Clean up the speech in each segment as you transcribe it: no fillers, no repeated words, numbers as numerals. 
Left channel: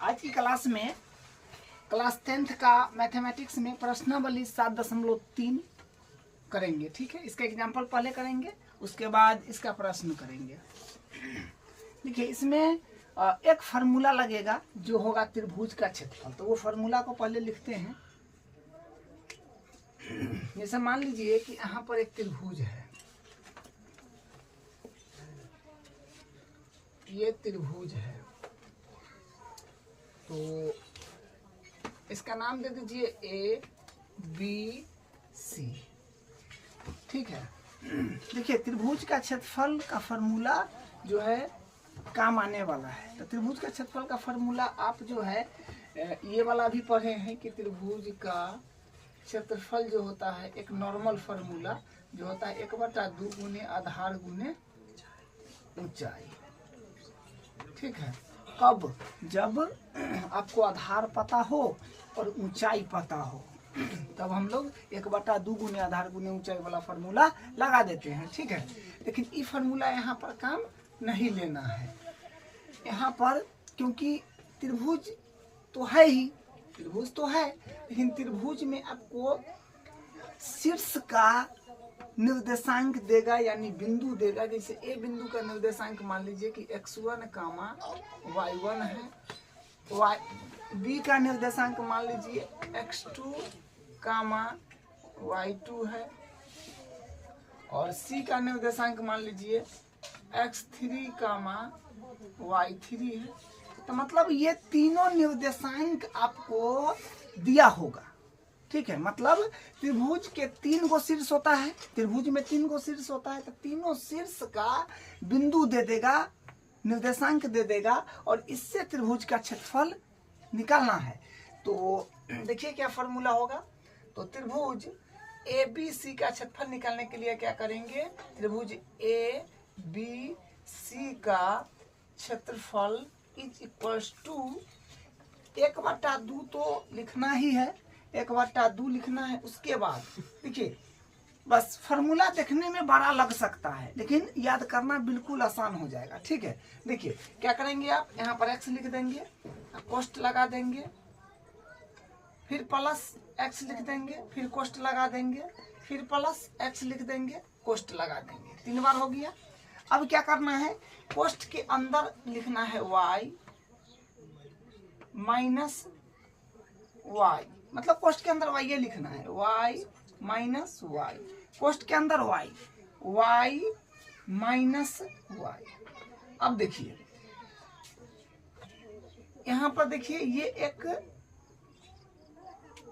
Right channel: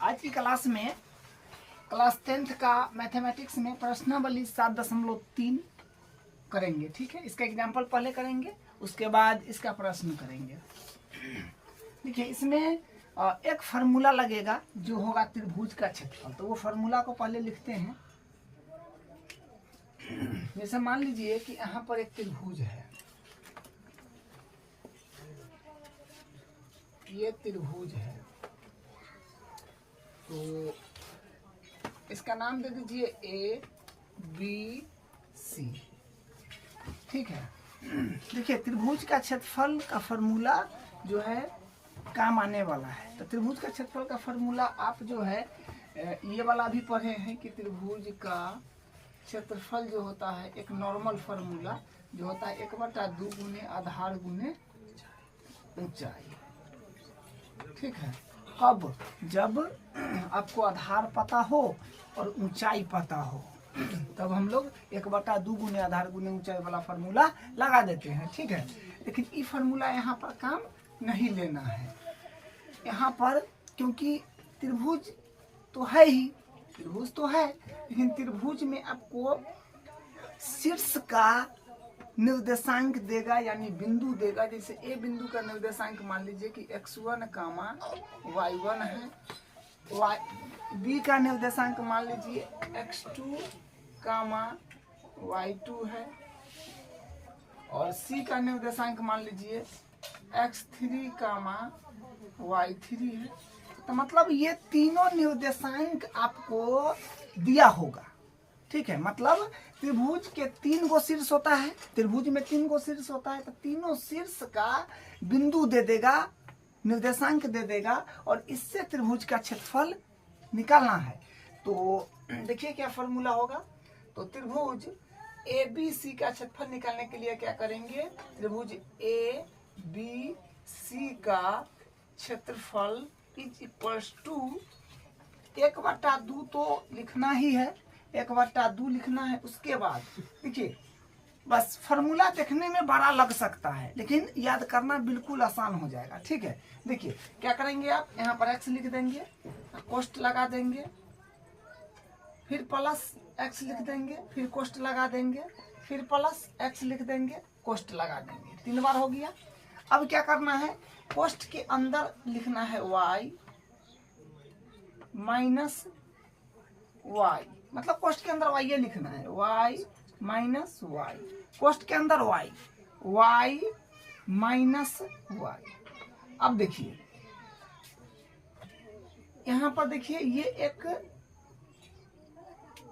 आज की क्लास में क्लास 10th का मैथमेटिक्स में प्रश्नावली 7.3 करेंगे। ठीक है, इसका एग्जाम्पल पहले करेंगे, उसके बाद इसका प्रश्न करेंगे। देखिए, इसमें एक फार्मूला लगेगा जो होगा त्रिभुज का क्षेत्रफल। तो वो फार्मूला को पहले लिखते हैं। जैसे मान लीजिए कि यहाँ पर एक त्रिभुज है, ये त्रिभुज है, तो इसका नाम दे दीजिए ए बी सी। ठीक है, देखिए त्रिभुज का क्षेत्रफल का फॉर्मूला जो है काम आने वाला है। तो त्रिभुज का क्षेत्रफल का फॉर्मूला आप जो है ये वाला भी पढ़े हैं कि त्रिभुज का क्षेत्रफल जो होता है एक नॉर्मल फार्मूला जो होता है 1/2 गुने आधार गुने ऊंचाई। ठीक है, अब जब आपको आधार पता हो और ऊंचाई पता हो तब हम लोग 1/2 गुने आधार गुने ऊंचाई वाला फार्मूला लगा देते हैं। ठीक है, लेकिन ये फार्मूला यहाँ पर काम नहीं लेना है यहाँ पर, क्योंकि त्रिभुज तो है ही, त्रिभुज तो है, लेकिन त्रिभुज में आपको शीर्ष का निर्देशांक देगा, यानी बिंदु देगा। जैसे ए बिंदु का निर्देशांक मान लीजिए कि x1, y1 है, बी का निर्देशांक मान लीजिए x2, y2 है, और सी का निर्देशांक मान लीजिए x3, y3 है। तो मतलब ये तीनों निर्देशांक आपको दिया होगा। ठीक है, मतलब त्रिभुज के 3 गो शीर्ष होता है, त्रिभुज में 3 गो शीर्ष होता है, तो तीनों शीर्ष का बिंदु दे देगा, निर्देशांक दे देगा, और इससे त्रिभुज का क्षेत्रफल निकालना है। तो देखिए क्या फॉर्मूला होगा। तो त्रिभुज ए बी सी का क्षेत्रफल निकालने के लिए क्या करेंगे, त्रिभुज ए बी सी का क्षेत्रफल इज इक्वल्स टू 1/2 तो लिखना ही है, 1/2 लिखना है। उसके बाद देखिए, बस फार्मूला देखने में बड़ा लग सकता है लेकिन याद करना बिल्कुल आसान हो जाएगा। ठीक है, देखिए क्या करेंगे आप, यहाँ पर x लिख देंगे, कोष्ठ लगा देंगे, फिर प्लस x लिख देंगे, फिर कोष्ठ लगा देंगे, फिर प्लस x लिख देंगे, कोष्ठ लगा देंगे। 3 बार हो गया। अब क्या करना है, कोष्ठ के अंदर लिखना है y माइनस y, मतलब कोष्ठ के अंदर y ये लिखना है, y माइनस y, कोष्ठ के अंदर y माइनस y। अब देखिए यहाँ पर देखिए, ये एक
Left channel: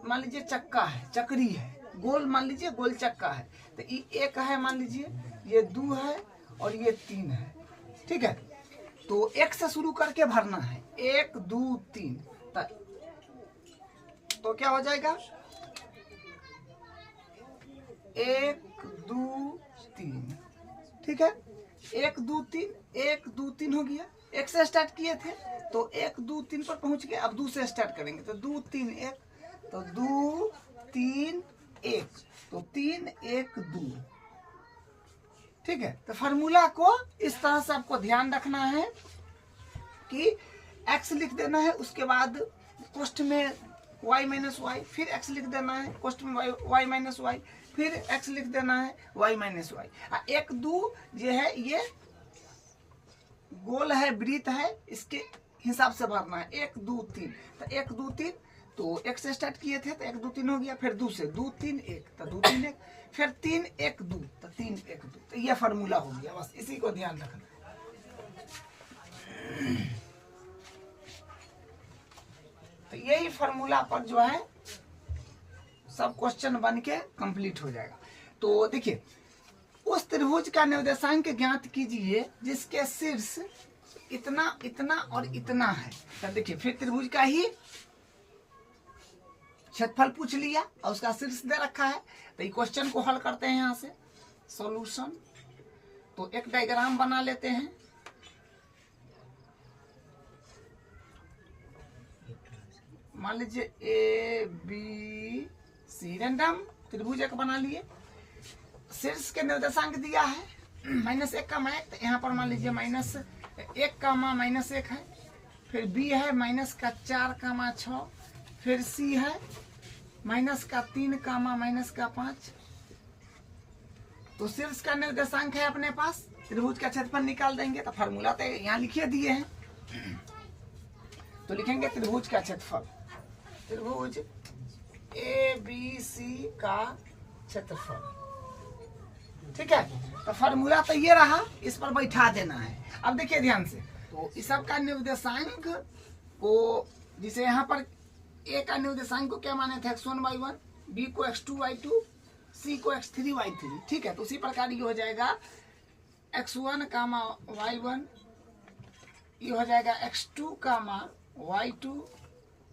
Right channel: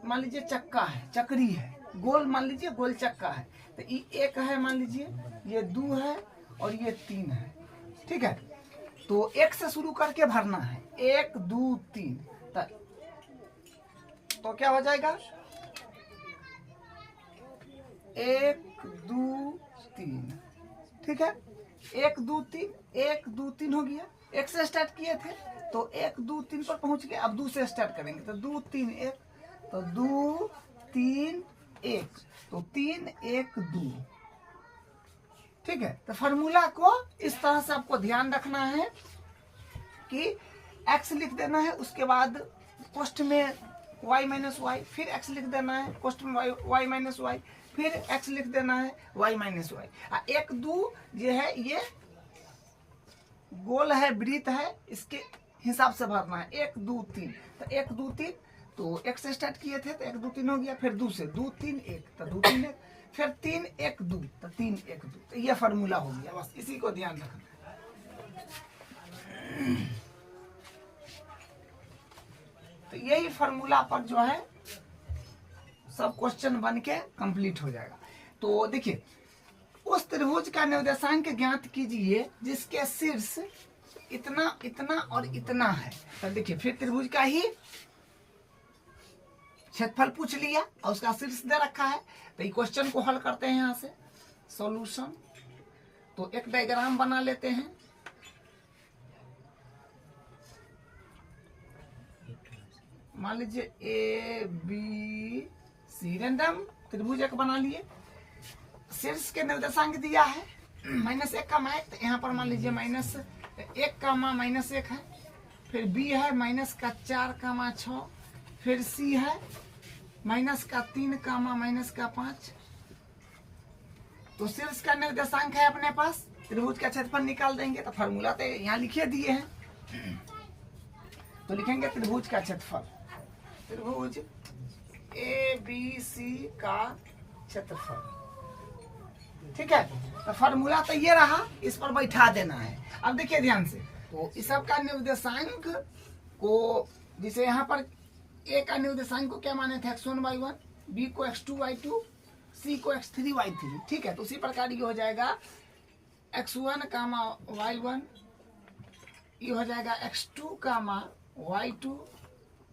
मान लीजिए चक्का है, चक्री है, गोल मान लीजिए गोल चक्का है। तो ये 1 है, मान लीजिए ये 2 है और ये 3 है। ठीक है, तो 1 से शुरू करके भरना है, 1 2 3, तो क्या हो जाएगा 1 2 3। ठीक है, 1 2 3, 1 2 3 हो गया। 1 से स्टार्ट किए थे तो 1 2 3 पर पहुंच गए। अब 2 से स्टार्ट करेंगे तो 2 3 1, तो 2 3 1, तो 3 1 2। ठीक है, तो फार्मूला को इस तरह से आपको ध्यान रखना है कि x लिख देना है, उसके बाद कोष्ठ में y माइनस वाई, फिर x लिख देना है, कोष्ठ में y माइनस वाई, फिर x लिख देना है y माइनस वाई। 1 2 ये है, ये गोल है, वृत्त है, इसके हिसाब से भरना है। 1 2 3, तो 1 2 3, तो 1 से स्टार्ट किए थे तो 1 2 3 हो गया, फिर 2 से 2 3 1, तो 2 3 1, फिर 3 1 2, तो 3 1 2। तो यह फार्मूला हो गया, बस इसी को ध्यान रखना। तो यही फार्मूला पर जो है सब क्वेश्चन बन के कंप्लीट हो जाएगा। तो देखिए, उस त्रिभुज का निर्देशांक ज्ञात कीजिए जिसके शीर्ष इतना इतना और इतना है। तो देखिए, फिर त्रिभुज का ही क्षेत्रफल पूछ लिया और उसका शीर्ष दे रखा है। तो ये क्वेश्चन को हल करते हैं यहाँ से सॉल्यूशन। तो एक डायग्राम बना लेते हैं। मान लीजिए ए बी सी, रैंडम त्रिभुज एक बना लिए, शीर्ष के निर्देशांक दिया है -1, यहाँ पर मान लीजिए -1, -1 है, फिर बी है माइनस का 4,6, फिर सी है माइनस का 3, माइनस का 5। तो शीर्ष का निर्देशांक है अपने पास, त्रिभुज का क्षेत्रफल निकाल देंगे। तो फार्मूला तो यहाँ लिखे दिए हैं, तो लिखेंगे त्रिभुज का क्षेत्रफल, त्रिभुज ABC का क्षेत्रफल। ठीक है, तो फार्मूला तो ये रहा, इस पर बैठा देना है। अब देखिए ध्यान से, तो इस सब का निर्देशांक को, जिसे यहाँ पर ए का निर्देशांक को क्या माने थे, x1y1, बी को x2y2, सी को x3y3। ठीक है, तो उसी प्रकार ये हो जाएगा x1, y1, ये हो जाएगा x2, y2,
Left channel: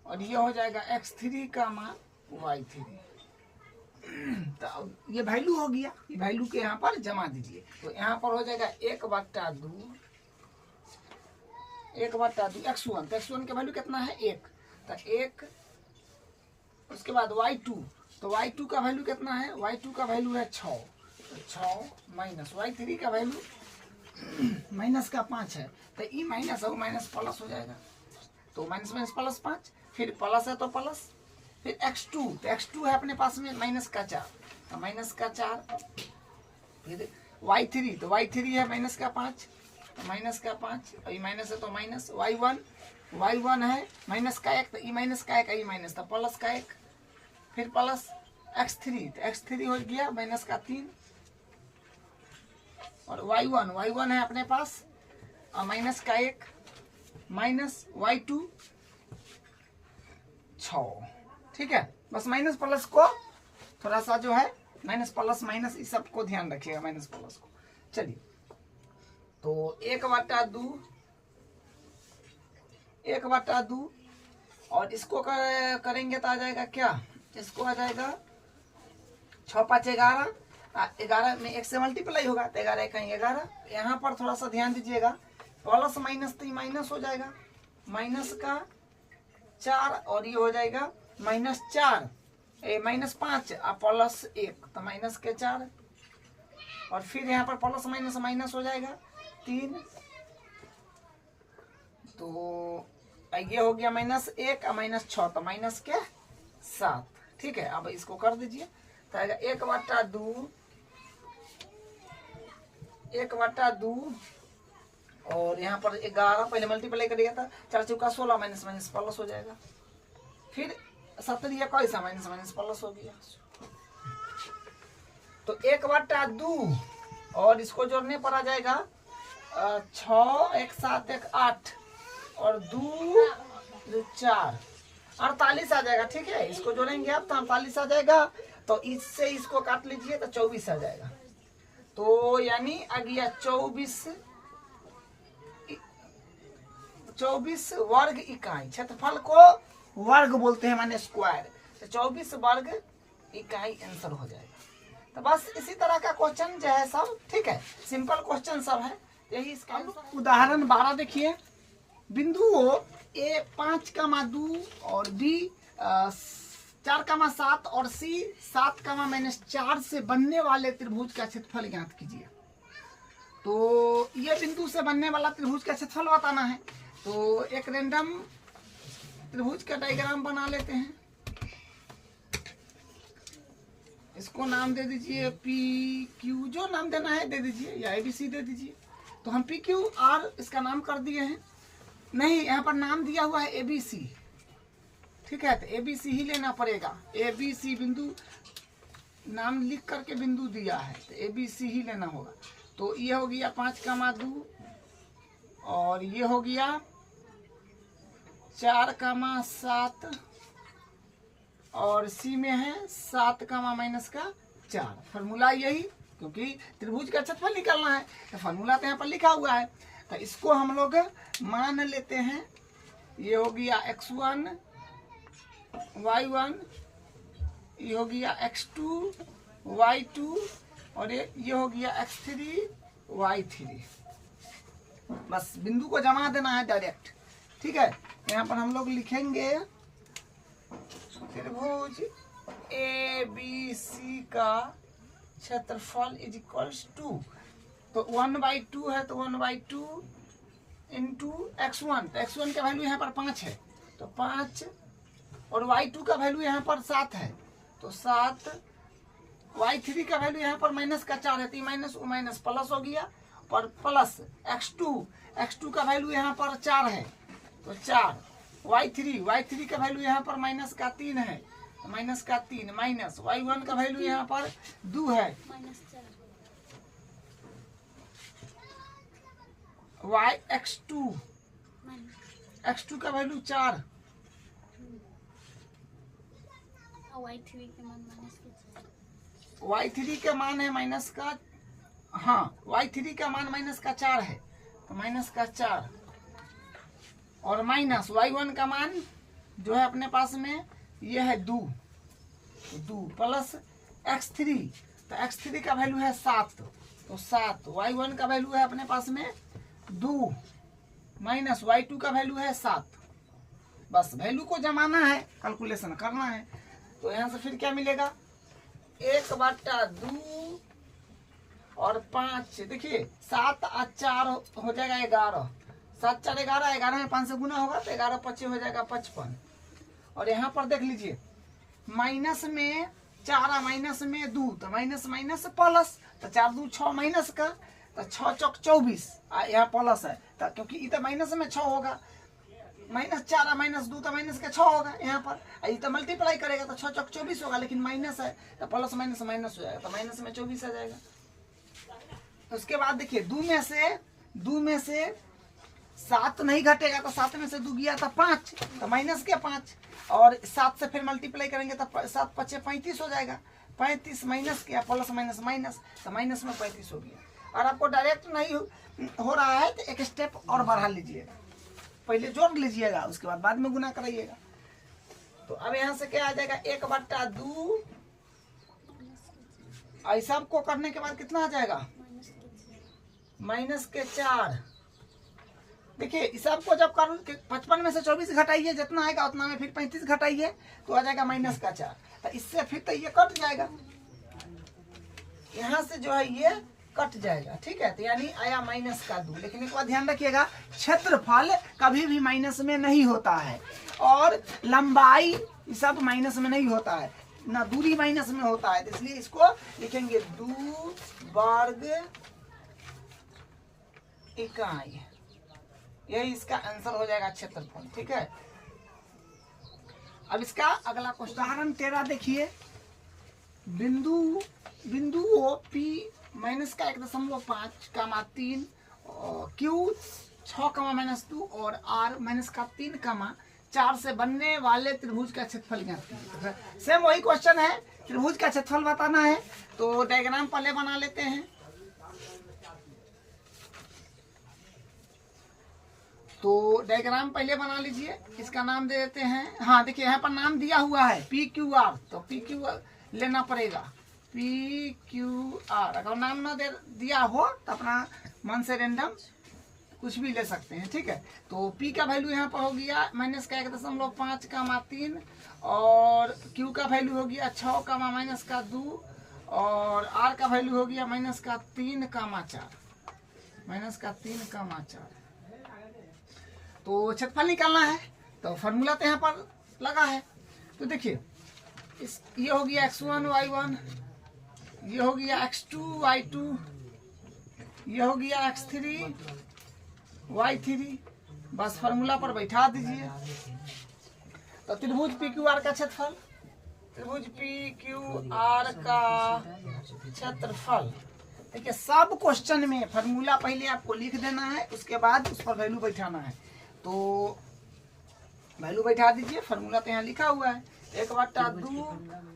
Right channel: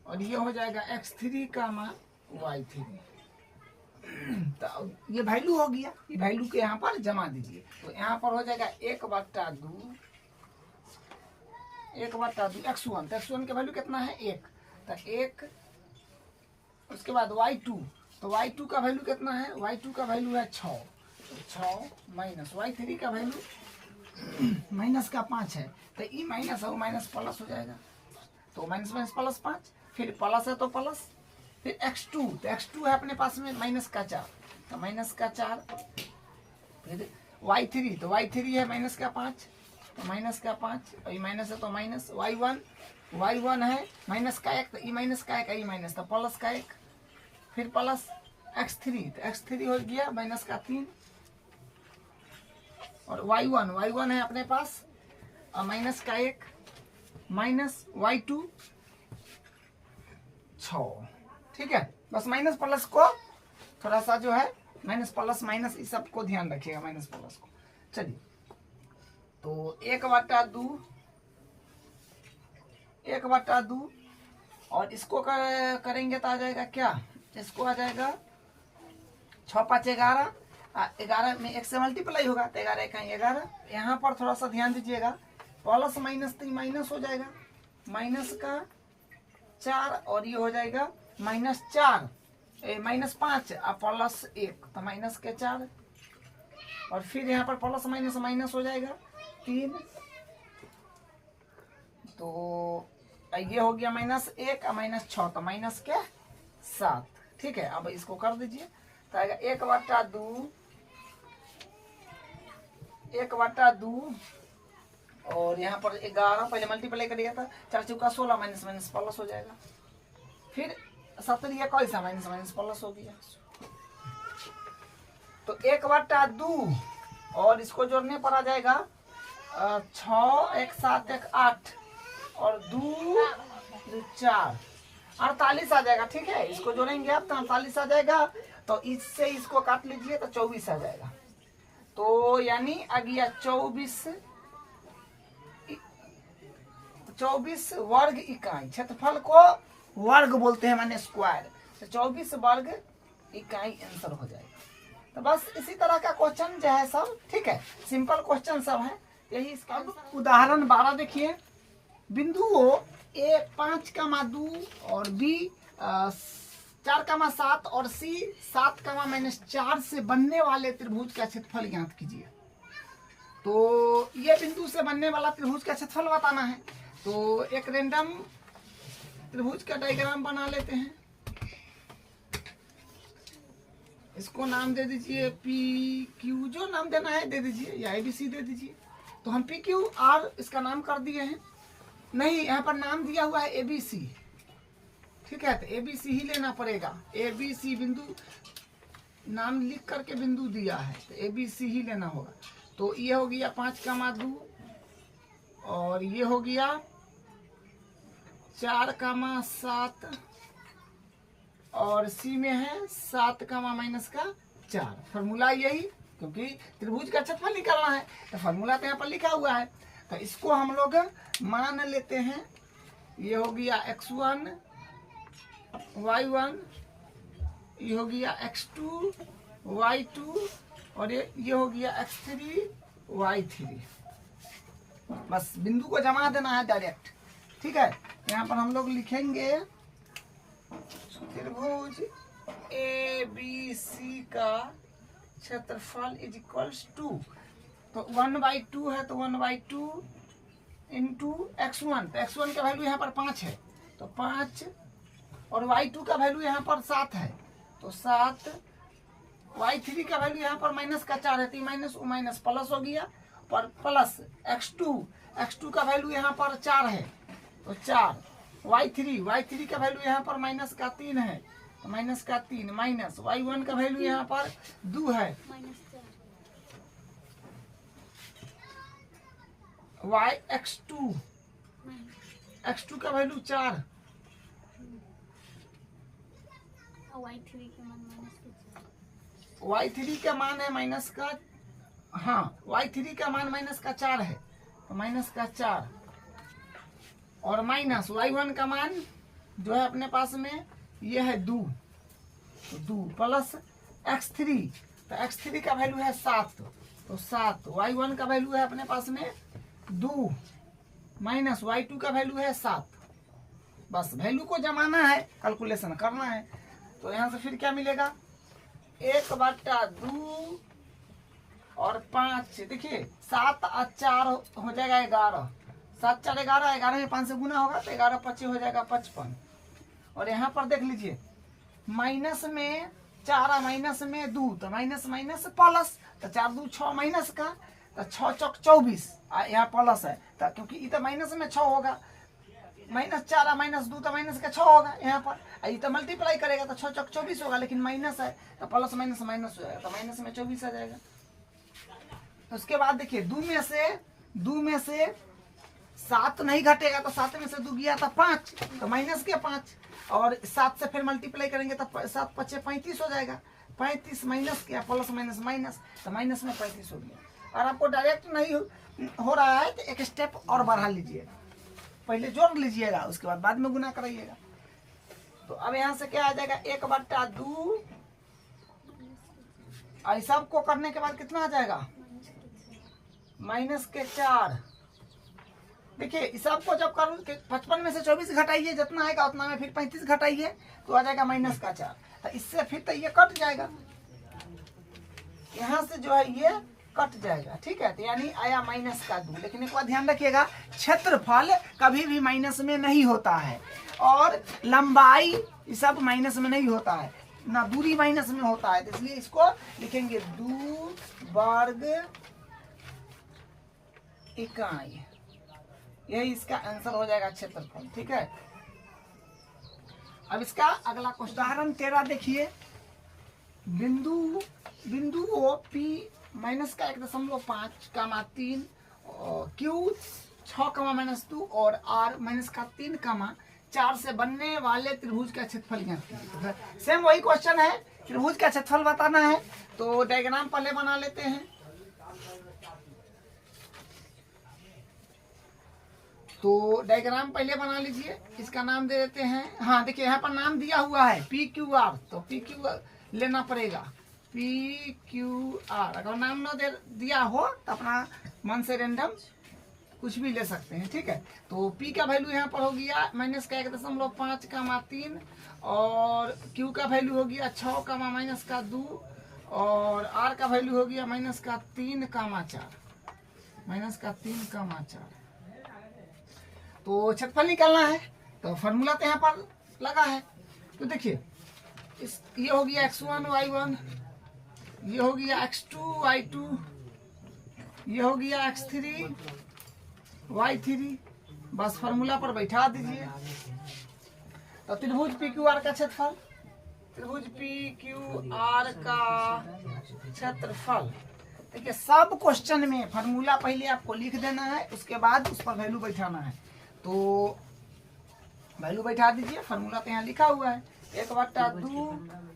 और ये हो जाएगा x3, y3। तो ये वैल्यू हो गया, ये वैल्यू के यहाँ पर जमा दीजिए। तो यहाँ पर हो जाएगा 1/2 x1। तो x1 का वैल्यू कितना है, 1। तो 1, उसके बाद y2, तो y2 का वैल्यू कितना है, y2 का वैल्यू है 6। तो 6 माइनस y3 का वैल्यू माइनस का 5 है। तो ई माइनस और माइनस प्लस हो जाएगा, तो माइनस माइनस प्लस 5, फिर प्लस है तो प्लस, फिर x2, तो x2 है अपने पास में माइनस का 4, तो माइनस का 4, फिर y3, तो y3 है माइनस का 5, तो माइनस का 5, और ये माइनस है तो माइनस, y1 है माइनस का 1, तो ई माइनस का 1, ई माइनस तो प्लस का 1, फिर प्लस x3, तो x3 हो गया माइनस का 3, और y1 है अपने पास और माइनस का 1, माइनस y2 6। ठीक है, बस माइनस प्लस को थोड़ा सा जो है, माइनस प्लस माइनस इस सब को ध्यान रखिएगा, माइनस प्लस को। चलिए, तो 1/2 और इसको करेंगे तो आ जाएगा क्या, इसको आ जाएगा 6 5 11, 11 में 1 से मल्टीप्लाई होगा, तो 11 का 11। यहाँ पर थोड़ा सा ध्यान दीजिएगा, प्लस माइनस तो माइनस हो जाएगा, माइनस का 4, और ये हो जाएगा माइनस 4, माइनस 5 और प्लस 1, तो माइनस के 4, और फिर यहाँ पर प्लस माइनस माइनस हो जाएगा 3, तो ये हो गया माइनस 1 और माइनस 6, तो माइनस के 7। ठीक है, अब इसको कर दीजिए, तो आएगा 1/2 और यहाँ पर 11, पहले मल्टीप्लाई करिएगा था, 4 चौका 16, माइनस माइनस प्लस हो जाएगा, फिर 7 कैसा माइनस माइनस प्लस हो गया। तो 1/2 और इसको जोड़ने पर आ जाएगा 6 1 7 1 8 और 2 4 48 आ जाएगा। ठीक है, इसको जोड़ेंगे आप तो 48 आ जाएगा, तो इससे इसको काट लीजिए तो 24 आ जाएगा। तो यानी आ गया 24 वर्ग इकाई। क्षेत्रफल को वर्ग बोलते हैं, माने स्क्वायर, तो 24 वर्ग इकाई आंसर हो जाएगा। तो बस इसी तरह का क्वेश्चन जो है सब, ठीक है, सिंपल क्वेश्चन सब है यही इसका। उदाहरण 12 देखिए, बिंदुओं ए 5,2 और बी 4,7 और सी 7,-4 से बनने वाले त्रिभुज का क्षेत्रफल ज्ञात कीजिए। तो ये बिंदु से बनने वाला त्रिभुज का क्षेत्रफल बताना है। तो एक रैंडम त्रिभुज का डायग्राम बना लेते हैं, इसको नाम दे दीजिए पी क्यू, जो नाम देना है दे दीजिए, या ABC दे दीजिए। तो हम PQR इसका नाम कर दिए हैं, नहीं यहाँ पर नाम दिया हुआ है ABC। ठीक है, तो ABC ही लेना पड़ेगा, ABC बिंदु नाम लिख करके बिंदु दिया है, तो ABC ही लेना होगा। तो ये हो गया 5,2 और ये हो गया 4,7 और सी में है 7,-4। फॉर्मूला यही, क्योंकि त्रिभुज का क्षेत्रफल निकालना है, तो फॉर्मूला तो यहाँ पर लिखा हुआ है। तो इसको हम लोग मान लेते हैं, ये हो गया x1 y1, ये हो गया x2 y2 और ये हो गया x3 y3। बस बिंदु को जमा देना है डायरेक्ट। ठीक है, यहाँ पर हम लोग लिखेंगे त्रिभुज ABC का क्षेत्रफल इज इक्वल्स टू, तो 1/2 है तो 1/2 इंटू x1, तो x1 का वैल्यू यहाँ पर 5 है तो 5, और y2 का वैल्यू यहाँ पर 7 है तो 7, y3 का वैल्यू यहाँ पर माइनस का 4 है तो माइनस माइनस प्लस हो गया, पर प्लस x2 का वैल्यू यहाँ पर 4 है तो 4, y3 का वैल्यू यहाँ पर माइनस का 3 है तो माइनस का 3, माइनस y1 का वैल्यू यहाँ पर 2 है, x2 का वैल्यू 4, y3 का मान है माइनस का, हाँ y3 का मान माइनस का 4 है तो माइनस का 4, और माइनस y1 का मान जो है अपने पास में ये है 2 प्लस x3, तो x3 का वैल्यू है 7 तो 7, y1 का वैल्यू है अपने पास में 2 माइनस y2 का वैल्यू है 7। बस वैल्यू को जमाना है, कैलकुलेशन करना है। तो यहाँ से फिर क्या मिलेगा 1/2 और 5, देखिए 7 और 4 हो जाएगा 11, 7 4 11, 11 में 5 से गुना होगा तो 11 25 हो जाएगा 55। और यहाँ पर देख लीजिए माइनस में 4 माइनस में 2 तो माइनस माइनस प्लस, तो 4 2 6 माइनस का तो 6 चौक 24, यहाँ प्लस है तो क्योंकि इधर माइनस में 6 होगा, माइनस 4 माइनस 2 तो माइनस का 6 होगा यहाँ पर, ये तो मल्टीप्लाई करेगा तो 6 चौक 24 होगा, लेकिन माइनस है तो प्लस माइनस माइनस हो जाएगा तो माइनस में 24 आ जाएगा। उसके बाद देखिए 2 में से 7 नहीं घटेगा तो 7 में से 2 गया तो 5 तो माइनस के 5, और 7 से फिर मल्टीप्लाई करेंगे तो 7 5 35 हो जाएगा, 35 माइनस किया प्लस माइनस माइनस तो माइनस में 35 हो गया। और आपको डायरेक्ट नहीं हो रहा है तो एक स्टेप और बढ़ा लीजिएगा, पहले जोड़ लीजिएगा उसके बाद में गुना कराइएगा। तो अब यहाँ से क्या आ जाएगा 1/2, ऐसा को करने के बाद कितना आ जाएगा माइनस के 4। देखिए इस सबको जब कर 55 में से 24 घटाइए, जितना आएगा उतना में फिर 35 घटाइए तो आ जाएगा माइनस का 4, तो इससे फिर तो ये कट जाएगा, यहाँ से जो है ये कट जाएगा, ठीक है। तो यानी आया माइनस का 2, लेकिन एक बात ध्यान रखिएगा क्षेत्रफल कभी भी माइनस में नहीं होता है, और लंबाई सब माइनस में नहीं होता है, ना दूरी माइनस में होता है, तो इसलिए इसको लिखेंगे 2 वर्ग इकाई, यही इसका आंसर हो जाएगा क्षेत्रफल, ठीक है। अब इसका अगला क्वेश्चन उदाहरण 13 देखिए, बिंदु ओ पी माइनस का 1.5 कामा 3 क्यू 6 -2 और आर माइनस का 3 4 से बनने वाले त्रिभुज का क्षेत्रफल ज्ञात। सेम वही क्वेश्चन है, त्रिभुज का क्षेत्रफल बताना है, तो डायग्राम पहले बना लेते हैं। तो डायग्राम पहले बना लीजिए, इसका नाम दे देते हैं, हाँ देखिए यहाँ पर नाम दिया हुआ है PQR, तो PQR लेना पड़ेगा, PQR। अगर नाम ना दिया हो तो अपना मन से रेंडम कुछ भी ले सकते हैं, ठीक है। तो P का वैल्यू यहाँ पर हो गया माइनस का 1.5 कामा 3, और Q का वैल्यू हो गया 6 कामा माइनस का 2, और R का वैल्यू हो गया माइनस का 3 कामा 4। तो क्षेत्रफल निकालना है, तो फॉर्मूला तो यहाँ पर लगा है। तो देखिए ये हो गया x1 y1, ये हो गया x2 y2, ये हो गया x3 y3, बस फॉर्मूला पर बैठा दीजिए। तो त्रिभुज PQR का क्षेत्रफल, त्रिभुज PQR का क्षेत्रफल, देखिए सब क्वेश्चन में फॉर्मूला पहले आपको लिख देना है, उसके बाद उस पर वैल्यू बैठाना है। तो वैल्यू बैठा दीजिए, फॉर्मूला तो यहाँ लिखा हुआ है 1/2।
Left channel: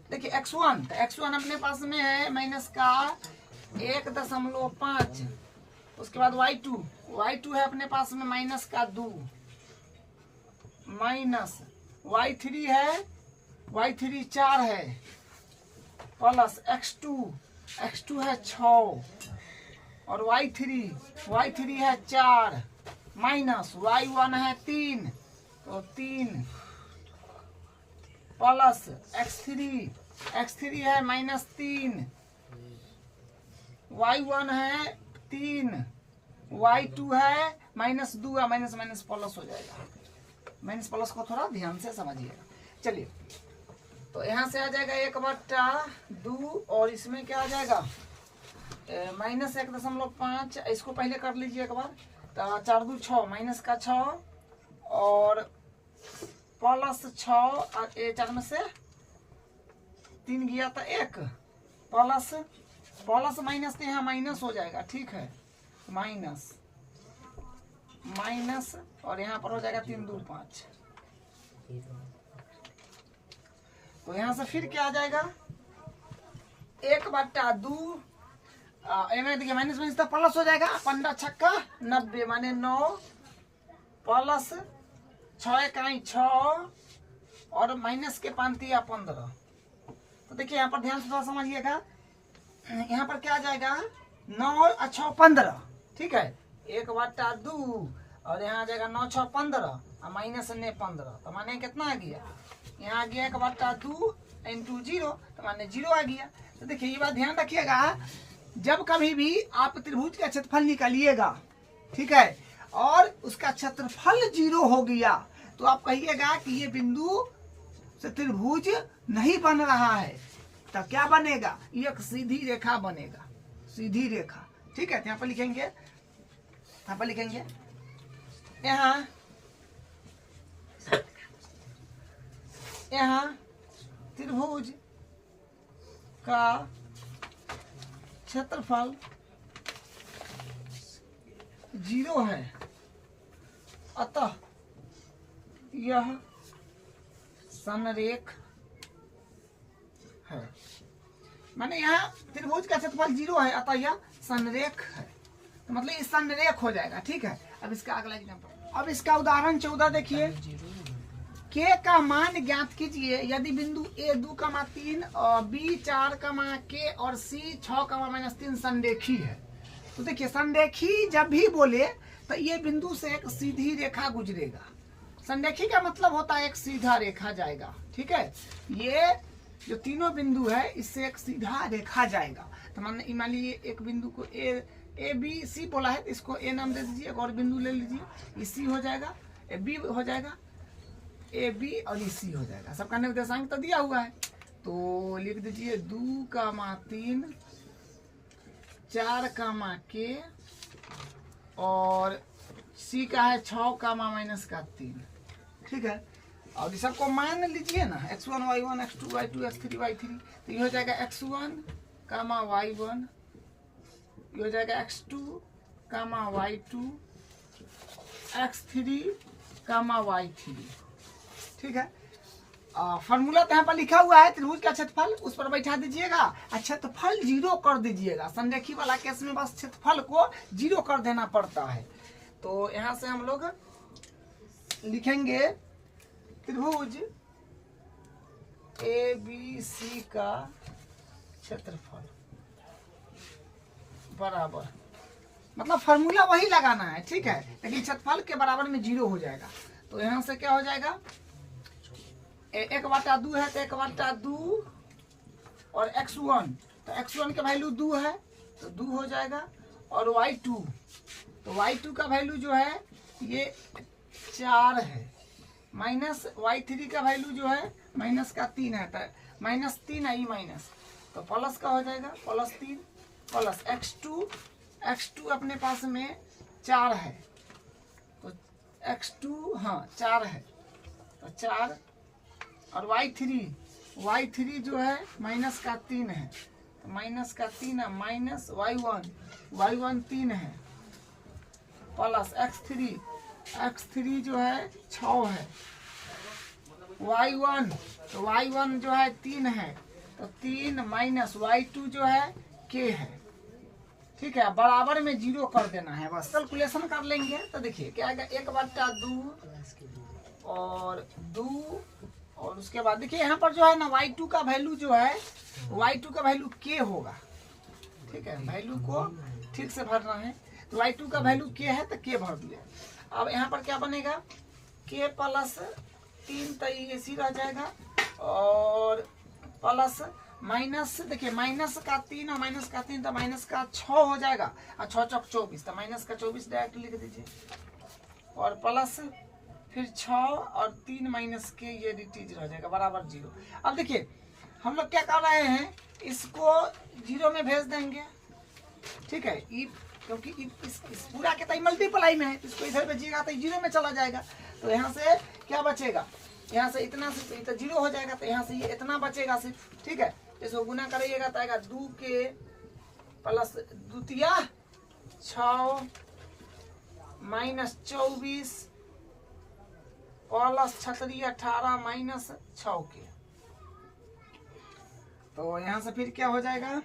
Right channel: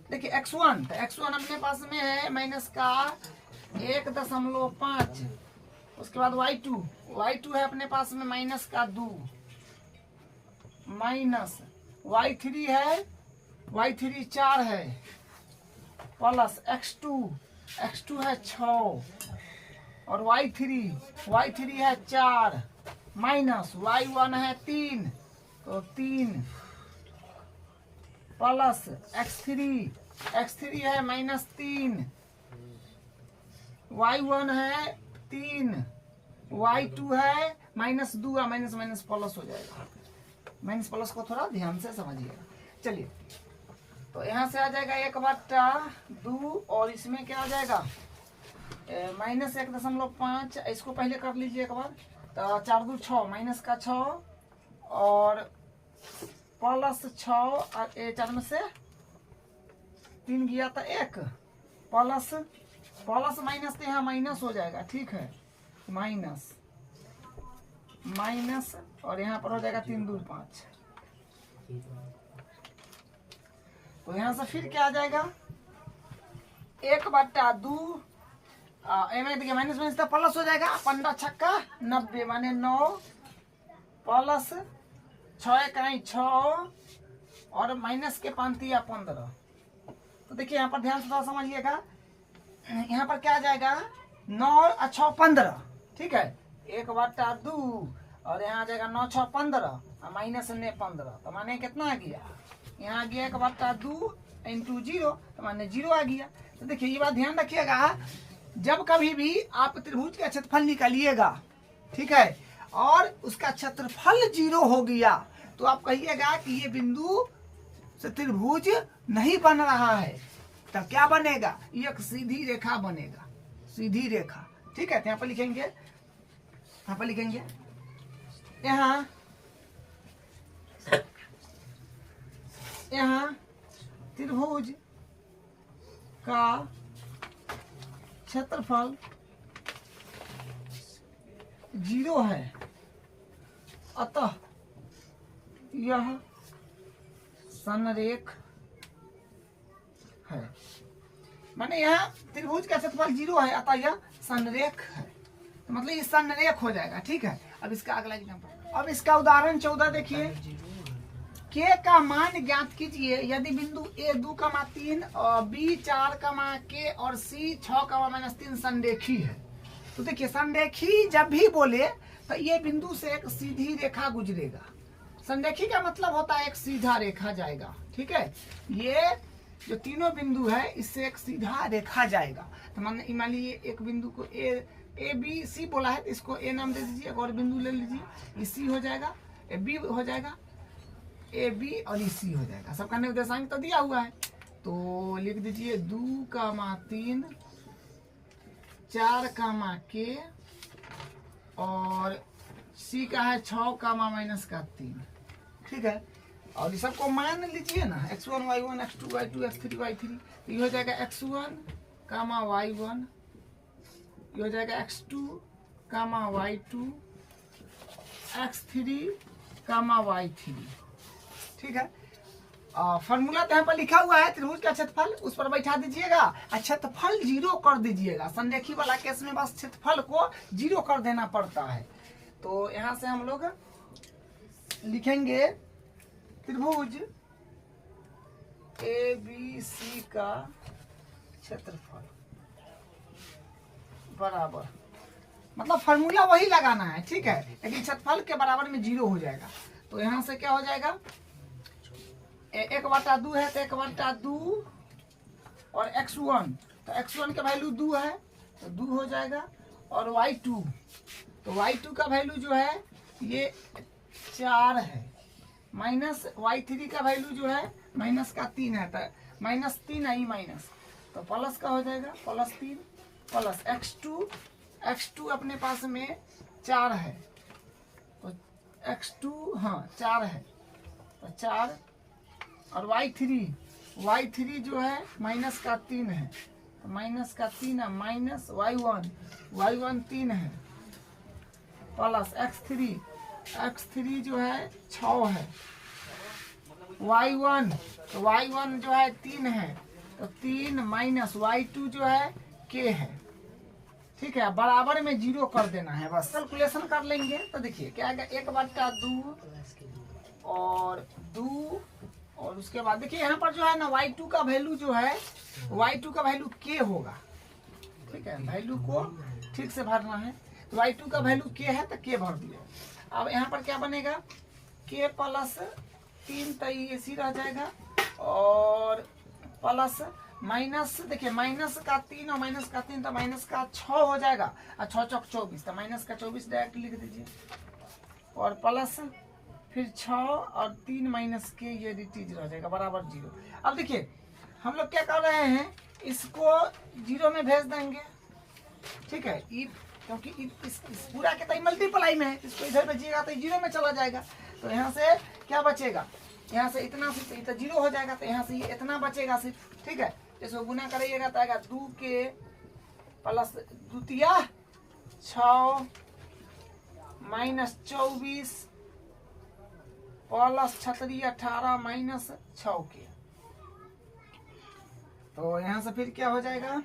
देखिए x1, तो x1 अपने पास में है माइनस का 1.5, उसके बाद y2 है अपने पास में माइनस का 2, माइनस y3 है 4 है, प्लस x2 है 6, और y3 है 4, माइनस y1 है 3, तो 3, प्लस x3 है -3, y1 है 3, y2 है माइनस 2 या माइनस माइनस प्लस हो जाएगा। माइनस प्लस को थोड़ा ध्यान से समझिएगा। चलिए, तो यहाँ से आ जाएगा 1/2 और इसमें क्या आ जाएगा माइनस 1.5। इसको पहले कर लीजिए एक बार। तो 4 2 6 माइनस का 6 और प्लस 6 4 में से 3 गया तो 1 प्लस प्लस माइनस तो यहाँ माइनस हो जाएगा। ठीक है, माइनस माइनस और यहाँ पर हो जाएगा 3 2 5। तो यहाँ से फिर क्या आ जाएगा 1/2 देखिए माइनस माइनस तो प्लस हो जाएगा। 15 छक्का 90 माने 9 प्लस 6 इकाई 6 और माइनस के 5 या 15। तो देखिए यहाँ पर ध्यान से थोड़ा समझिएगा। यहाँ पर क्या आ जाएगा 9 और 6 15। ठीक है, 1/2 और यहाँ आ जाएगा 9 6 15 और माइनस ने 15। तो माने कितना आ गया यहाँ आ गया 1/2 इंटू 0 तो माने 0 आ गया। तो देखिए ये बात ध्यान रखिएगा, जब कभी भी आप त्रिभुज का क्षेत्रफल निकालिएगा, ठीक है, और उसका क्षेत्रफल 0 हो गया तो आप कहिएगा कि ये बिंदु से त्रिभुज नहीं बन रहा है। तब क्या बनेगा, एक सीधी रेखा बनेगा, सीधी रेखा। ठीक है, यहाँ पर लिखेंगे, यहाँ पर लिखेंगे यहाँ त्रिभुज का क्षेत्रफल 0 है, अतः यह संरेख है। माने यहाँ त्रिभुज का क्षेत्रफल 0 है अतः यह संरेख है। तो मतलब ये संरेख हो जाएगा। ठीक है, अब इसका अगला एग्जाम्पल, अब इसका उदाहरण 14 देखिए। के का मान ज्ञात कीजिए यदि बिंदु ए 2,3 और बी 4,k और सी 6,-3 संरेखी है। तो देखिए संरेखी जब भी बोले तो ये बिंदु से एक सीधी रेखा गुजरेगा। संरेखी का मतलब होता है एक सीधा रेखा जाएगा। ठीक है, ये जो तीनों बिंदु है इससे एक सीधा रेखा जाएगा। तो मान लीजिए एक बिंदु को ए बी सी बोला है, तो इसको ए नाम दे दीजिए। और बिंदु ले लीजिए, ये सी हो जाएगा, ए बी हो जाएगा, ए बी और ये सी हो जाएगा। सबका निर्देशांक तो दिया हुआ है, तो लिख दीजिए 2,3 4,k और सी का है 6,-3। ठीक है, और ये सबको मान लीजिए ना, x1 y1 x2 y2 x3 y3। तो ये हो जाएगा x1, y1, ये हो जाएगा x2, y2 x3, y3। ठीक है, फॉर्मूला तो यहाँ पर लिखा हुआ है त्रिभुज का क्षेत्रफल, उस पर बैठा दीजिएगा। क्षेत्रफल 0 कर दीजिएगा। संरेखी वाला केस में बस क्षेत्रफल को 0 कर देना पड़ता है। तो यहाँ से हम लोग लिखेंगे त्रिभुज ए बी सी का क्षेत्रफल बराबर, मतलब फॉर्मूला वही लगाना है। ठीक है, लेकिन क्षेत्रफल के बराबर में 0 हो जाएगा। तो यहाँ से क्या हो जाएगा 1/2 है तो 1/2 और x1, तो x1 का वैल्यू 2 है तो 2 हो जाएगा। और y2, तो y2 का वैल्यू जो है ये 4 है, माइनस y3 का वैल्यू जो है -3 है, तो -3 है, माइनस तो प्लस का हो जाएगा +3 प्लस x2 अपने पास में 4 है, तो x2 हाँ 4 है, तो 4 और y3 जो है -3 है, तो -3 है, माइनस y1 3 है, प्लस x3 जो है 6 है, y1 तो y1 जो है 3 है, तो 3 माइनस y2 जो है k है। ठीक है, बराबर में 0 कर देना है, बस कैलकुलेशन कर लेंगे। तो देखिए क्या आएगा 1/2 और 2 और उसके बाद देखिए यहाँ पर जो है ना y2 का वैल्यू जो है y2 का वैल्यू k होगा। ठीक है, वैल्यू को ठीक से भरना है। तो y2 का वैल्यू k है तो k भर दिया। अब यहाँ पर क्या बनेगा k +3 तो ये इसी रह जाएगा, और प्लस माइनस देखिए -3 और -3 तो -6 हो जाएगा, और 6 चौक 24 तो -24 डायरेक्ट लिख दीजिए। और प्लस फिर 6 और 3 माइनस के, ये dt 0 हो जाएगा बराबर 0। अब देखिए हम लोग क्या कर रहे हैं, इसको 0 में भेज देंगे, ठीक है। क्योंकि इस पूरा के तो मल्टीप्लाई में है, इसको इधर भेजिएगा तो 0 में चला जाएगा। तो यहाँ से क्या बचेगा, यहाँ से इतना सिर्फ तो 0 हो जाएगा, तो यहाँ से ये इतना बचेगा सिर्फ, ठीक है। इसको गुना करिएगा तो आएगा 2 के प्लस 2 तिया 6 माइनस 24 प्लस 6 18 माइनस 6 के। तो यहाँ से फिर क्या हो जाएगा,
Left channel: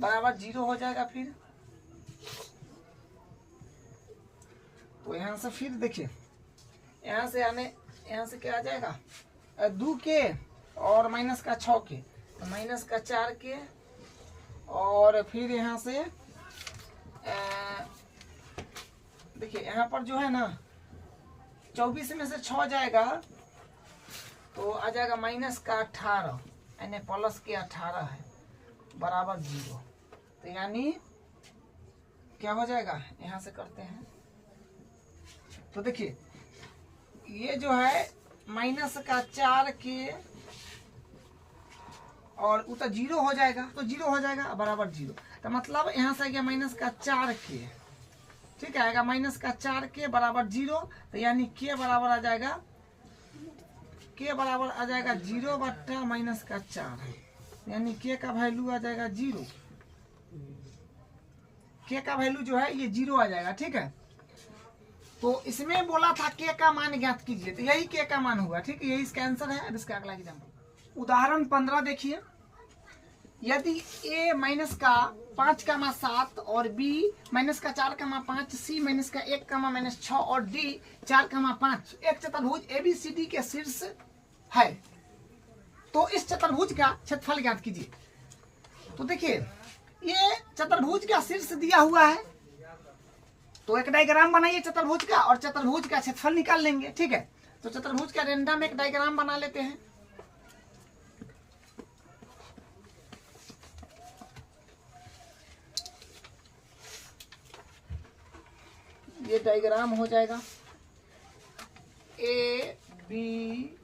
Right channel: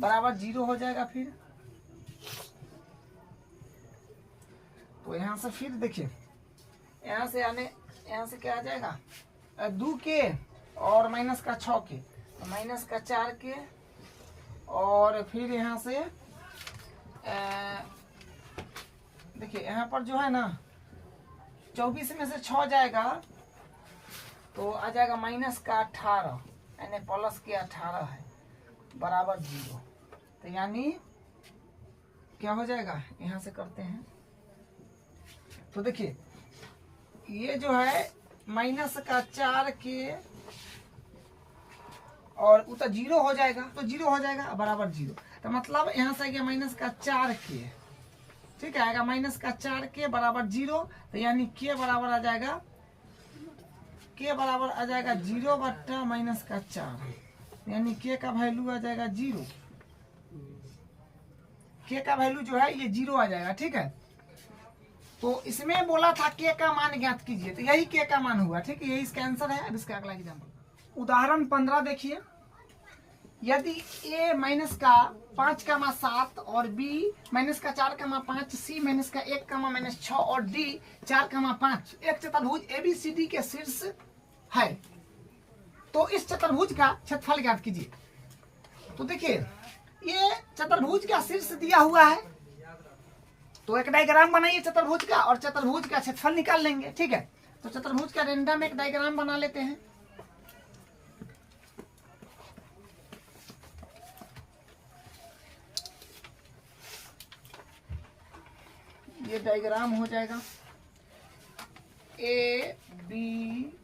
बराबर 0 हो जाएगा। फिर तो यहाँ से फिर देखिए, यहाँ से आने, यहाँ से क्या आ जाएगा 2 के और माइनस का 6 के, तो माइनस का 4 के, और फिर यहाँ से देखिए यहाँ पर जो है ना 24 में से 6 जाएगा तो आ जाएगा माइनस का 18, यानी प्लस के 18 है बराबर 0। तो यानी क्या हो जाएगा, यहाँ से करते हैं तो देखिए ये जो है माइनस का 4 के और वो तो 0 हो जाएगा, तो 0 हो जाएगा बराबर 0। तो मतलब यहाँ से आएगा माइनस का 4 के, ठीक है, आएगा माइनस का 4 के बराबर 0। तो यानी के बराबर आ जाएगा, के बराबर आ जाएगा 0 बट्टा माइनस का 4, यानी के का वैल्यू आ जाएगा 0। के का वैल्यू जो है ये 0 आ जाएगा, ठीक है। तो इसमें बोला था के का मान ज्ञात कीजिए, तो यही के का मान हुआ, ठीक है, यही इसका आंसर है। अब इसका अगला एग्जाम्पल उदाहरण 15 देखिए। यदि a माइनस का 5 का 7 और b माइनस का 4 का 5, c माइनस का 1 का माइनस 6 और d 4 का 5 एक चतुर्भुज ABCD के शीर्ष है, तो इस चतुर्भुज का क्षेत्रफल ज्ञात कीजिए। तो देखिए ये चतुर्भुज का शीर्ष दिया हुआ है, तो एक डायग्राम बनाइए चतुर्भुज का और चतुर्भुज का क्षेत्रफल निकाल लेंगे, ठीक है। तो चतुर्भुज का रेंडम एक डायग्राम बना लेते हैं। ये डायग्राम हो जाएगा ABCD,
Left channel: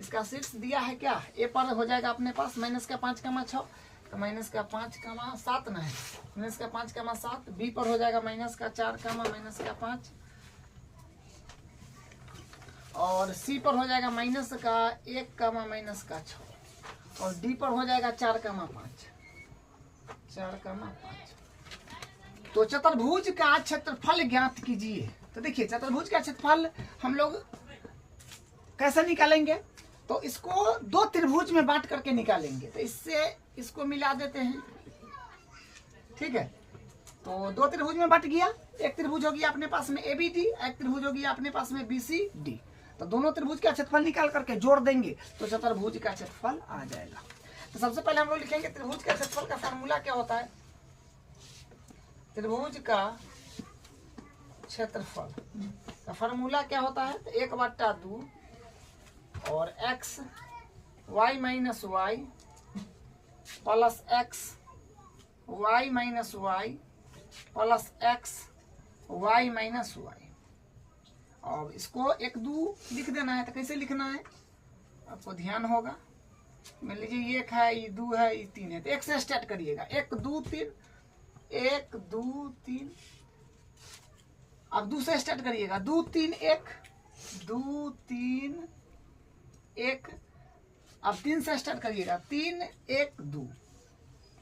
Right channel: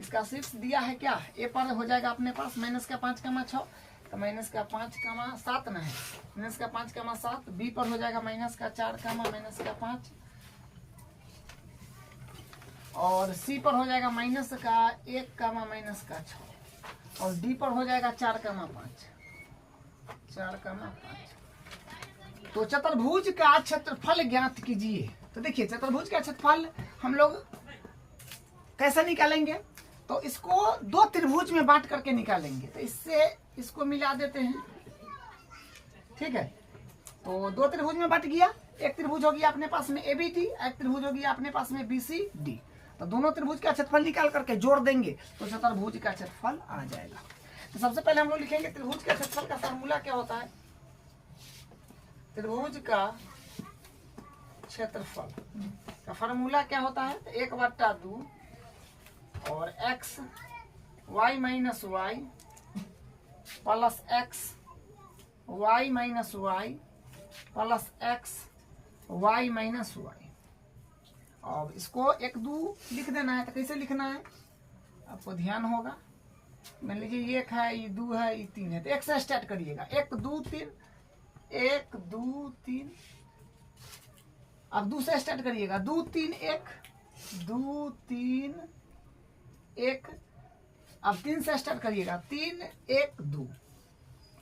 इसका शीर्ष दिया है क्या, ए पर हो जाएगा अपने पास माइनस का 5 का 6, तो माइनस का 5 का 7 ना है, माइनस का 5 का 7, बी पर हो जाएगा माइनस का 4 का माइनस का 5, और सी पर हो जाएगा माइनस का 1 का माइनस का 6, और डी पर हो जाएगा 4 का 5, 4 का 5। तो चतुर्भुज का क्षेत्रफल ज्ञात कीजिए। तो देखिए चतुर्भुज का क्षेत्रफल हम लोग कैसे निकालेंगे, तो इसको 2 त्रिभुज में बांट करके निकालेंगे। तो इससे इसको मिला देते हैं, ठीक है। तो 2 त्रिभुज में बट गया, एक त्रिभुज हो गया अपने पास में ABD, एक त्रिभुज हो गया अपने पास में BCD। तो दोनों त्रिभुज का क्षेत्रफल निकाल करके जोड़ देंगे तो चतुर्भुज का क्षेत्रफल आ जाएगा। तो सबसे पहले हम लोग लिखेंगे त्रिभुज का क्षेत्रफल का फॉर्मूला क्या होता है। त्रिभुज का क्षेत्रफल का फॉर्मूला क्या होता है, 1/2 और x y minus y plus x y minus y plus x y minus y. अब इसको 1 2 लिख देना है। तो कैसे लिखना है आपको ध्यान होगा, मान लीजिए 1 है, ये 2 है, ये 3 है, तो 1 से स्टार्ट करिएगा, 1 2 3, 1 2 3। अब 2 से स्टार्ट करिएगा, 2 3 1, 2 3 1। अब 3 से स्टार्ट करिएगा, 3 1 2,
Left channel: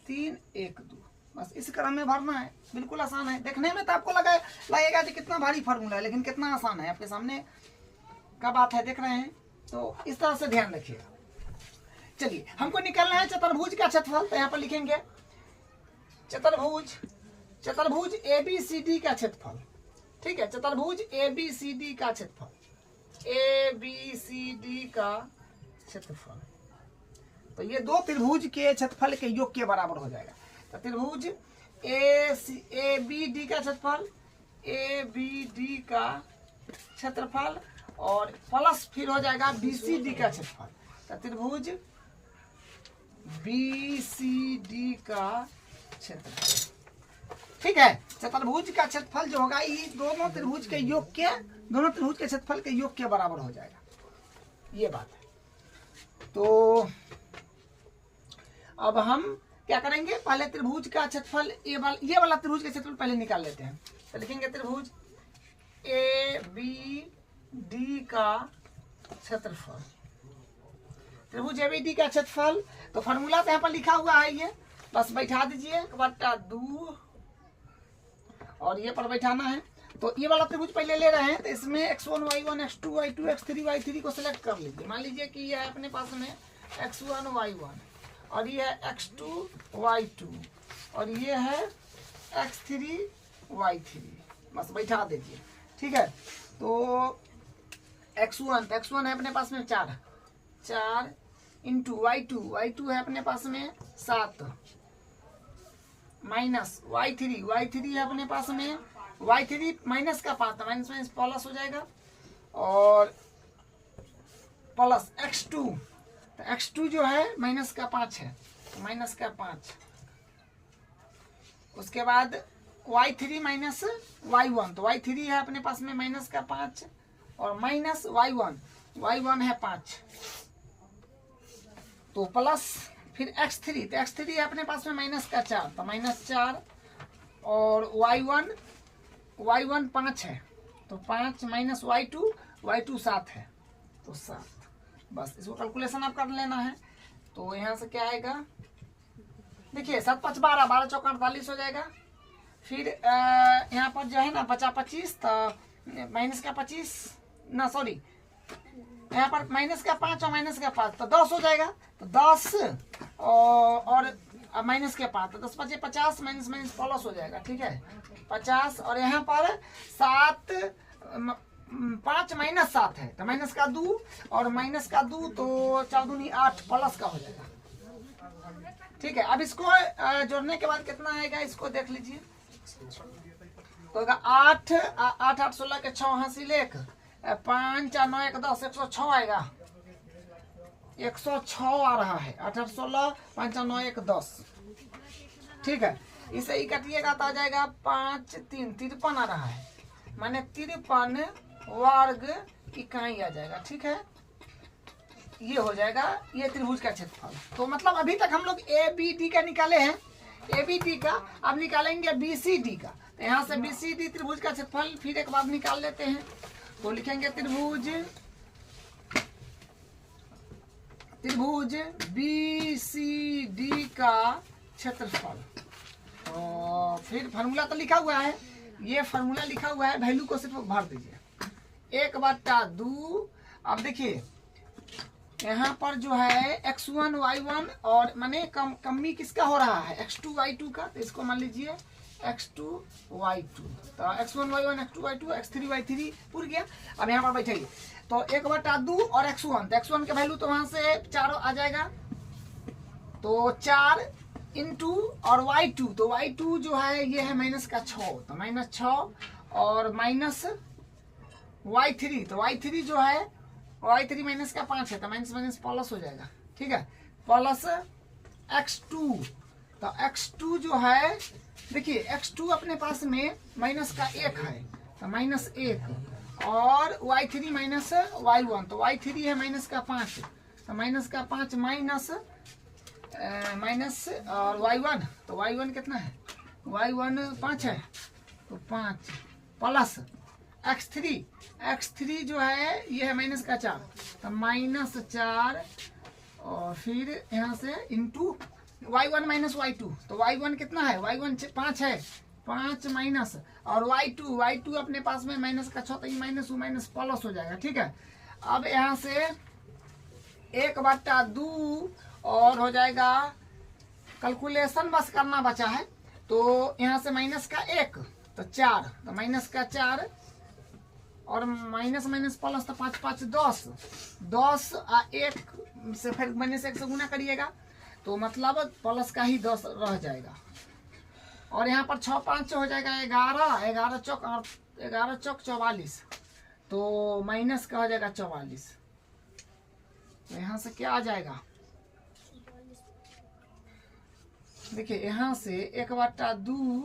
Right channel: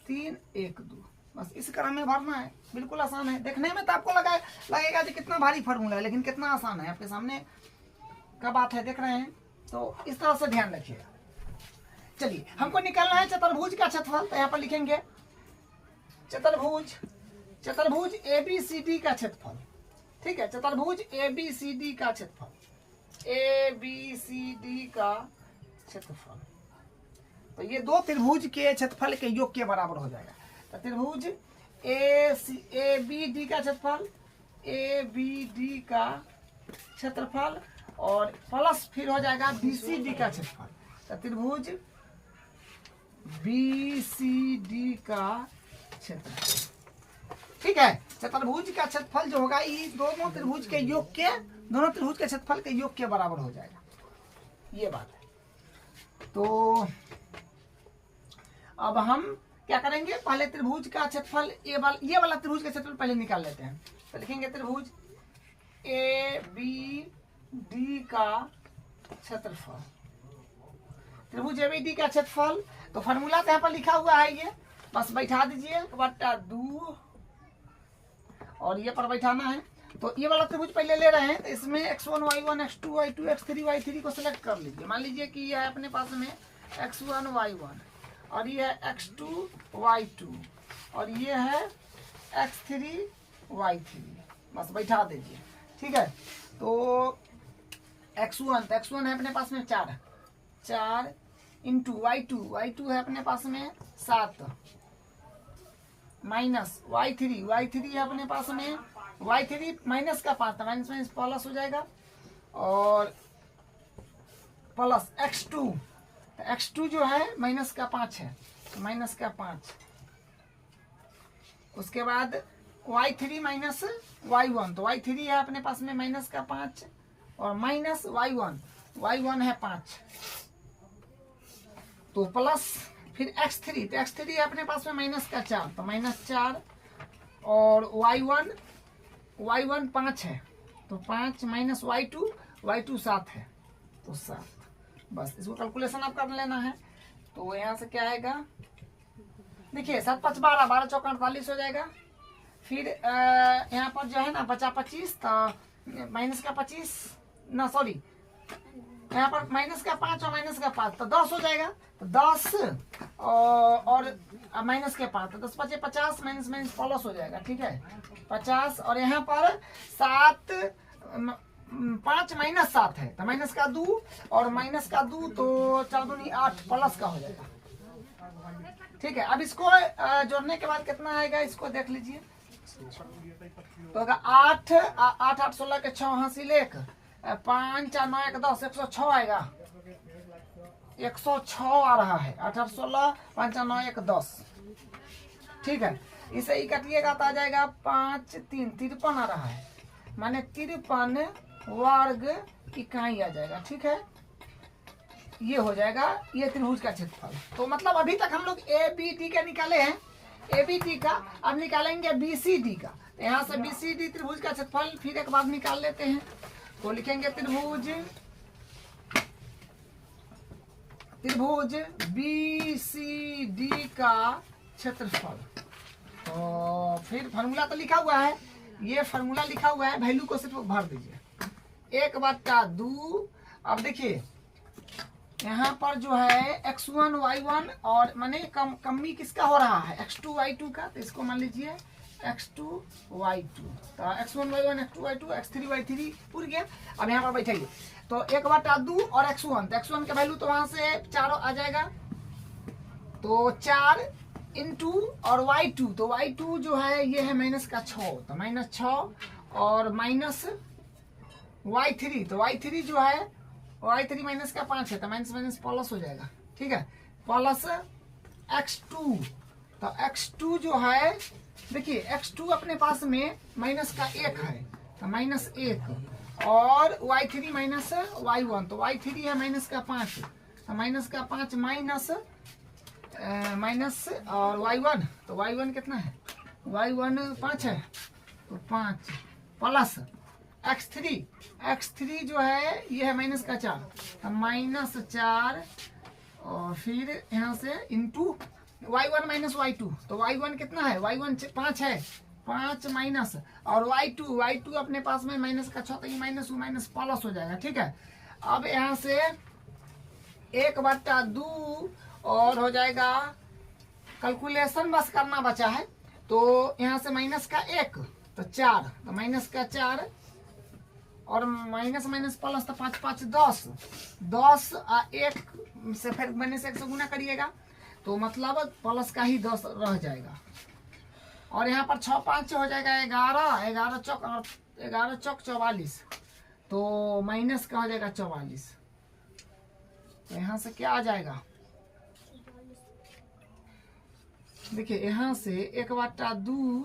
3 1 2। बस इस क्रम में भरना है, बिल्कुल आसान है। देखने में तो आपको लगेगा कि कितना भारी फॉर्मूला है, लेकिन कितना आसान है, आपके सामने का बात है, देख रहे हैं। तो इस तरह से ध्यान रखिएगा। चलिए हमको निकालना है चतुर्भुज का क्षेत्रफल। तो यहाँ पर लिखेंगे चतुर्भुज ABCD का क्षेत्रफल, ठीक है। चतुर्भुज ABCD का क्षेत्रफल, ABCD का क्षेत्रफल। तो ये 2 त्रिभुज के क्षेत्रफल के योग के बराबर हो जाएगा। तो त्रिभुज ABD का क्षेत्रफल, ABD का क्षेत्रफल, और प्लस फिर हो जाएगा BCD का क्षेत्रफल। तो त्रिभुज BCD का क्षेत्रफल, ठीक है। चतुर्भुज का क्षेत्रफल जो होगा ये दोनों त्रिभुज के योग के क्षेत्रफल के योग के बराबर हो जाएगा, ये बात है। तो अब हम क्या करेंगे, पहले त्रिभुज का क्षेत्रफल ये वाला त्रिभुज का क्षेत्रफल पहले निकाल लेते हैं। तो लिखेंगे त्रिभुज ए बी डी का क्षेत्रफल, त्रिभुज ए बी डी का क्षेत्रफल। तो फॉर्मूला तो यहाँ पर लिखा हुआ है, ये बस बैठा दीजिए 1/2 और ये पर बैठाना है। तो ये वाला त्रिभुज पहले ले रहे हैं, तो इसमें x1 y1 x2 y2 x3 y3 को सिलेक्ट कर लीजिए। मान लीजिए कि ये है अपने पास में x1 y1 और ये है x2 y2 और ये है x3 y3, बस बैठा दीजिए, ठीक है। तो x1 है अपने पास में 4 इंटू y2 है अपने पास में 7 माइनस y3 है अपने पास में y3 माइनस का 5 माइनस माइनस प्लस हो जाएगा और प्लस x2, तो x2 जो है माइनस का 5 है, तो माइनस का 5। उसके बाद y3 माइनस y1, तो y3 है अपने पास में माइनस का 5 और माइनस y1 है 5, तो प्लस फिर x3, तो x3 है अपने पास में माइनस का 4, तो माइनस 4 और y1 5 है, तो 5 माइनस y2 7 है, तो 7। बस इसको कैलकुलेशन आप कर लेना है। तो यहाँ से क्या आएगा, देखिए 7 5 12 12 चौका 48 हो जाएगा। फिर यहाँ पर जो है ना बचा 25, तो माइनस का 25 ना सॉरी यहाँ पर माइनस का 5 और माइनस का 5, तो 10 हो जाएगा। तो 10 और माइनस के 5, तो 10 5 50 माइनस माइनस प्लस हो जाएगा, ठीक है 50। और यहाँ पर 5 माइनस 7 है, तो माइनस का 2 और माइनस का 2, तो 4 दूनी 8 प्लस का हो जाएगा, ठीक है। अब इसको जोड़ने के बाद कितना आएगा, इसको देख लीजिए। तो 8 8 16 के 6 हासिल 1 5 4 9 1 10 106 आएगा, 106 आ रहा है। 8 8 16 5 4 9 1 10, ठीक है। इसे ही काटिएगा तो आ जाएगा 5 3 53 आ रहा है, माने 53 वर्ग इकाई आ जाएगा, ठीक है। ये हो जाएगा ये त्रिभुज का क्षेत्रफल। तो मतलब अभी तक हम लोग ए बी डी का निकाले हैं, ए बी डी का, अब निकालेंगे बी सी डी का। तो यहाँ से बी सी डी त्रिभुज का क्षेत्रफल फिर एक बार निकाल लेते हैं। तो लिखेंगे त्रिभुज बी सी डी का क्षेत्रफल। तो फिर फार्मूला तो लिखा हुआ है, ये फार्मूला लिखा हुआ है, वैल्यू को सिर्फ भर दीजिए 1/2। अब देखिए यहाँ पर जो है x1 y1 और माने कमी किसका हो रहा है, x2 y2 का। तो इसको मान लीजिए x2 y2, तो x1 y1 x2 y2 x3 y3 पूरी गया। अब यहाँ पर बैठाइए, तो 1/2 और x1, तो x1 का वैल्यू तो वहां से 4 आ जाएगा, तो 4 इंटू और y2, तो y2 जो है ये है माइनस का 6, तो माइनस 6 और माइनस y3, तो y3 जो है y3 माइनस का 5 है, तो माइनस माइनस प्लस हो जाएगा, ठीक है। प्लस x2, तो x2 जो है देखिए x2 अपने पास में माइनस का 1 है, तो माइनस 1 और y3 माइनस y1, तो y3 है माइनस का 5, तो माइनस का 5 माइनस और y1, तो y1 कितना है, y1 5 है, तो 5 प्लस x3 जो है ये है माइनस का 4, तो माइनस 4 और फिर यहाँ से इंटू y1 माइनस y2, तो y1 कितना है, y1 5 है, 5 माइनस और y2 अपने पास में माइनस का 6, तो ये माइनस प्लस हो जाएगा, ठीक है। अब यहाँ से 1/2 और हो जाएगा, कैलकुलेशन बस करना बचा है। तो यहाँ से माइनस का 1, तो 4, तो माइनस का 4 और माइनस माइनस प्लस, तो 5 5 10 1 से फिर माइनस 1 से गुना करिएगा, तो मतलब प्लस का ही 10 रह जाएगा। और यहाँ पर 6 5 हो जाएगा 11 चौक 44, तो माइनस का हो जाएगा 44। तो यहाँ से क्या आ जाएगा, देखिए यहाँ से 1/2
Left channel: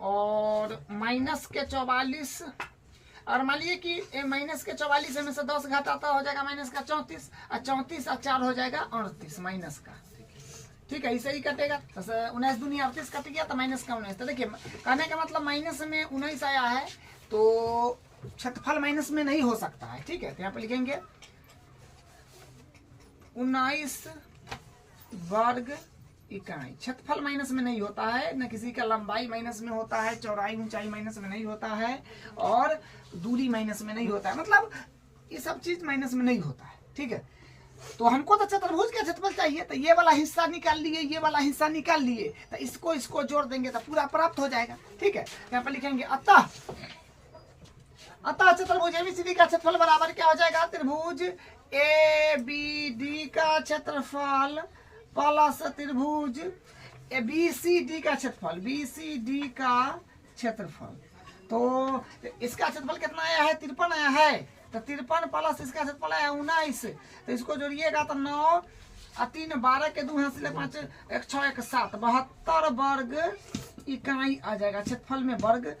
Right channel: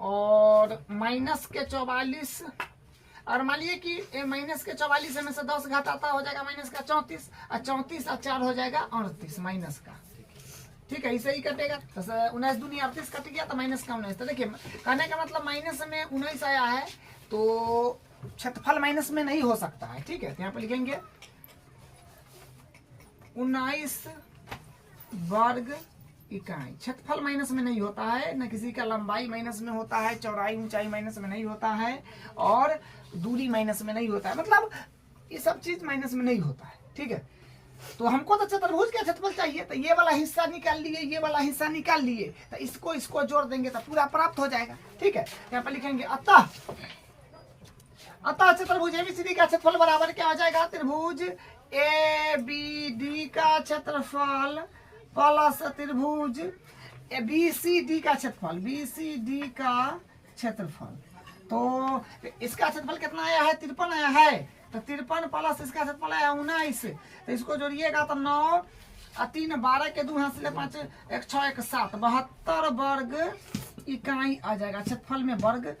और माइनस के 44, और मान लीजिए कि माइनस के 44 में से 10 घटाता हो जाएगा माइनस का 34, और 34 और 4 हो जाएगा 38 माइनस का। ठीक है, ऐसे ही कटेगा। तो 19 दूनी 38 कट गया तो माइनस का 19। तो देखिए कहने का मतलब माइनस में 19 आया है तो क्षेत्रफल माइनस में नहीं हो सकता है। ठीक है, तो यहाँ पे लिखेंगे 19 वर्ग इकाई। क्षेत्रफल माइनस में नहीं होता है, न किसी का लंबाई माइनस में होता है, चौड़ाई ऊंचाई माइनस में नहीं होता है, और दूरी माइनस में नहीं होता है, मतलब ये सब चीज माइनस में नहीं होता है। ठीक है, तो हमको तो चतुर्भुज का क्षेत्रफल चाहिए, तो ये वाला हिस्सा निकाल लिए, ये वाला हिस्सा निकाल लिए, तो इसको जोड़ देंगे तो पूरा प्राप्त हो जाएगा। ठीक है, यहाँ पर लिखेंगे अतः चतुर्भुज एबीसीडी का क्षेत्रफल बराबर क्या हो जाएगा, त्रिभुज एबीडी का क्षेत्रफल प्लस त्रिभुज बीसीडी का क्षेत्रफल, बीसीडी का क्षेत्रफल। तो इसका क्षेत्रफल कितना आया है, 53 आया है, तो 53 प्लस इसका क्षेत्रफल आया 19, तो इसको जोड़िएगा तो 9 3 12 के 2 हाथ से 5 1 6 1 7 72 वर्ग इकाई आ जाएगा। क्षेत्रफल में वर्ग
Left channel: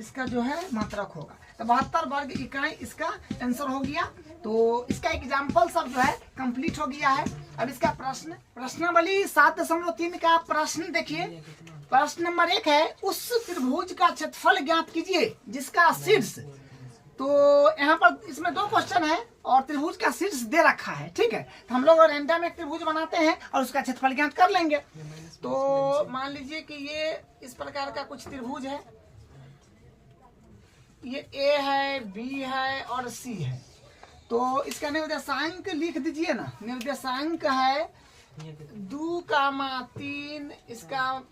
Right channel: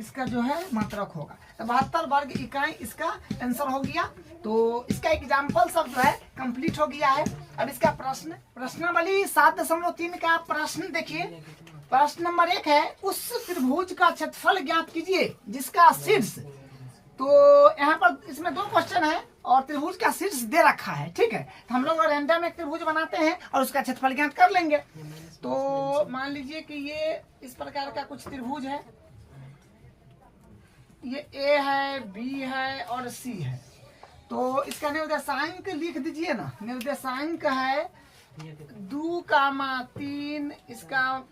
इसका जो है मात्रक होगा, तो 72 वर्ग इकाई इसका आंसर हो गया। तो इसका एग्जाम्पल सब जो है कंप्लीट हो गया है। अब इसका प्रश्नावली 7.3 का प्रश्न देखिए। प्रश्न नंबर 1 है, उस त्रिभुज का क्षेत्रफल ज्ञात कीजिए जिसका शीर्ष, तो यहाँ पर इसमें 2 क्वेश्चन है और त्रिभुज का शीर्ष दे रखा है। ठीक है, तो हम लोग रैंडम एक त्रिभुज बनाते हैं और उसका क्षेत्रफल ज्ञात कर लेंगे। तो मान लीजिए कि ये इस प्रकार का कुछ त्रिभुज है, ये ए है, बी है और सी है। तो इसका निर्देशांक लिख दीजिए ना, निर्देशांक है 2,3, इसका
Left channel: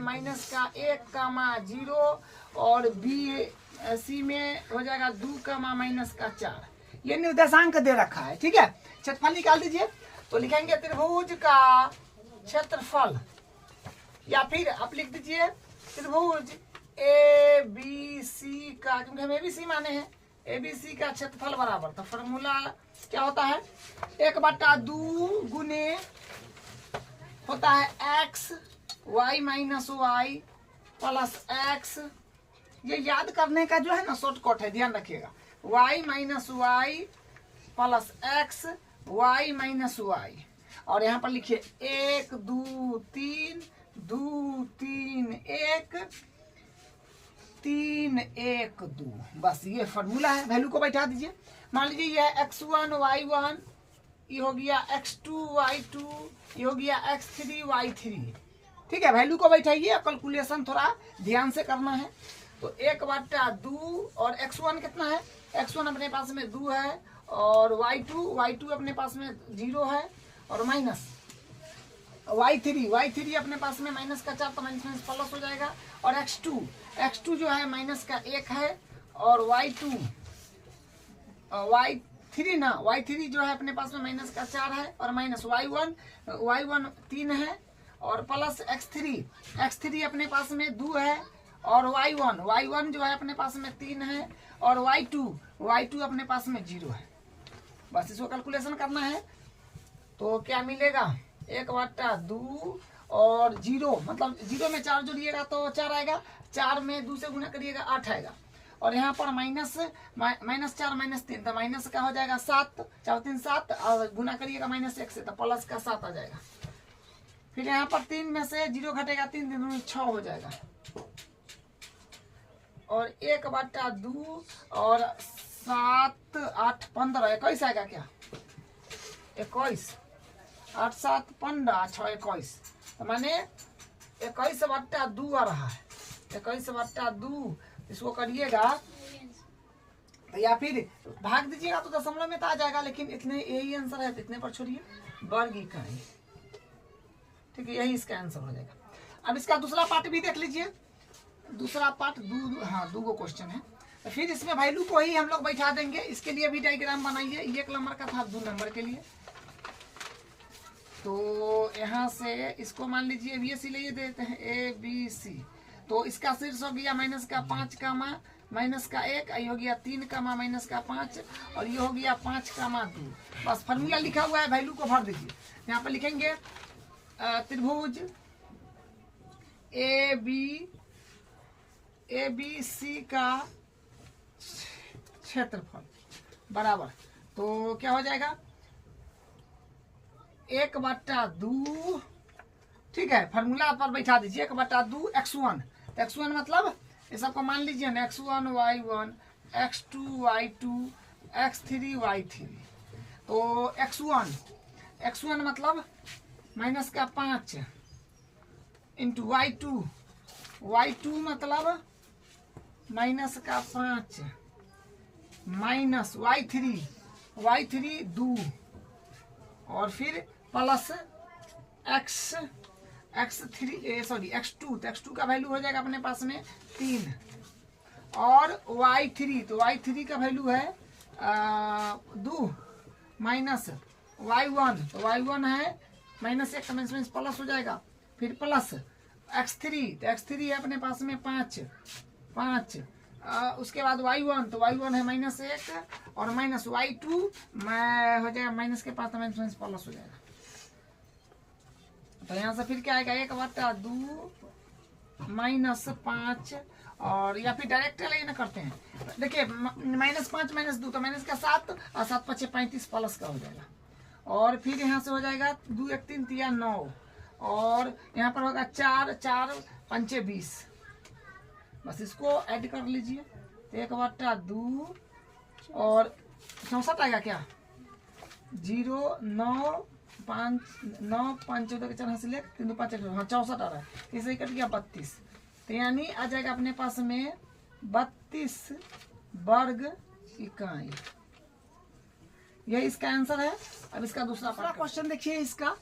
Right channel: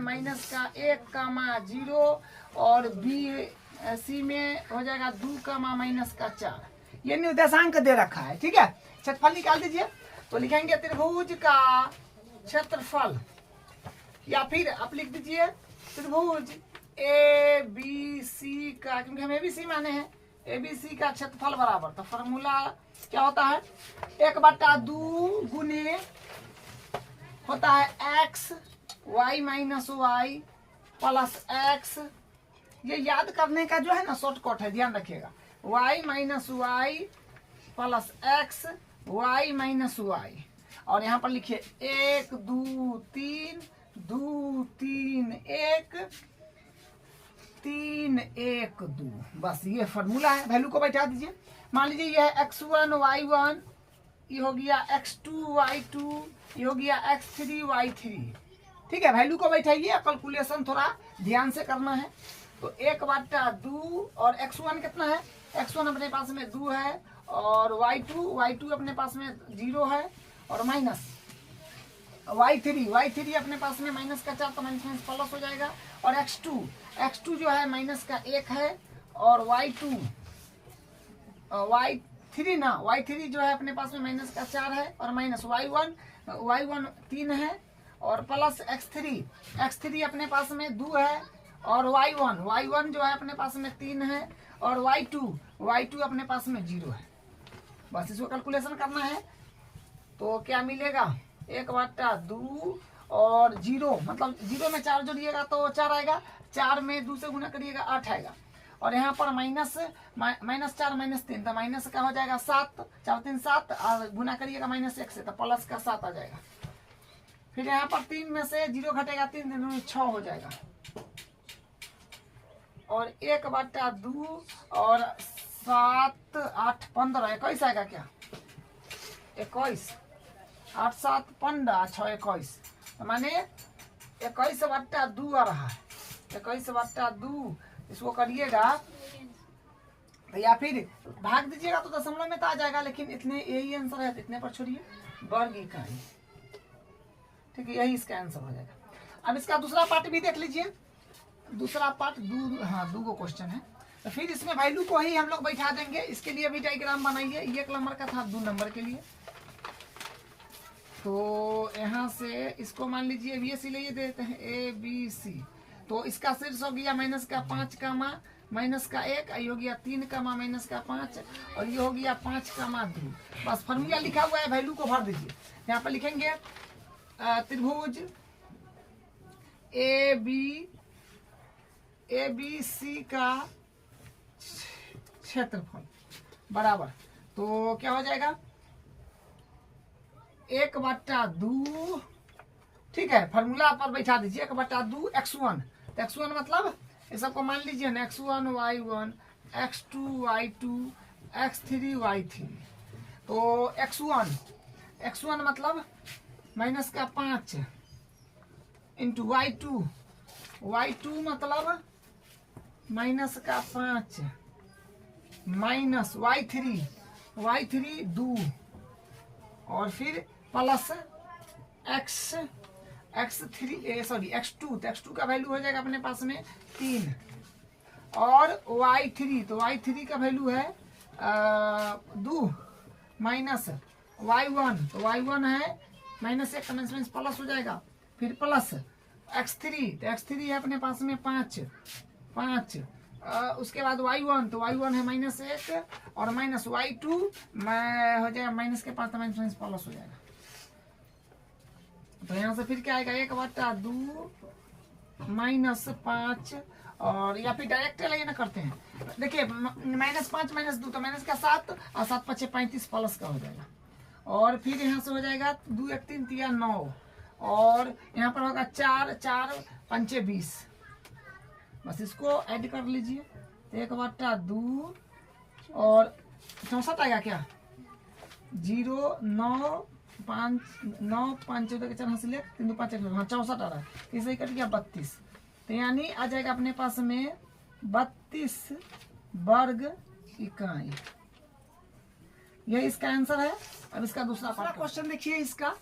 माइनस का 1,0 और बी सी में हो जाएगा 2, माइनस का 4। ये निर्देशांक दे रखा है। ठीक है, क्षेत्रफल निकाल दीजिए। तो लिखेंगे त्रिभुज का क्षेत्रफल, या फिर आप लिख दीजिए त्रिभुज ए बी सी का, क्योंकि हम एबीसी माने हैं, एबीसी का क्षेत्रफल बराबर, तो फॉर्मूला क्या होता है, 1/2 गुने होता है x y minus y plus x. ये याद करने का जो है ना शॉर्टकट है, ध्यान रखिएगा, y minus y plus x y minus y. और यहाँ पर लिखिए 1 2 3 2 3 1 3 1 2, बस ये फॉर्मूला है। वैल्यू को बैठा दीजिए। मान लीजिए ये है x1 y1, ये हो गया x2 y2, ये हो गया x3 y3। ठीक है, वैल्यू को बैठाइए, कैलकुलेशन थोड़ा ध्यान से करना है। तो 1/2 और x1 कितना है, x1 अपने पास में 2 है, और y2 अपने पास में 0 है, और माइनस y3 अपने पास में माइनस का 4, तो माइनस प्लस हो जाएगा, और x2 जो है माइनस का 1 है, और y3 जो है अपने पास में माइनस का 4 है, और माइनस y1 3 है, और प्लस x3 अपने पास में 2 है, और y1 जो है अपने पास में 3 है, और y2 अपने पास में 0 है। बस इसको कैलकुलेशन करना है। तो क्या मिलेगा, 1/2 और 0, मतलब 0 में 4 जोड़िएगा तो 4 आएगा, 4 में 2 से गुना करिएगा 8 आएगा, और यहाँ पर माइनस 4 माइनस 3, तो माइनस का हो जाएगा 7, 4 3 7, और गुना करिएगा -1 से, तो प्लस का 7 आ जाएगा। फिर यहाँ पर 3 में से 0 घटेगा, 3 3 में 6 हो जाएगा, और 1/2 और 7 8 15 21 आएगा क्या, 21, 8 7 15 6 21, तो माने 21/2 आ रहा है, 21/2। इसको करिएगा तो या फिर भाग दीजिएगा तो दशमलव में तो आ जाएगा, लेकिन इतने यही आंसर है, तो इतने पर छोड़िए, वर्ग इकाई। ठीक है, यही इसका आंसर हो जाएगा। अब इसका दूसरा पार्ट भी देख लीजिए। दूसरा पार्ट 2 क्वेश्चन है, तो फिर इसमें वैल्यू को ही हम लोग बैठा देंगे। इसके लिए भी डायग्राम बनाइए, 1 नंबर का था, 2 नंबर के लिए। तो यहाँ से इसको मान लीजिए बीएससी ले देते हैं, ABC। तो इसका शीर्ष हो गया माइनस का 5, माइनस का 1, ये हो गया 3, माइनस का 5, और ये हो गया 5, 2। बस फॉर्मूला लिखा हुआ है, वैल्यू को भर दीजिए। यहाँ पर लिखेंगे त्रिभुज AB ABC का क्षेत्रफल बराबर, तो क्या हो जाएगा 1/2, ठीक है, फार्मूला पर बैठा दीजिए 1/2 x1। तो x1 मतलब ये सबको मान लीजिए ना, x1 y1 x2 y2 x3 y3। तो x1 मतलब माइनस का 5 इंटू y2 मतलब माइनस का 5 माइनस y3 2 और फिर प्लस x2। तो x2 का वैल्यू हो जाएगा अपने पास में 3 और y3, तो y3 का वैल्यू है 2 माइनस y1, तो y1 है माइनस 1 माइनस प्लस हो जाएगा, फिर प्लस x3, तो x3 है अपने पास में 5 उसके बाद y1, तो y1 है -1 और माइनस y2 में हो जाएगा माइनस के 5 माइनस प्लस हो जाएगा। तो यहाँ से फिर क्या आएगा 1/2 -5 और या फिर डायरेक्ट लेना करते हैं। देखिए -5 -2 तो माइनस का 7 और 7 5 35 प्लस का हो जाएगा। और फिर यहाँ से हो जाएगा 2 1 3 3 9 और यहाँ पर होगा 4 4 5 20। बस इसको ऐड कर लीजिए, तो 1/2 और 64 आएगा क्या 0 9 5 9 5 14 के 4 हासिल 3 2 5 हाँ 64 आ रहा है, इसे कट गया 32। तो यानी आ जाएगा अपने पास में 32 वर्ग इकाई। यह इसका आंसर है। अब इसका दूसरा क्वेश्चन देखिए, इसका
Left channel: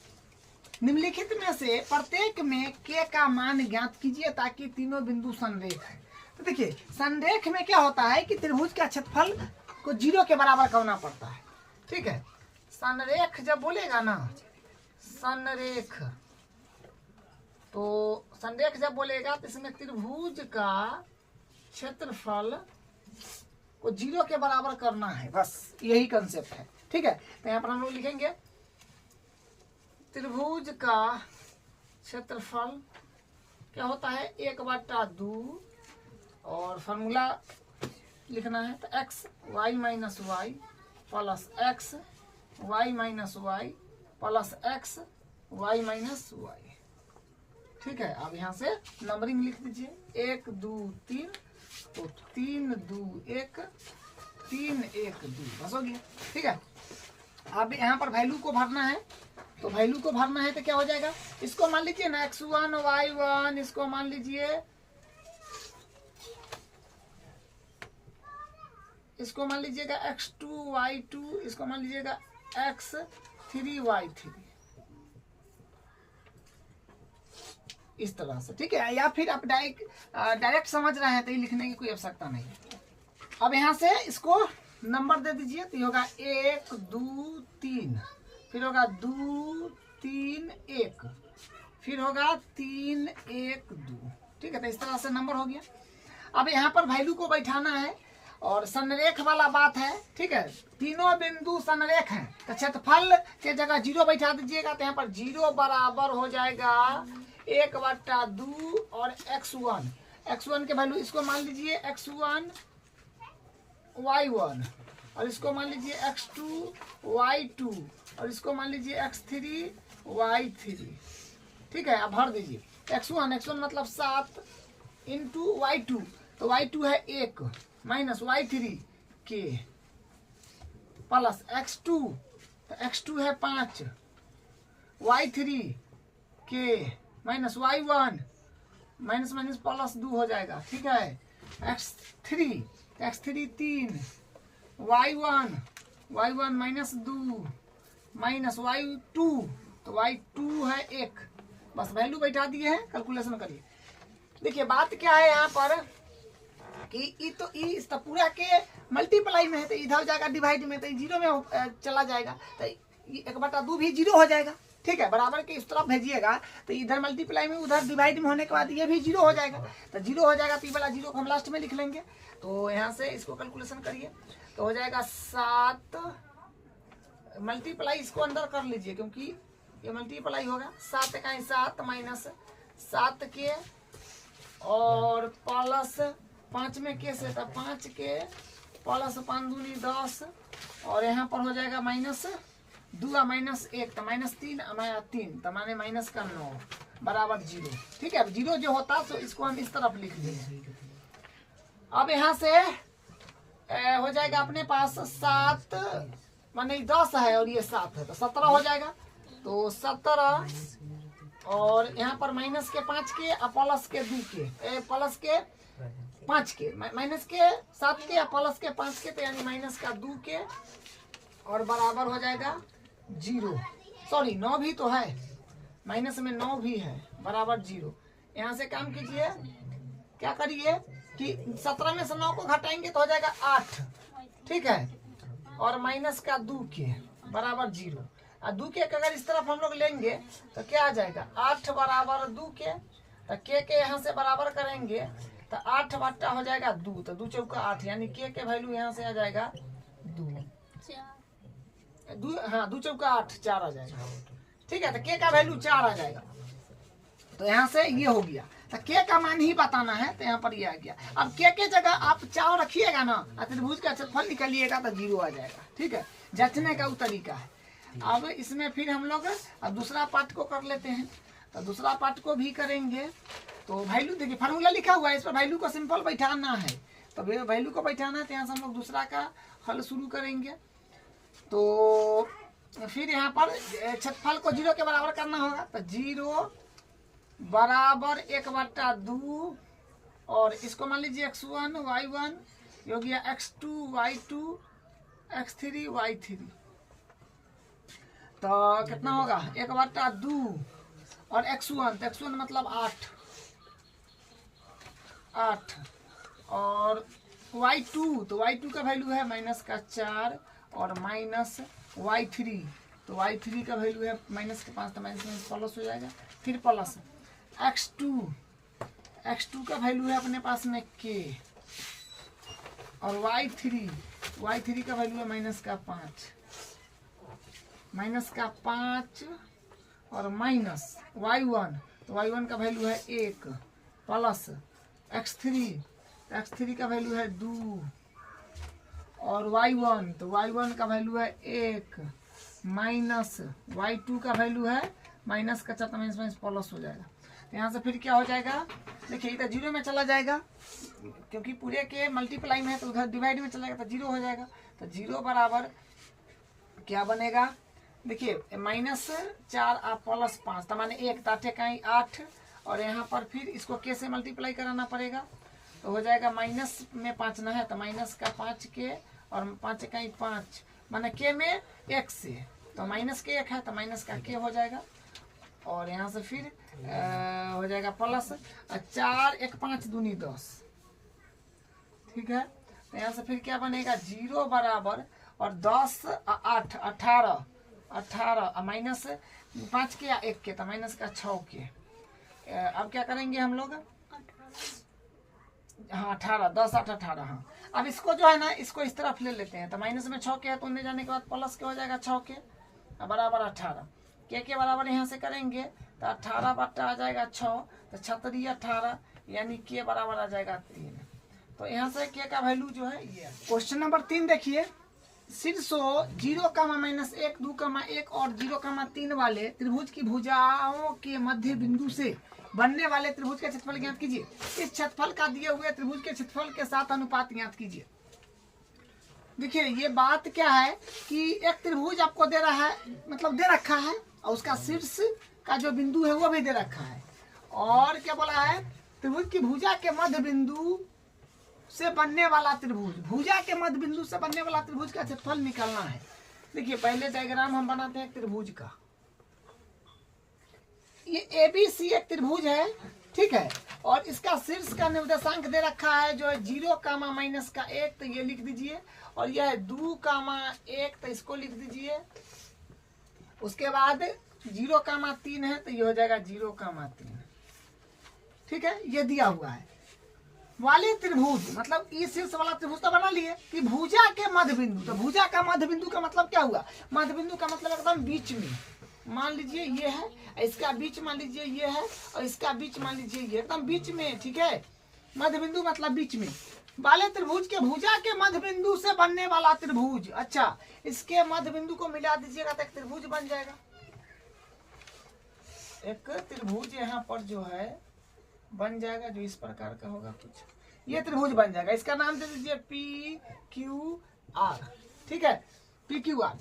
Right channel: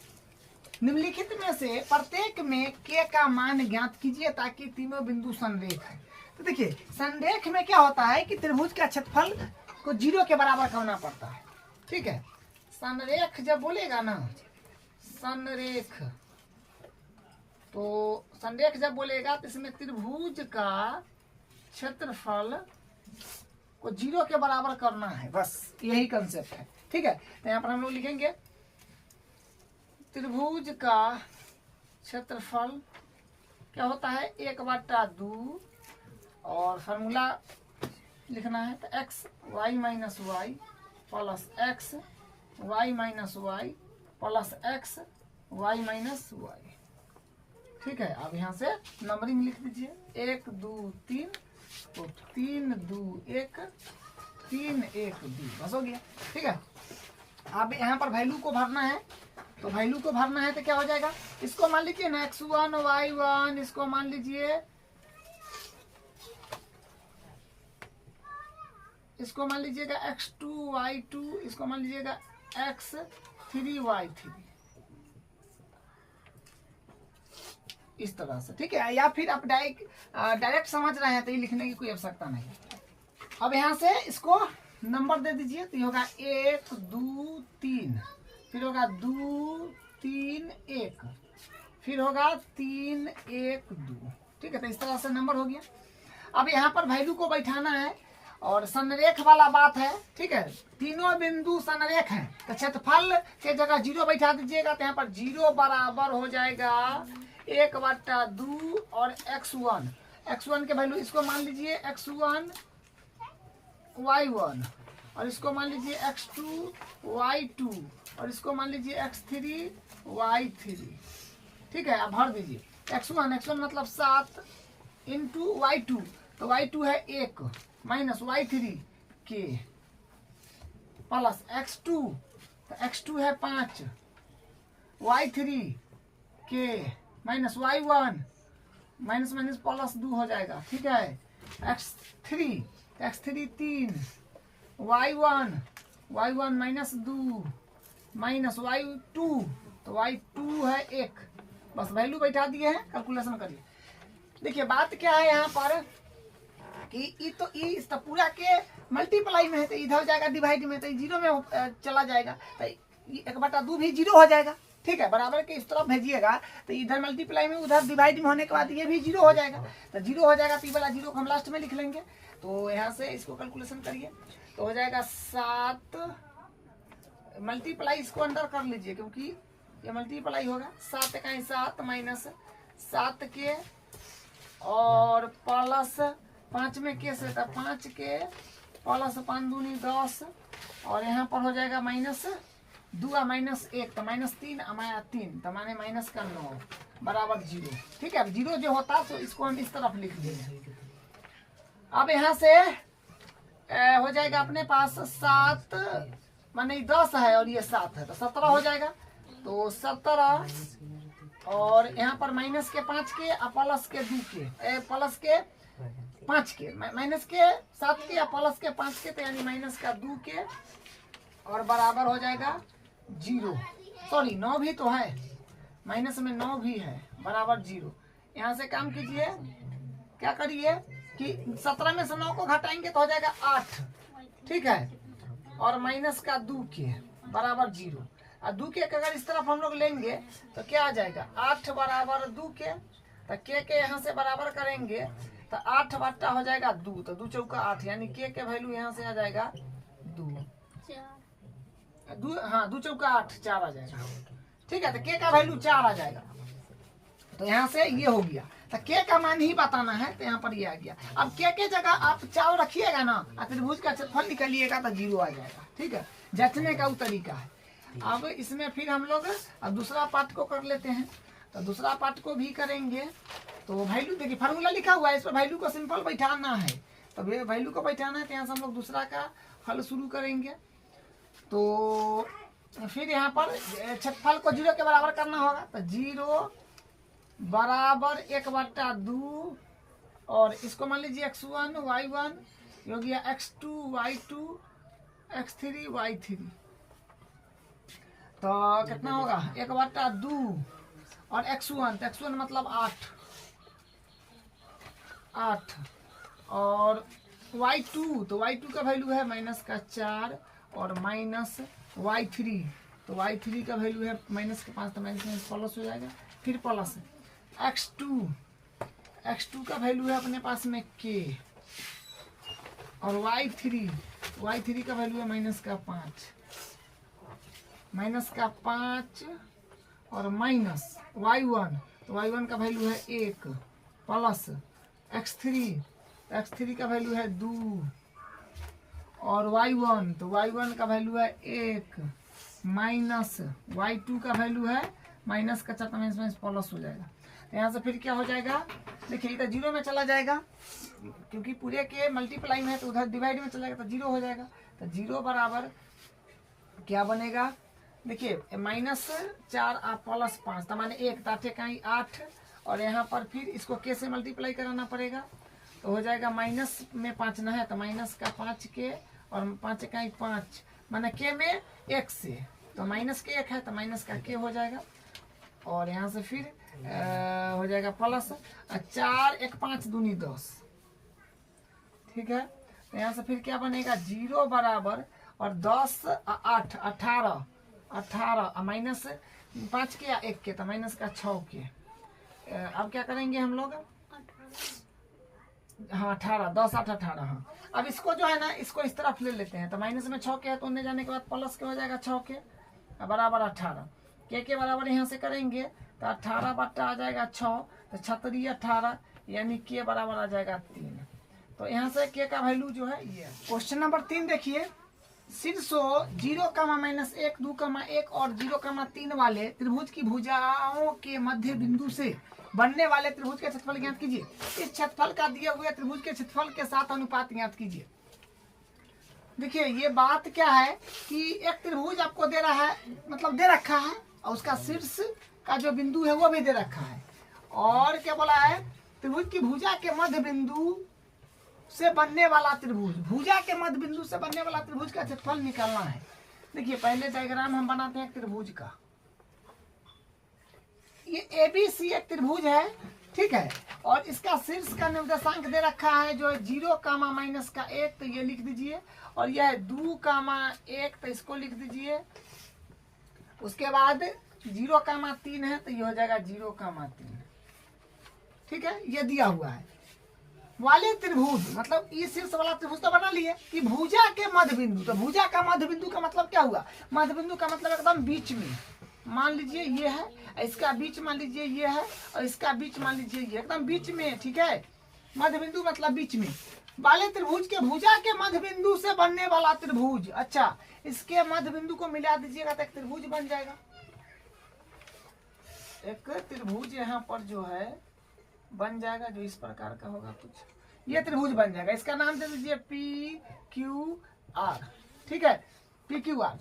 निम्नलिखित में से प्रत्येक में k का मान ज्ञात कीजिए ताकि तीनों बिंदु संरेख है। तो देखिए संरेख में क्या होता है कि त्रिभुज का क्षेत्रफल को 0 के बराबर करना पड़ता है, ठीक है। संरेख जब बोलेगा ना संरेख, तो संरेख जब बोलेगा तो इसमें त्रिभुज का क्षेत्रफल को 0 के बराबर करना है, बस यही कंसेप्ट है, ठीक है। तो यहाँ पर हम लोग लिखेंगे त्रिभुज का क्षेत्रफल क्या होता है 1/2 और फार्मूला लिखना है, तो x y minus y plus x y minus y plus x y minus y, ठीक है। अब यहाँ से नंबरिंग लिख दीजिए 1 2 3, तो 3 2 1 3 1 2, बस हो गया, ठीक है। अब यहाँ पर वैल्यू को भरना है, तो वैल्यू को भरना है तो क्या हो जाएगा, इसको मान लीजिए ना x1 y1, इसको मान लीजिए लीजिएगा x2 y2, इसको मान लीजिएगा x3 y3, इस तरह से, ठीक है। या फिर आप डायरेक्ट समझ रहे हैं तो ये लिखने की कोई आवश्यकता नहीं। अब यहाँ से इसको नंबर दे दीजिए, तो ये होगा 1 2 3, फिर होगा 2 3 1, फिर होगा 3 1 2, ठीक है। तो इस तरह से नंबर हो गया। अब यहाँ पर वैल्यू को बैठाना है और संरेख वाला बात है, ठीक है। तीनों बिंदु संरेख हैं, तो क्षेत्रफल के जगह 0 बैठा दीजिएगा, तो यहाँ पर 0 बराबर हो जाएगा 1/2 और x1 के वैल्यू इसको मान लीजिए x1 y1 और इसको मान लीजिए x2 y2 और इसको मान लीजिए x3 y3, ठीक है। अब भर दीजिए x1 मतलब 7 इंटू y2, तो y2 है 1 माइनस y3 के प्लस x2, तो x2 है 5 y3 के minus y1 minus minus plus 2 हो जाएगा, ठीक है। x3 3 y1 minus 2 minus y2, तो y2 है 1, बस वैल्यू बैठा दिए हैं, कैलकुलेशन करिए। देखिए बात क्या है यहाँ पर कि इस तो पूरा के मल्टीप्लाई में है, तो इधर हो जाएगा डिवाइड में, तो 0 में चला जाएगा, तो 1/2 भी 0 हो जाएगा, ठीक है। बराबर के इस तरफ भेजिएगा तो इधर मल्टीप्लाई में उधर डिवाइड में होने के बाद ये भी 0 हो जाएगा, तो 0 हो जाएगा, तो ये वाला 0 को हम लास्ट में लिख लेंगे। तो यहाँ से इसको कैलकुलेशन करिए, तो हो जाएगा 7 मल्टीप्लाई इसको अंदर कर लीजिए क्योंकि ये मल्टीप्लाई होगा, 7 का 7 माइनस 7 के और प्लस 5 में के से, तो 5 के प्लस 5 दूनी 10, और यहाँ पर हो जाएगा माइनस 2 माइनस 1, तो -3 3, तो माने माइनस का 9 बराबर 0। ठीक है, अब 0 जो होता तो इसको हम इस तरफ लिख देंगे। अब यहाँ से हो जाएगा अपने पास 7 माने 10 है और ये 7 है, तो 17 हो जाएगा। तो 17 और यहाँ पर माइनस के 5 के और प्लस के 2 के, प्लस के 5 के, माइनस के 7 के या प्लस के 5 के, तो यानी माइनस का 2 के, और बराबर हो जाएगा 0। सॉरी 9 भी तो है, माइनस में 9 भी है, बराबर 0। यहाँ से काम कीजिए, क्या करिए कि 17 में से 9 को घटाएंगे तो हो जाएगा 8। ठीक है, और माइनस का 2 के बराबर 0। और 2 के अगर इस तरफ हम लोग लेंगे तो क्या आ जाएगा 8 बराबर 2 के, तो के यहाँ से बराबर करेंगे तो 8 बट्टा हो जाएगा 2, तो 2 चौका 8, यानी के वैल्यू यहाँ से आ जाएगा 2। हाँ 2 चौका 8, 4 आ जाएगा। ठीक है, तो के का वैल्यू 4 आ जाएगा। तो यहाँ से ये हो गया, तो के का मान ही बताना है, तो यहाँ पर ये आ गया। अब के जगह आप 4 रखिएगा ना, त्रिभुज का क्षेत्रफल निकालिएगा तो 0 आ जाएगा। ठीक है, जचने का वो तरीका है। अब इसमें फिर हम लोग अब दूसरा पार्ट को कर लेते हैं, तो दूसरा पार्ट को भी करेंगे। तो वैल्यू देखिए फार्मूला लिखा हुआ है, इस पर वैल्यू को सिंपल बैठाना है, तो वैल्यू को बैठाना है, तो यहाँ से हम लोग दूसरा का हल शुरू करेंगे। तो फिर यहाँ पर क्षेत्रफल को 0 के बराबर करना होगा, तो 0 बराबर 1/2, और इसको मान लीजिए x1 y1 हो गया x2 y2 x3 y3, तो कितना होगा 1/2, और x1, तो x1 मतलब 8, और y2, तो y2 का वैल्यू है माइनस का 4, और माइनस y3, तो y3 का वैल्यू है माइनस के 5, तो माइनस प्लस हो जाएगा। फिर प्लस x2 का वैल्यू है अपने पास में k, और y3 का वैल्यू है माइनस का 5, और माइनस y1, तो y1 का वैल्यू है 1, प्लस x3 का वैल्यू है 2, और y1, तो y1 का वैल्यू है 1, माइनस y2 का वैल्यू है माइनस का 4, माइनस प्लस हो जाएगा। यहाँ से फिर क्या हो जाएगा, देखिए इधर 0 में चला जाएगा, क्योंकि पूरे के मल्टीप्लाई में है, तो उधर डिवाइड में चला जाएगा तो 0 हो जाएगा। तो 0 बराबर क्या बनेगा, देखिए -4 और प्लस 5, तो माने 1, ताटे कहीं 8, और यहाँ पर फिर इसको के से मल्टीप्लाई कराना पड़ेगा, तो हो जाएगा माइनस में 5 न है, तो माइनस का 5 के, और 5 कहीं 5, माने के में 1 से, तो माइनस के 1 है, तो माइनस का के हो जाएगा, और यहाँ से फिर हो जाएगा प्लस 4 1 5 दूनी 10। ठीक है, तो यहाँ से फिर क्या बनेगा 0 बराबर, और 10 8 18 माइनस 5 के या 1 के, तो माइनस का 6 के। अब क्या करेंगे हम लोग, हाँ 18, 10 8 18। हाँ, अब इसको जो है ना, इसको इस तरफ ले लेते हैं, तो माइनस में 6 के है, तो उन्हें जाने के बाद प्लस के हो जाएगा 6 के बराबर 18, के बराबर यहाँ से करेंगे तो 18 बट्टा आ जाएगा 6, तो 36 18, यानी के बराबर आ जाएगा 3। तो यहाँ से के का वैल्यू जो है ये। क्वेश्चन नंबर 3 देखिए, शीर्षों 0, -1 2, 1 और 0, 3 वाले त्रिभुज की भुजाओं के मध्य बिंदु से बनने वाले त्रिभुज के क्षेत्रफल ज्ञात कीजिए। इस क्षेत्रफल का दिए हुए त्रिभुज के क्षेत्रफल के साथ अनुपात ज्ञात कीजिए। देखिए ये बात क्या है कि एक त्रिभुज आपको दे रहा है, मतलब दे रखा है, और उसका शीर्ष का जो बिंदु है वो भी दे रखा है, और क्या बोला है, त्रिभुज की भुजा के मध्य बिंदु से बनने वाला त्रिभुज, भुजा के मध्य बिंदु से बनने वाला त्रिभुज का क्षेत्रफल निकालना है। देखिए पहले डायग्राम हम बनाते हैं त्रिभुज का। ये ABC एक त्रिभुज है, ठीक है, और इसका शीर्ष का निर्देशांक दे रखा है जो है 0, -1, तो ये लिख दीजिए, और यह 2, 1, तो इसको लिख दीजिए। उसके बाद 0, 3 है, तो ये हो जाएगा 0, 3। ठीक है, ये दिया हुआ है। वाले त्रिभुज मतलब इस शीर्ष वाला त्रिभुज तो बना लिए कि भुजा के मध्य बिंदु, तो भुजा का मध्य बिंदु का मतलब क्या हुआ, मध्य बिंदु का मतलब एकदम बीच में, मान लीजिए ये है, इसका बीच मान लीजिए ये है, और इसका बीच मान लीजिए ये, एकदम बीच में। ठीक है, मध्य बिंदु मतलब बीच में वाले त्रिभुज के भुजा के मध्य बिंदु से बनने वाला त्रिभुज। अच्छा, इसके मध्य बिंदु को मिला दीजिएगा तो एक त्रिभुज बन जाएगा। एक त्रिभुज यहाँ पर जो है बन जाएगा, जो इस प्रकार का होगा कुछ, ये त्रिभुज बन जाएगा। इसका नाम दे दीजिए PQR। ठीक है, PQR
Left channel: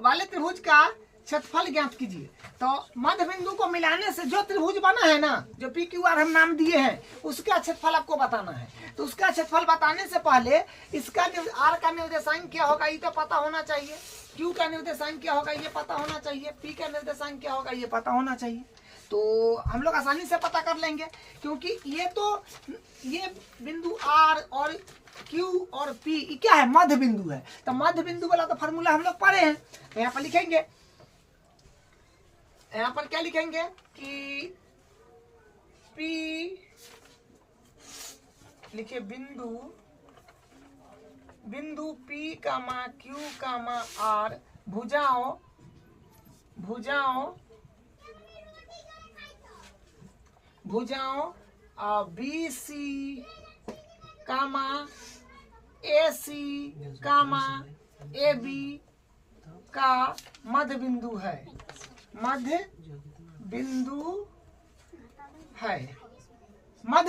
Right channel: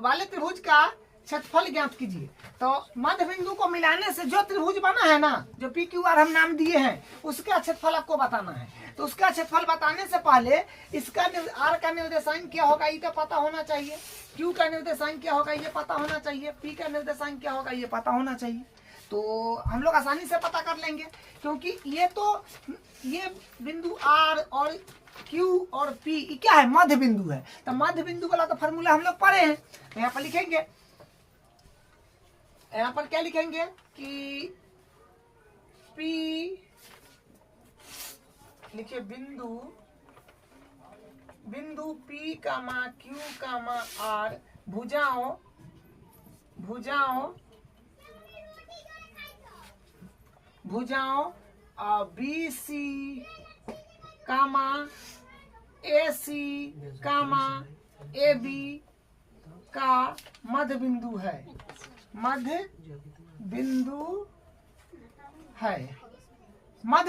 वाले त्रिभुज का क्षेत्रफल ज्ञात कीजिए। तो मध्य बिंदु को मिलाने से जो त्रिभुज बना है ना, जो PQR हम नाम दिए हैं, उसका क्षेत्रफल आपको बताना है। तो उसका क्षेत्रफल बताने से पहले इसका R का निर्देशांक क्या होगा ये तो पता होना चाहिए, Q का निर्देशांक क्या होगा ये पता होना चाहिए, P का निर्देशांक क्या होगा ये पता होना चाहिए। तो हम लोग आसानी से पता कर लेंगे, क्योंकि ये बिंदु R और Q और P क्या है, मध्य बिंदु है। तो मध्य बिंदु वाला तो फॉर्मूला हम लोग पढ़े हैं। तो यहाँ पर लिखेंगे, यहाँ पर क्या लिखेंगे कि P लिखिए बिंदु P कामा Q कामा R भुजाओं BC कामा AC कामा AB का मध्य बिंदु है, मध्य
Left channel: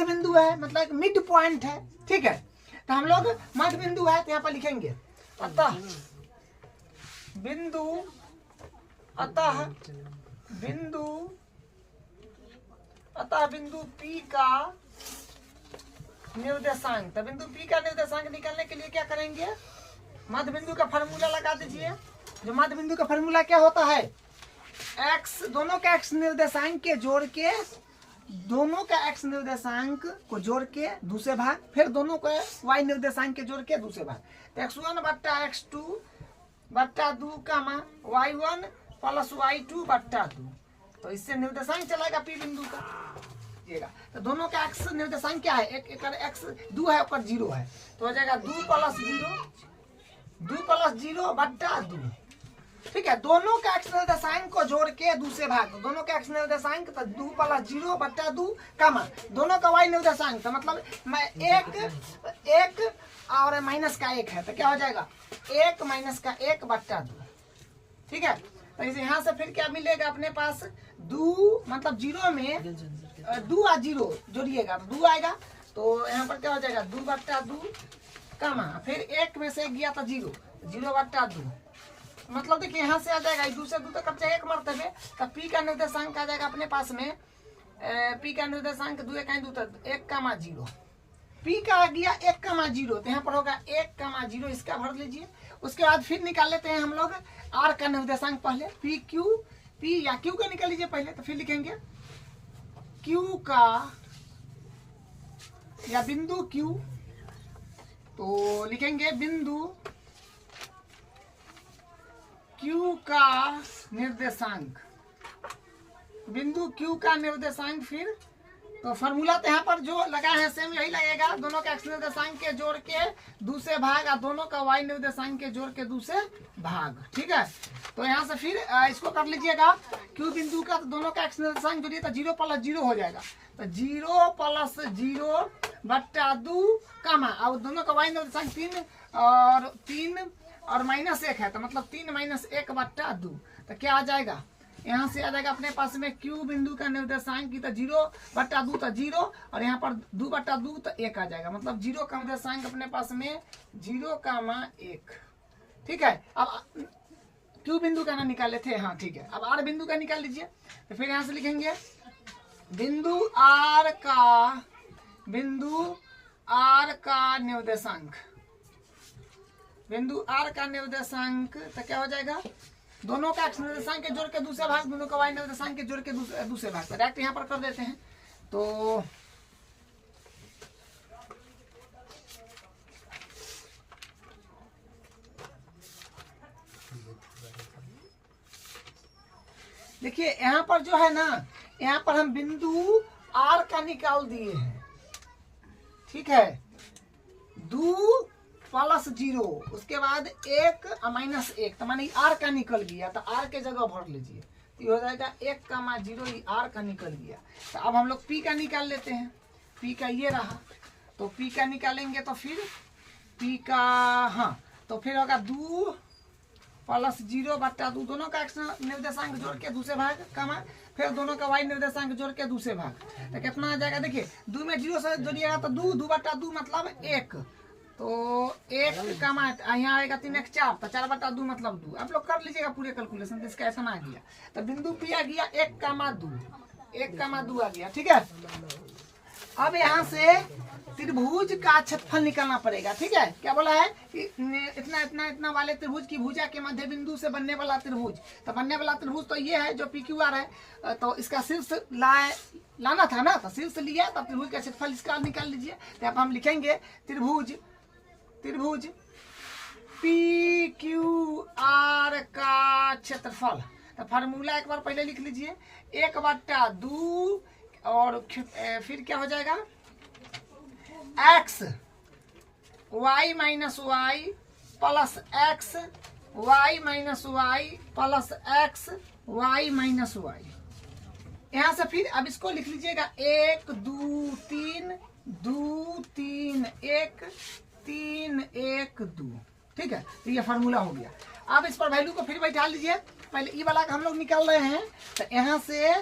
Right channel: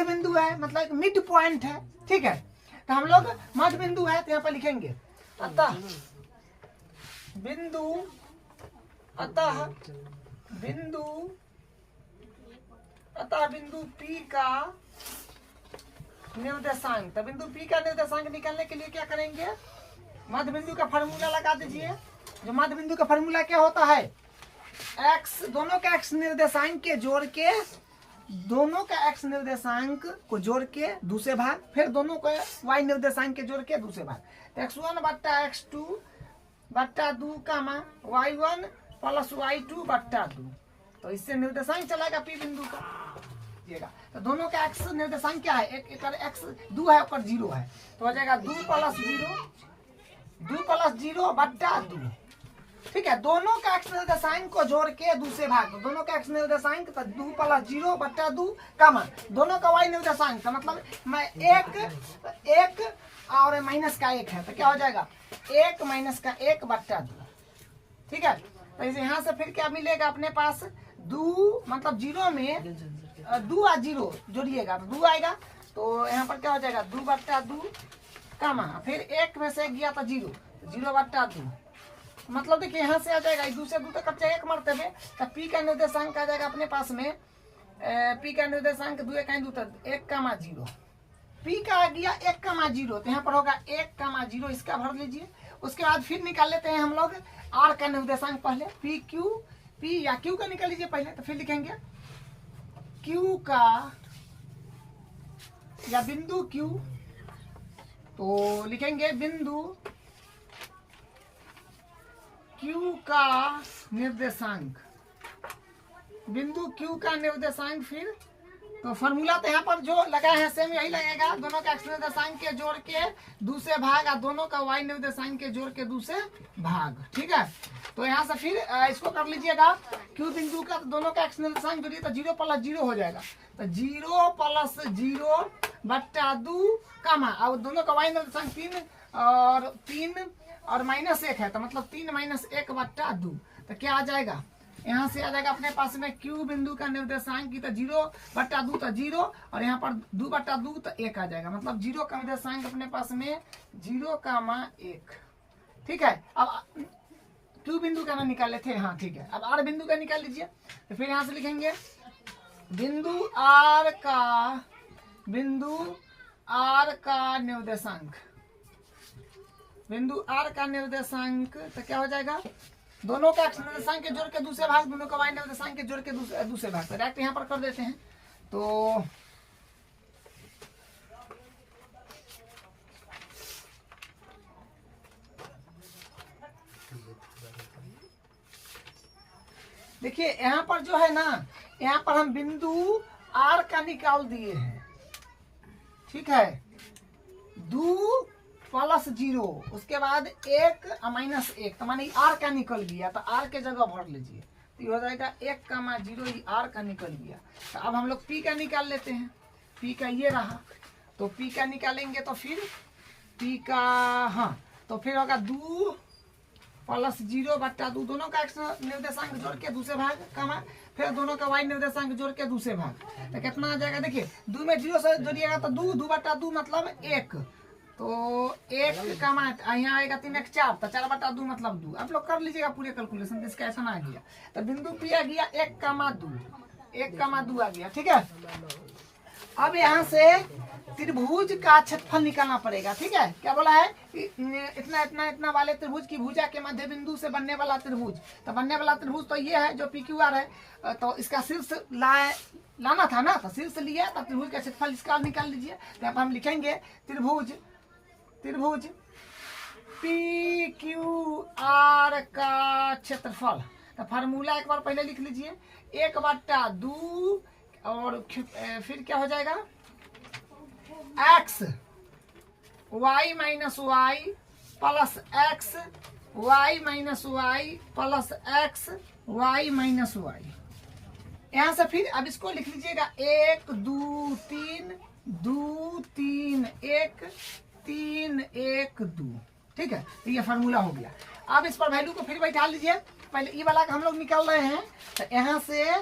बिंदु है मतलब एक मिड पॉइंट है। ठीक है, तो हम लोग मध्य बिंदु है तो यहाँ पर लिखेंगे अतः बिंदु P का निर्देशांक। तो बिंदु P का निर्देशांक निकालने के लिए क्या करेंगे, मध्य बिंदु का फार्मूला लगा दीजिए। जो मध्य बिंदु का फार्मूला क्या होता है, x, दोनों का x निर्देशांक के जोड़ के, दोनों का x निर्देशांक को जोड़ के दूसरे भाग, फिर दोनों का y निर्देशांक के जोड़ के दूसरे भाग। तो x1 बट्टा x2 बट्टा 2 कामा y1 प्लस y2 बट्टा 2। तो इससे निर्देशांक चलेगा P बिंदु का। तो दोनों का x निर्देशांक क्या है, एक x 2 है और 0 है, तो हो जाएगा 2 प्लस 0 बट्टा 2। ठीक है, दोनों का x निर्देशांक को जोड़ के दूसरे भाग, दोनों का x निर्देशांक तो 2 प्लस 0 बट्टा 2 कामा दोनों का y निर्देशांक, तो मतलब मैं एक और माइनस का 1 है, तो क्या हो जाएगा 1 माइनस का 1 बट्टा 2। ठीक है, तो इसे यहाँ से फिर क्या मिलेगा अपने पास, 2 मतलब 0 में 2 और 0 जोड़िएगा तो 2 आएगा। तो यहाँ पर क्या हो जाएगा 2 बट्टा 2 कामा फिर 1 में से 1 गया था 0 बट्टा 2, मतलब देखिए यहाँ से आ जाएगा 2 से 2 तक कच्चा 1 मरतबे। तो P का निर्देशांक आ जाएगा अपने पास में, P का निर्देशांक 2 1 2 1 कामा 0, P का आ गया 1 कामा 0, तो यहाँ पर होगा 1 कामा 0, इसका भर लीजिए। उसके बाद फिर निकाल लेते हैं हम लोग R का निर्देशांक पहले, P या Q का निकाल लीजिए पहले। तो फिर लिखेंगे Q का या बिंदु Q, तो लिखेंगे बिंदु Q का निर्देशांक, बिंदु Q का निर्देशांक। फिर तो फॉर्मूला तो यहाँ पर जो लगाए हैं सेम यही लगेगा, दोनों का x निर्देशांक के जोड़ के दूसरे भाग और दोनों का y निर्देशांक के जोड़ के दूसरे भाग। ठीक है, तो यहाँ से फिर इसको कर लीजिएगा Q बिंदु का, तो दोनों का x निर्देशांक जोड़िए तो 0 प्लस 0 हो जाएगा। तो 0 प्लस 0 बट्टा 2 कामा, अब दोनों का y निर्देशांक 3 और माइनस 1 है, तो मतलब 3 माइनस 1 बट्टा 2। तो क्या आ जाएगा, यहाँ से आ जाएगा अपने पास में Q बिंदु का निर्देशांक की, तो 0 बट्टा 2 तो 0, और यहाँ पर 2 बट्टा 2 तो 1 आ जाएगा, मतलब 0 का निर्देशांक अपने पास में 0 कामा 1। ठीक है, अब Q बिंदु का ना निकाले थे, हाँ ठीक है। अब R बिंदु का निकाल लीजिए। तो फिर यहाँ से लिखेंगे बिंदु R का निर्देशांक, बिंदु R का निर्देशांक तो क्या हो जाएगा, दोनों का x निर्देशांक के जोड़ के दूसरे भाग, दोनों का y निर्देशांक के जोड़ के दूसरे भाग। तो डायरेक्ट यहाँ पर कर देते हैं। तो देखिए यहाँ पर जो है ना, यहाँ पर हम बिंदु R का निकाल दिए हैं। ठीक है, 2 प्लस 0, उसके बाद 1 माइनस 1, तो माने आर का निकल गया, तो आर के जगह भर लीजिए, तो ये हो जाएगा 1,0, ये आर का निकल गया। तो अब हम लोग पी का निकाल लेते हैं, पी का ये रहा, तो पी का निकालेंगे तो फिर पी का, हाँ, तो फिर होगा 2 प्लस 0/2, दोनों का एक्स निर्देशांक जोड़ के दूसरे भाग का, फिर दोनों का वाई निर्देशांक जोड़ के दूसरे भाग, तो कितना आ जाएगा, देखिए 2 में 0 से जोड़िएगा तो 2/2 मतलब 1, तो 1 का यहाँ आएगा 3 1 4, तो 4/2 मतलब 2। आप लोग कर लीजिएगा पूरे कैलकुलेशन, इसका ऐसा आ गया, तो बिंदु पी आ गया 1,2, 1,2 आ गया, ठीक है। अब यहाँ से त्रिभुज का क्षेत्रफल निकालना पड़ेगा, ठीक है। क्या बोला है कि इतना इतना इतना वाले त्रिभुज की भुजा के मध्य बिंदु से बनने वाला त्रिभुज, तो बनने वाला त्रिभुज तो ये है जो PQR है, तो इसका शीर्ष लाना था ना, तो शीर्ष लिया, तब त्रिभुज का क्षेत्रफल इसका निकाल लीजिए। तो यहाँ पर हम लिखेंगे त्रिभुज PQR का क्षेत्रफल, तो फार्मूला एक बार पहले लिख लीजिए, 1/2 और फिर क्या हो जाएगा, x y minus y plus x y minus y plus x y minus y. यहाँ से फिर अब इसको लिख लीजिएगा 1 2 3 2 3 1 3 1 2, ठीक है। तो ये फार्मूला हो गया। अब इस पर वैल्यू को फिर बैठा लीजिए, पहले ई वाला हम लोग निकाल रहे हैं, तो यहाँ से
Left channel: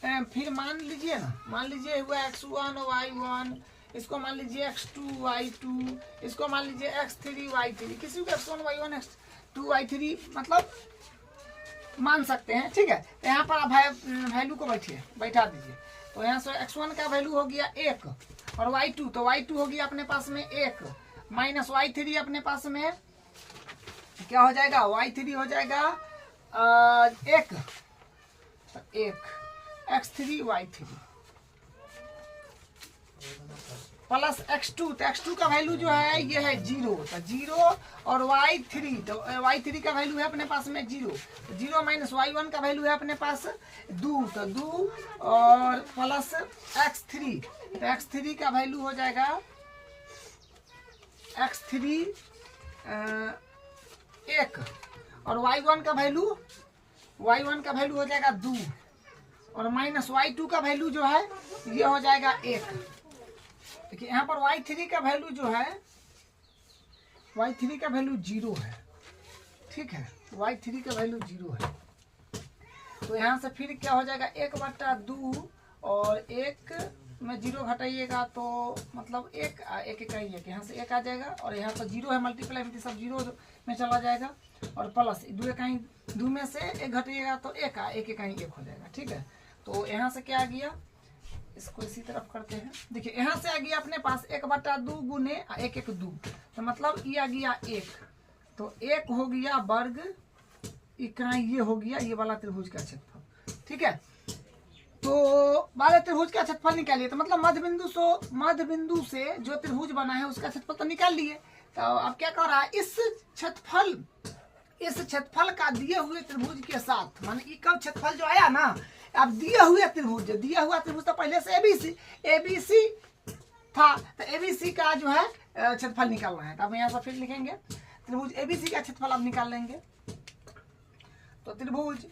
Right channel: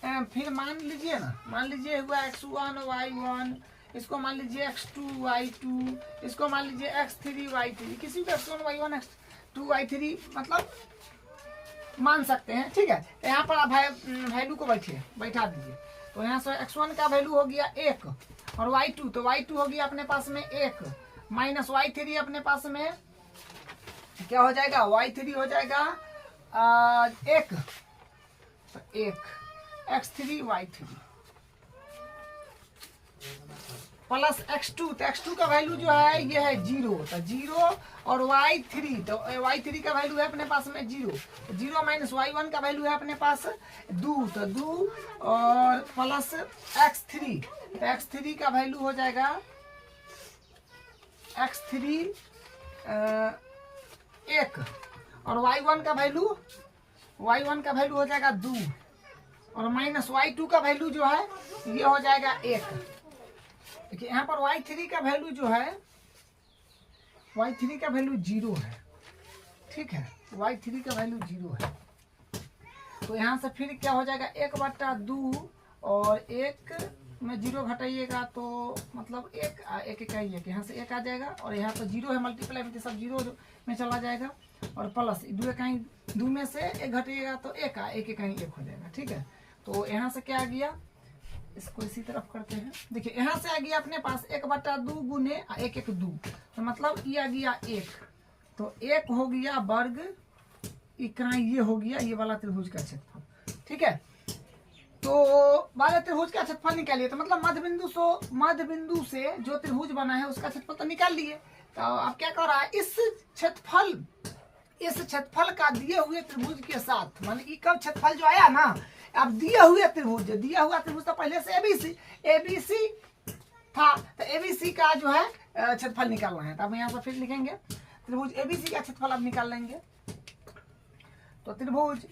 फिर मान लीजिए ना, मान लीजिए हुआ x1 y1, इसको मान लीजिए x2 y2, इसको मान लीजिए x3 y3, किसी को x1 y1 x2 y3 मतलब मान सकते हैं, ठीक है। तो यहाँ पर आप वैल्यू को बैठा दीजिए, तो यहाँ से x1 का वैल्यू हो गया 1 और y2, तो y2 हो गया अपने पास में 1 माइनस y3 अपने पास में क्या हो जाएगा, y3 हो जाएगा 1, तो 1 x3 y3 प्लस x2, तो x2 का वैल्यू जो है ये है 0, तो 0 और y3, तो y3 का वैल्यू है अपने पास में 0, 0 माइनस y1 का वैल्यू है अपने पास 2, तो 2 और प्लस x3, तो x3 का वैल्यू हो जाएगा x3 1 और y1 का वैल्यू हो जाएगा 2 और माइनस y2 का वैल्यू जो है ये हो जाएगा 1। देखिए यहाँ पर y3 का वैल्यू जो है, y3 का वैल्यू 0 है, ठीक है, y3 का वैल्यू 0 है। तो यहाँ से फिर क्या हो जाएगा 1/2 और 1 में 0 घटाइएगा तो मतलब 1 का ही है, यहाँ से 1 आ जाएगा और यहाँ पर 0 है, मल्टीप्लाई में सब 0 में चला जाएगा और प्लस 2 में से 1 घटाइएगा तो 1 का ही 1 हो जाएगा, ठीक है। तो यहाँ से क्या आ गया, इसको इसी तरफ करते हैं, देखिए यहाँ से आ गया अपने पास 1/2 गुने 1 1 2, तो मतलब ये आ गया 1, तो 1 हो गया वर्ग इकाई, ये हो गया ये वाला त्रिभुज का क्षेत्रफल, ठीक है। तो वाले त्रिभुज का क्षेत्रफल निकालिए, तो मतलब मध्य बिंदु से जो त्रिभुज बना है उसका क्षेत्रफल तो निकाल लिए। तो अब क्या कर रहा है, इस क्षेत्रफल का दिए हुए त्रिभुज के साथ, माने इक्वल क्षेत्रफल जो आया ना, अब दिया हुआ त्रिभुज तो पहले से एबीसी था, तो एबीसी का जो है क्षेत्रफल निकालना है। तो अब यहाँ से फिर लिखेंगे त्रिभुज एबीसी का क्षेत्रफल अब निकाल लेंगे, तो त्रिभुज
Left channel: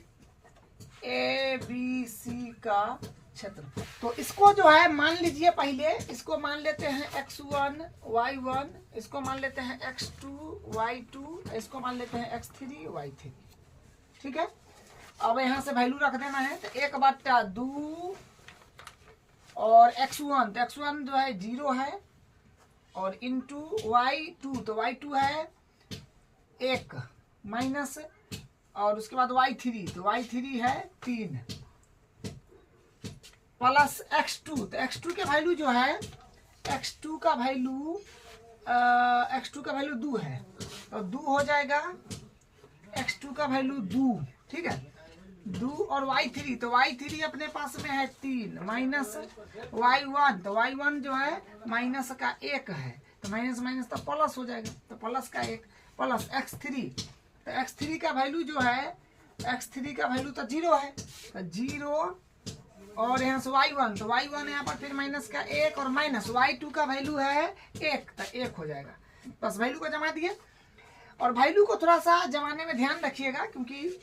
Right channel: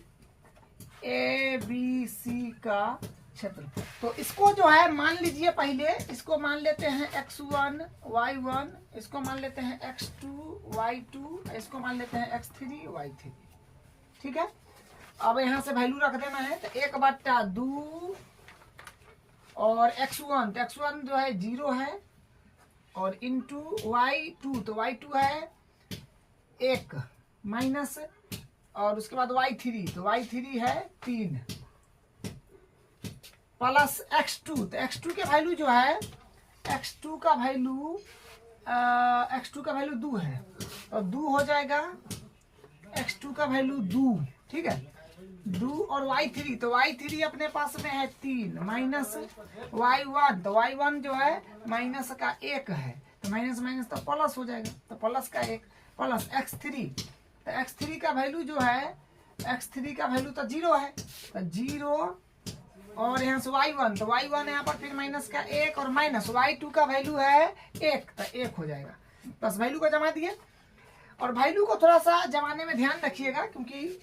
एबीसी का क्षेत्रफल, तो इसको जो है मान लीजिए, पहले इसको मान लेते हैं x1 y1, इसको मान लेते हैं x2 y2, इसको मान लेते हैं x3 y3, ठीक है। अब यहाँ से वैल्यू रख देना है, तो 1/2 और x1, तो x1 जो है 0 है और इंटू y2, तो y2 है 1 माइनस और उसके बाद y3, तो y3 है 3 प्लस x2, तो x2 के वैल्यू जो है, x2 का वैल्यू 2 है, और 2 हो जाएगा x2 का वैल्यू 2, ठीक है, 2 और y3, तो y3 अपने पास में है 3 माइनस y1, तो y1 जो है माइनस का 1 है, तो माइनस तो प्लस हो जाएगा, तो प्लस का 1 प्लस x3, तो x3 का वैल्यू जो है, x3 का वैल्यू तो 0 है, तो 0 और यहाँ से y1, तो y1 यहाँ पर फिर माइनस का 1 और माइनस y2 का वैल्यू है 1, तो 1 हो जाएगा। प्लस वैल्यू को जमा दिए, और वैल्यू को थोड़ा सा जमाने में ध्यान रखिएगा, क्योंकि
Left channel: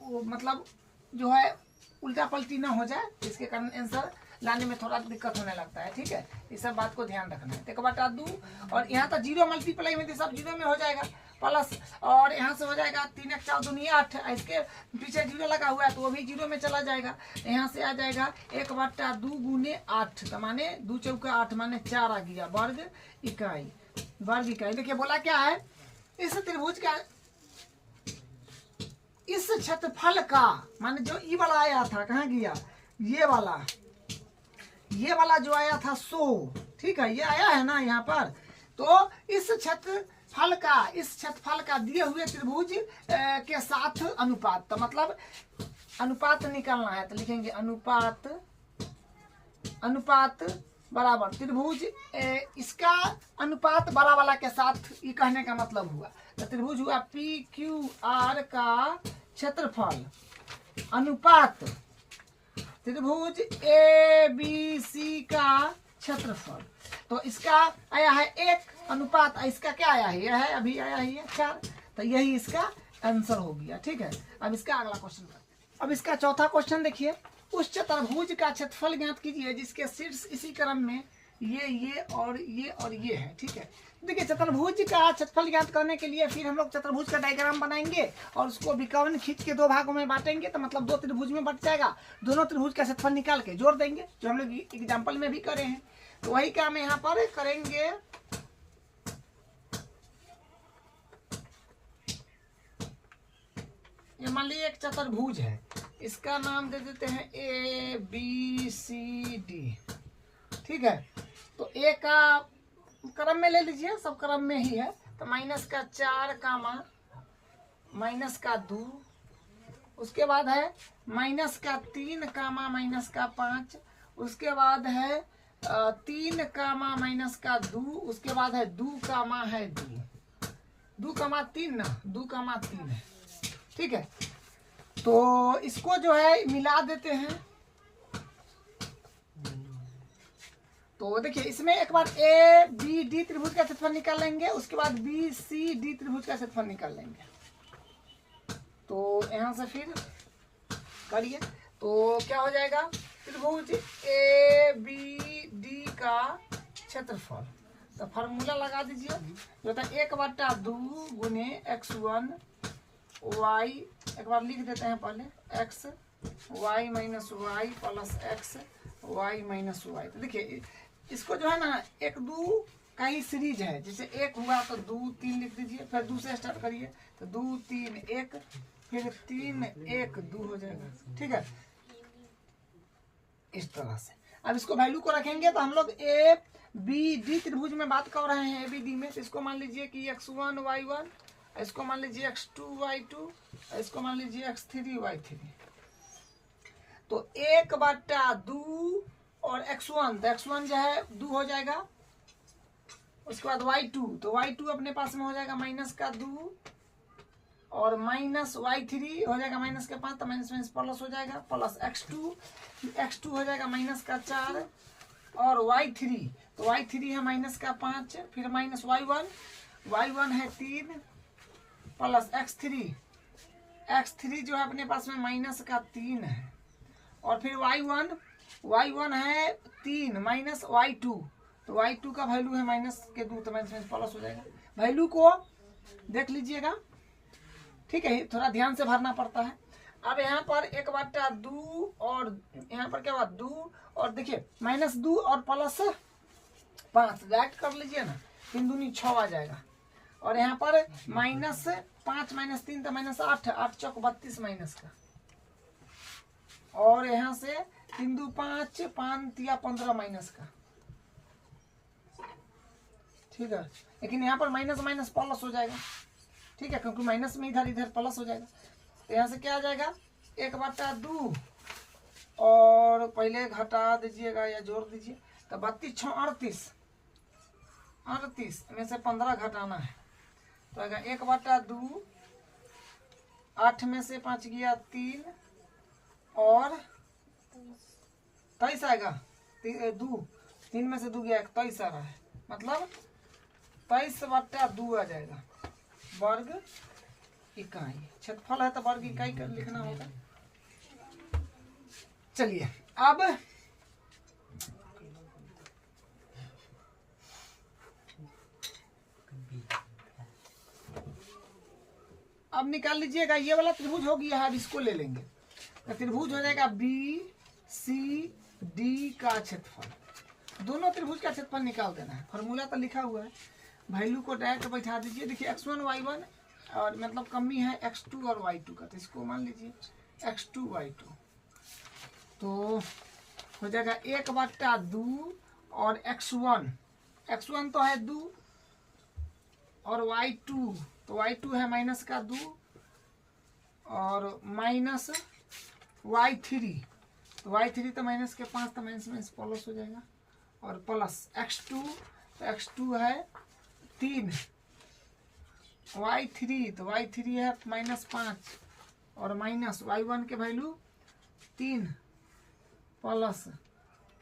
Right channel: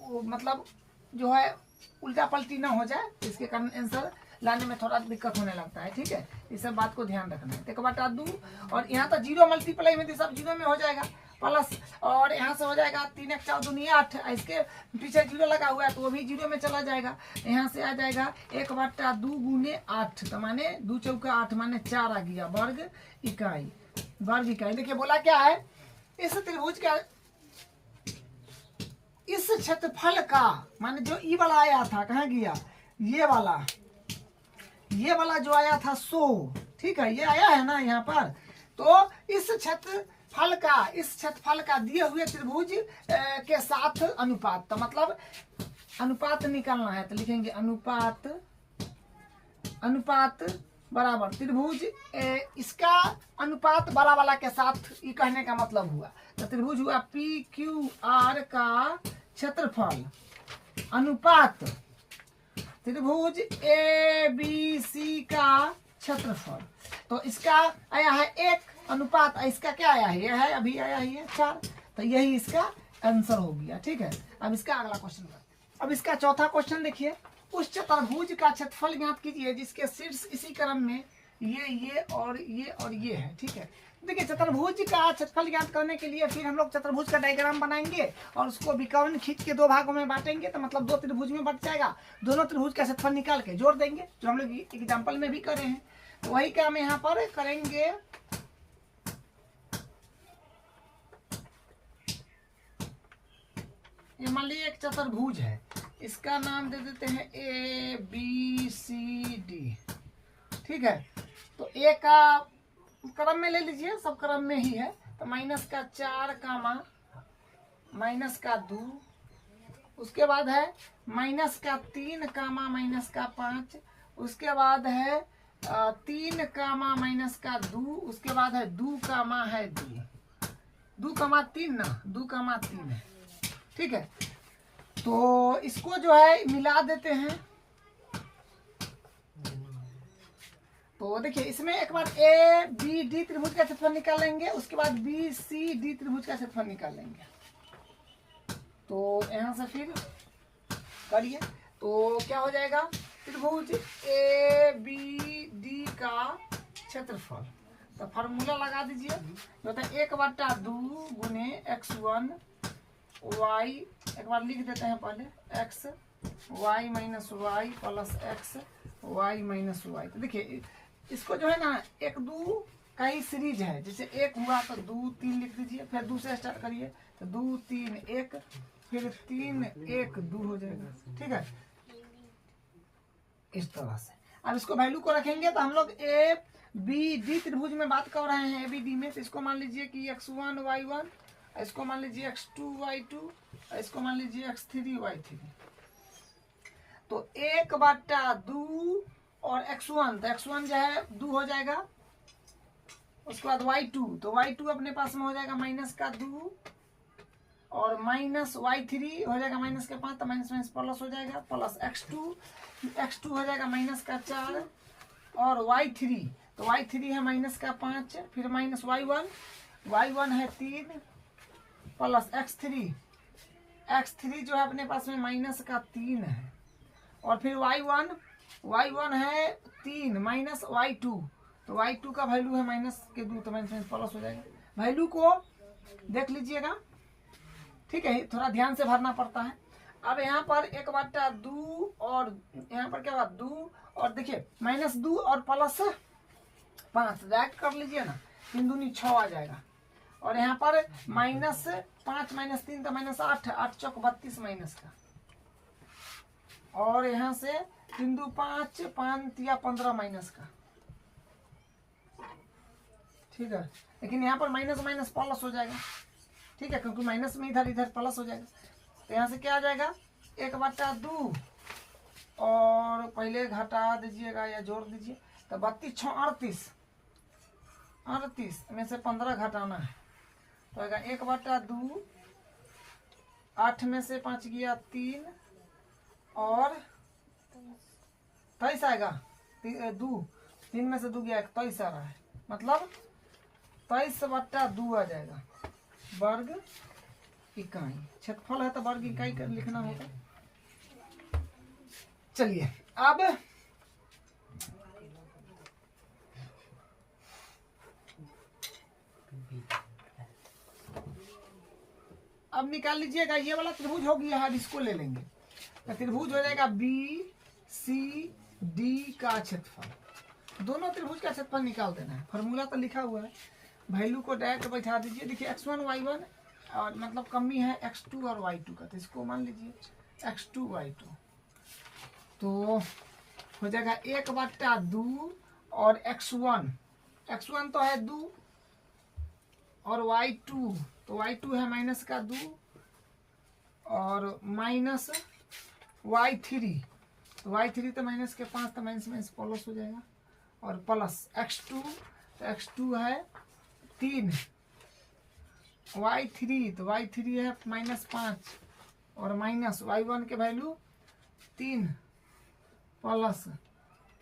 वो मतलब जो है उल्टा पलटी ना हो जाए, इसके कारण आंसर लाने में थोड़ा दिक्कत होने लगता है। ठीक है, इस सब बात को ध्यान रखना है। देखो बटा 2, और यहाँ तो जीरो मल्टीप्लाई में सब जीरो में हो जाएगा, प्लस और यहाँ से हो जाएगा 3 1 4 दूनी 8, इसके पीछे जीरो लगा हुआ है तो वो भी जीरो में चला जाएगा। यहाँ से आ जाएगा 1/2 गुने 8, तो माने 2 चौका 8 माने 4 आ गया वर्ग इकाई, वर्ग इकाई। देखिए बोला क्या है, इस त्रिभुज का इस क्षेत्रफल का, माने जो ई वाला आया था कहाँ गया, ये वाला जो आया था 100, ठीक है, ये आया है ना यहाँ पर। तो इस क्षेत्रफल का दिए हुए त्रिभुज के साथ अनुपात, तो मतलब अनुपात निकालना है, तो लिखेंगे अनुपात बराबर त्रिभुज इसका अनुपात बड़ा वाला के साथ, ये कहने का मतलब हुआ, तो त्रिभुज हुआ PQR का क्षेत्रफल अनुपात त्रिभुज ABC का क्षेत्रफल। तो इसका आया है 1 अनुपात, इसका क्या आया है, यह है अभी आया है ये 4, तो यही इसका आंसर हो गया। ठीक है, अब इसका अगला क्वेश्चन, अब इसका चौथा क्वेश्चन देखिए, उस चतुर्भुज का क्षेत्रफल ज्ञात कीजिए जिसके शीर्ष इसी क्रम में ये और ये है। ठीक है, देखिए चतुर्भुज का क्षेत्रफल ज्ञात करने के लिए फिर हम लोग चतुर्भुज का डायग्राम बनाएंगे और उसको विकर्ण खींच के 2 भागों में बांटेंगे, तो मतलब 2 त्रिभुज में बट जाएगा। दोनों त्रिभुज का क्षेत्रफल निकाल के जोड़ देंगे, जो हम लोग एग्जाम्पल में भी करे हैं, तो वही काम यहाँ पर करेंगे। ये मान लीजिए एक चतुर्भुज है, इसका नाम दे देते हैं ABCD। ठीक है, तो ए का क्रम में ले लीजिए, सब क्रम में ही है, तो -4 कामा -2, उसके बाद है -3 कामा -5, उसके बाद है 3 कामा -2, उसके बाद है 2 कामा है 2 कामा 3 ना, 2 कामा 3 है। ठीक है, तो इसको जो है मिला देते हैं, तो देखिए इसमें एक बार ABD त्रिभुज का क्षेत्रफल निकाल लेंगे, उसके बाद BCD त्रिभुज का क्षेत्रफल निकाल लेंगे। तो यहाँ से फिर करिए, तो क्या हो जाएगा, त्रिभुज ABD का क्षेत्रफल, तो फार्मूला लगा दीजिए, जो था 1/2 गुने x1 y, एक बार लिख देते हैं पहले, x y minus y plus x y minus y. तो देखिए इसको जो है ना 1 2 का ही सीरीज है, जैसे 1 हुआ तो 2 3 लिख दीजिए, फिर 2 से स्टार्ट करिए, तो 2 3 1, फिर 3 1 2 हो जाएगा। ठीक है, इस तरह से। अब इसको वैल्यू को रखेंगे, तो हम लोग ABD त्रिभुज में बात कर रहे हैं ABD में, तो इसको मान लीजिए कि x1 y1, इसको मान लीजिए x2 y2, इसको मान लीजिए x3 y3। तो 1/2 और x1, तो x1 जो है 2 हो जाएगा, उसके बाद y2, तो y2 अपने पास में हो जाएगा -2, और माइनस y3 हो जाएगा -5, तो माइनस प्लस हो जाएगा, प्लस x2 हो जाएगा -4, और y3, तो y3 है -5, फिर माइनस y1 है 3, प्लस x3 जो है अपने पास में -3 है, और फिर y1 है 3 माइनस y2, तो y2 का वैल्यू है -2, तो माइनस प्लस हो जाएगा। वैल्यू को देख लीजिएगा, ठीक है, थोड़ा ध्यान से भरना पड़ता है। अब यहाँ पर 1/2 और यहाँ पर क्या हुआ 2, और देखिए -2 और +5 डायरेक्ट कर लीजिए ना, 3 दूनी 6 आ जाएगा, और यहाँ पर -5 -3 तो -8, 8 चौक 32 माइनस का, और यहाँ से 3 2 5 5 या 15 माइनस का। ठीक है, लेकिन यहाँ पर माइनस प्लस हो जाएगा। ठीक है, क्योंकि माइनस में इधर प्लस हो जाएगा, तो यहाँ से क्या आ जाएगा 1/2, और पहले घटा दीजिएगा या जोड़ दीजिए, तो 32 6 38 में से 15 घटाना है, तो आएगा 1/2, 8 में से 5 गया 3, और 23 आएगा, 3 में से 2 गया 21 आ रहा है, मतलब 23/2 आ जाएगा वर्ग इकाई। क्षेत्रफल है तो वर्ग इकाई कर लिखना होगा। चलिए अब निकाल लीजिएगा। ये वाला त्रिभुज हो गया है, अब इसको ले लेंगे तो त्रिभुज हो जाएगा BCD का क्षेत्रफल। दोनों त्रिभुज का क्षेत्रफल निकाल देना है। फॉर्मूला तो लिखा हुआ है, वैल्यू को डायरेक्ट बैठा दीजिए। देखिए x1 y1 और मतलब कमी है x2 और y2 का, तो इसको मान लीजिए x2 y2, तो हो जाएगा 1/2 और x1 तो है 2 और y2 तो y2 है माइनस का 2 और माइनस y3 तो y3 तो माइनस के 5 तो माइनस प्लस हो जाएगा और प्लस x2 तो x2 है 3 y3 तो y3 है -5 और माइनस y1 के वैल्यू 3 प्लस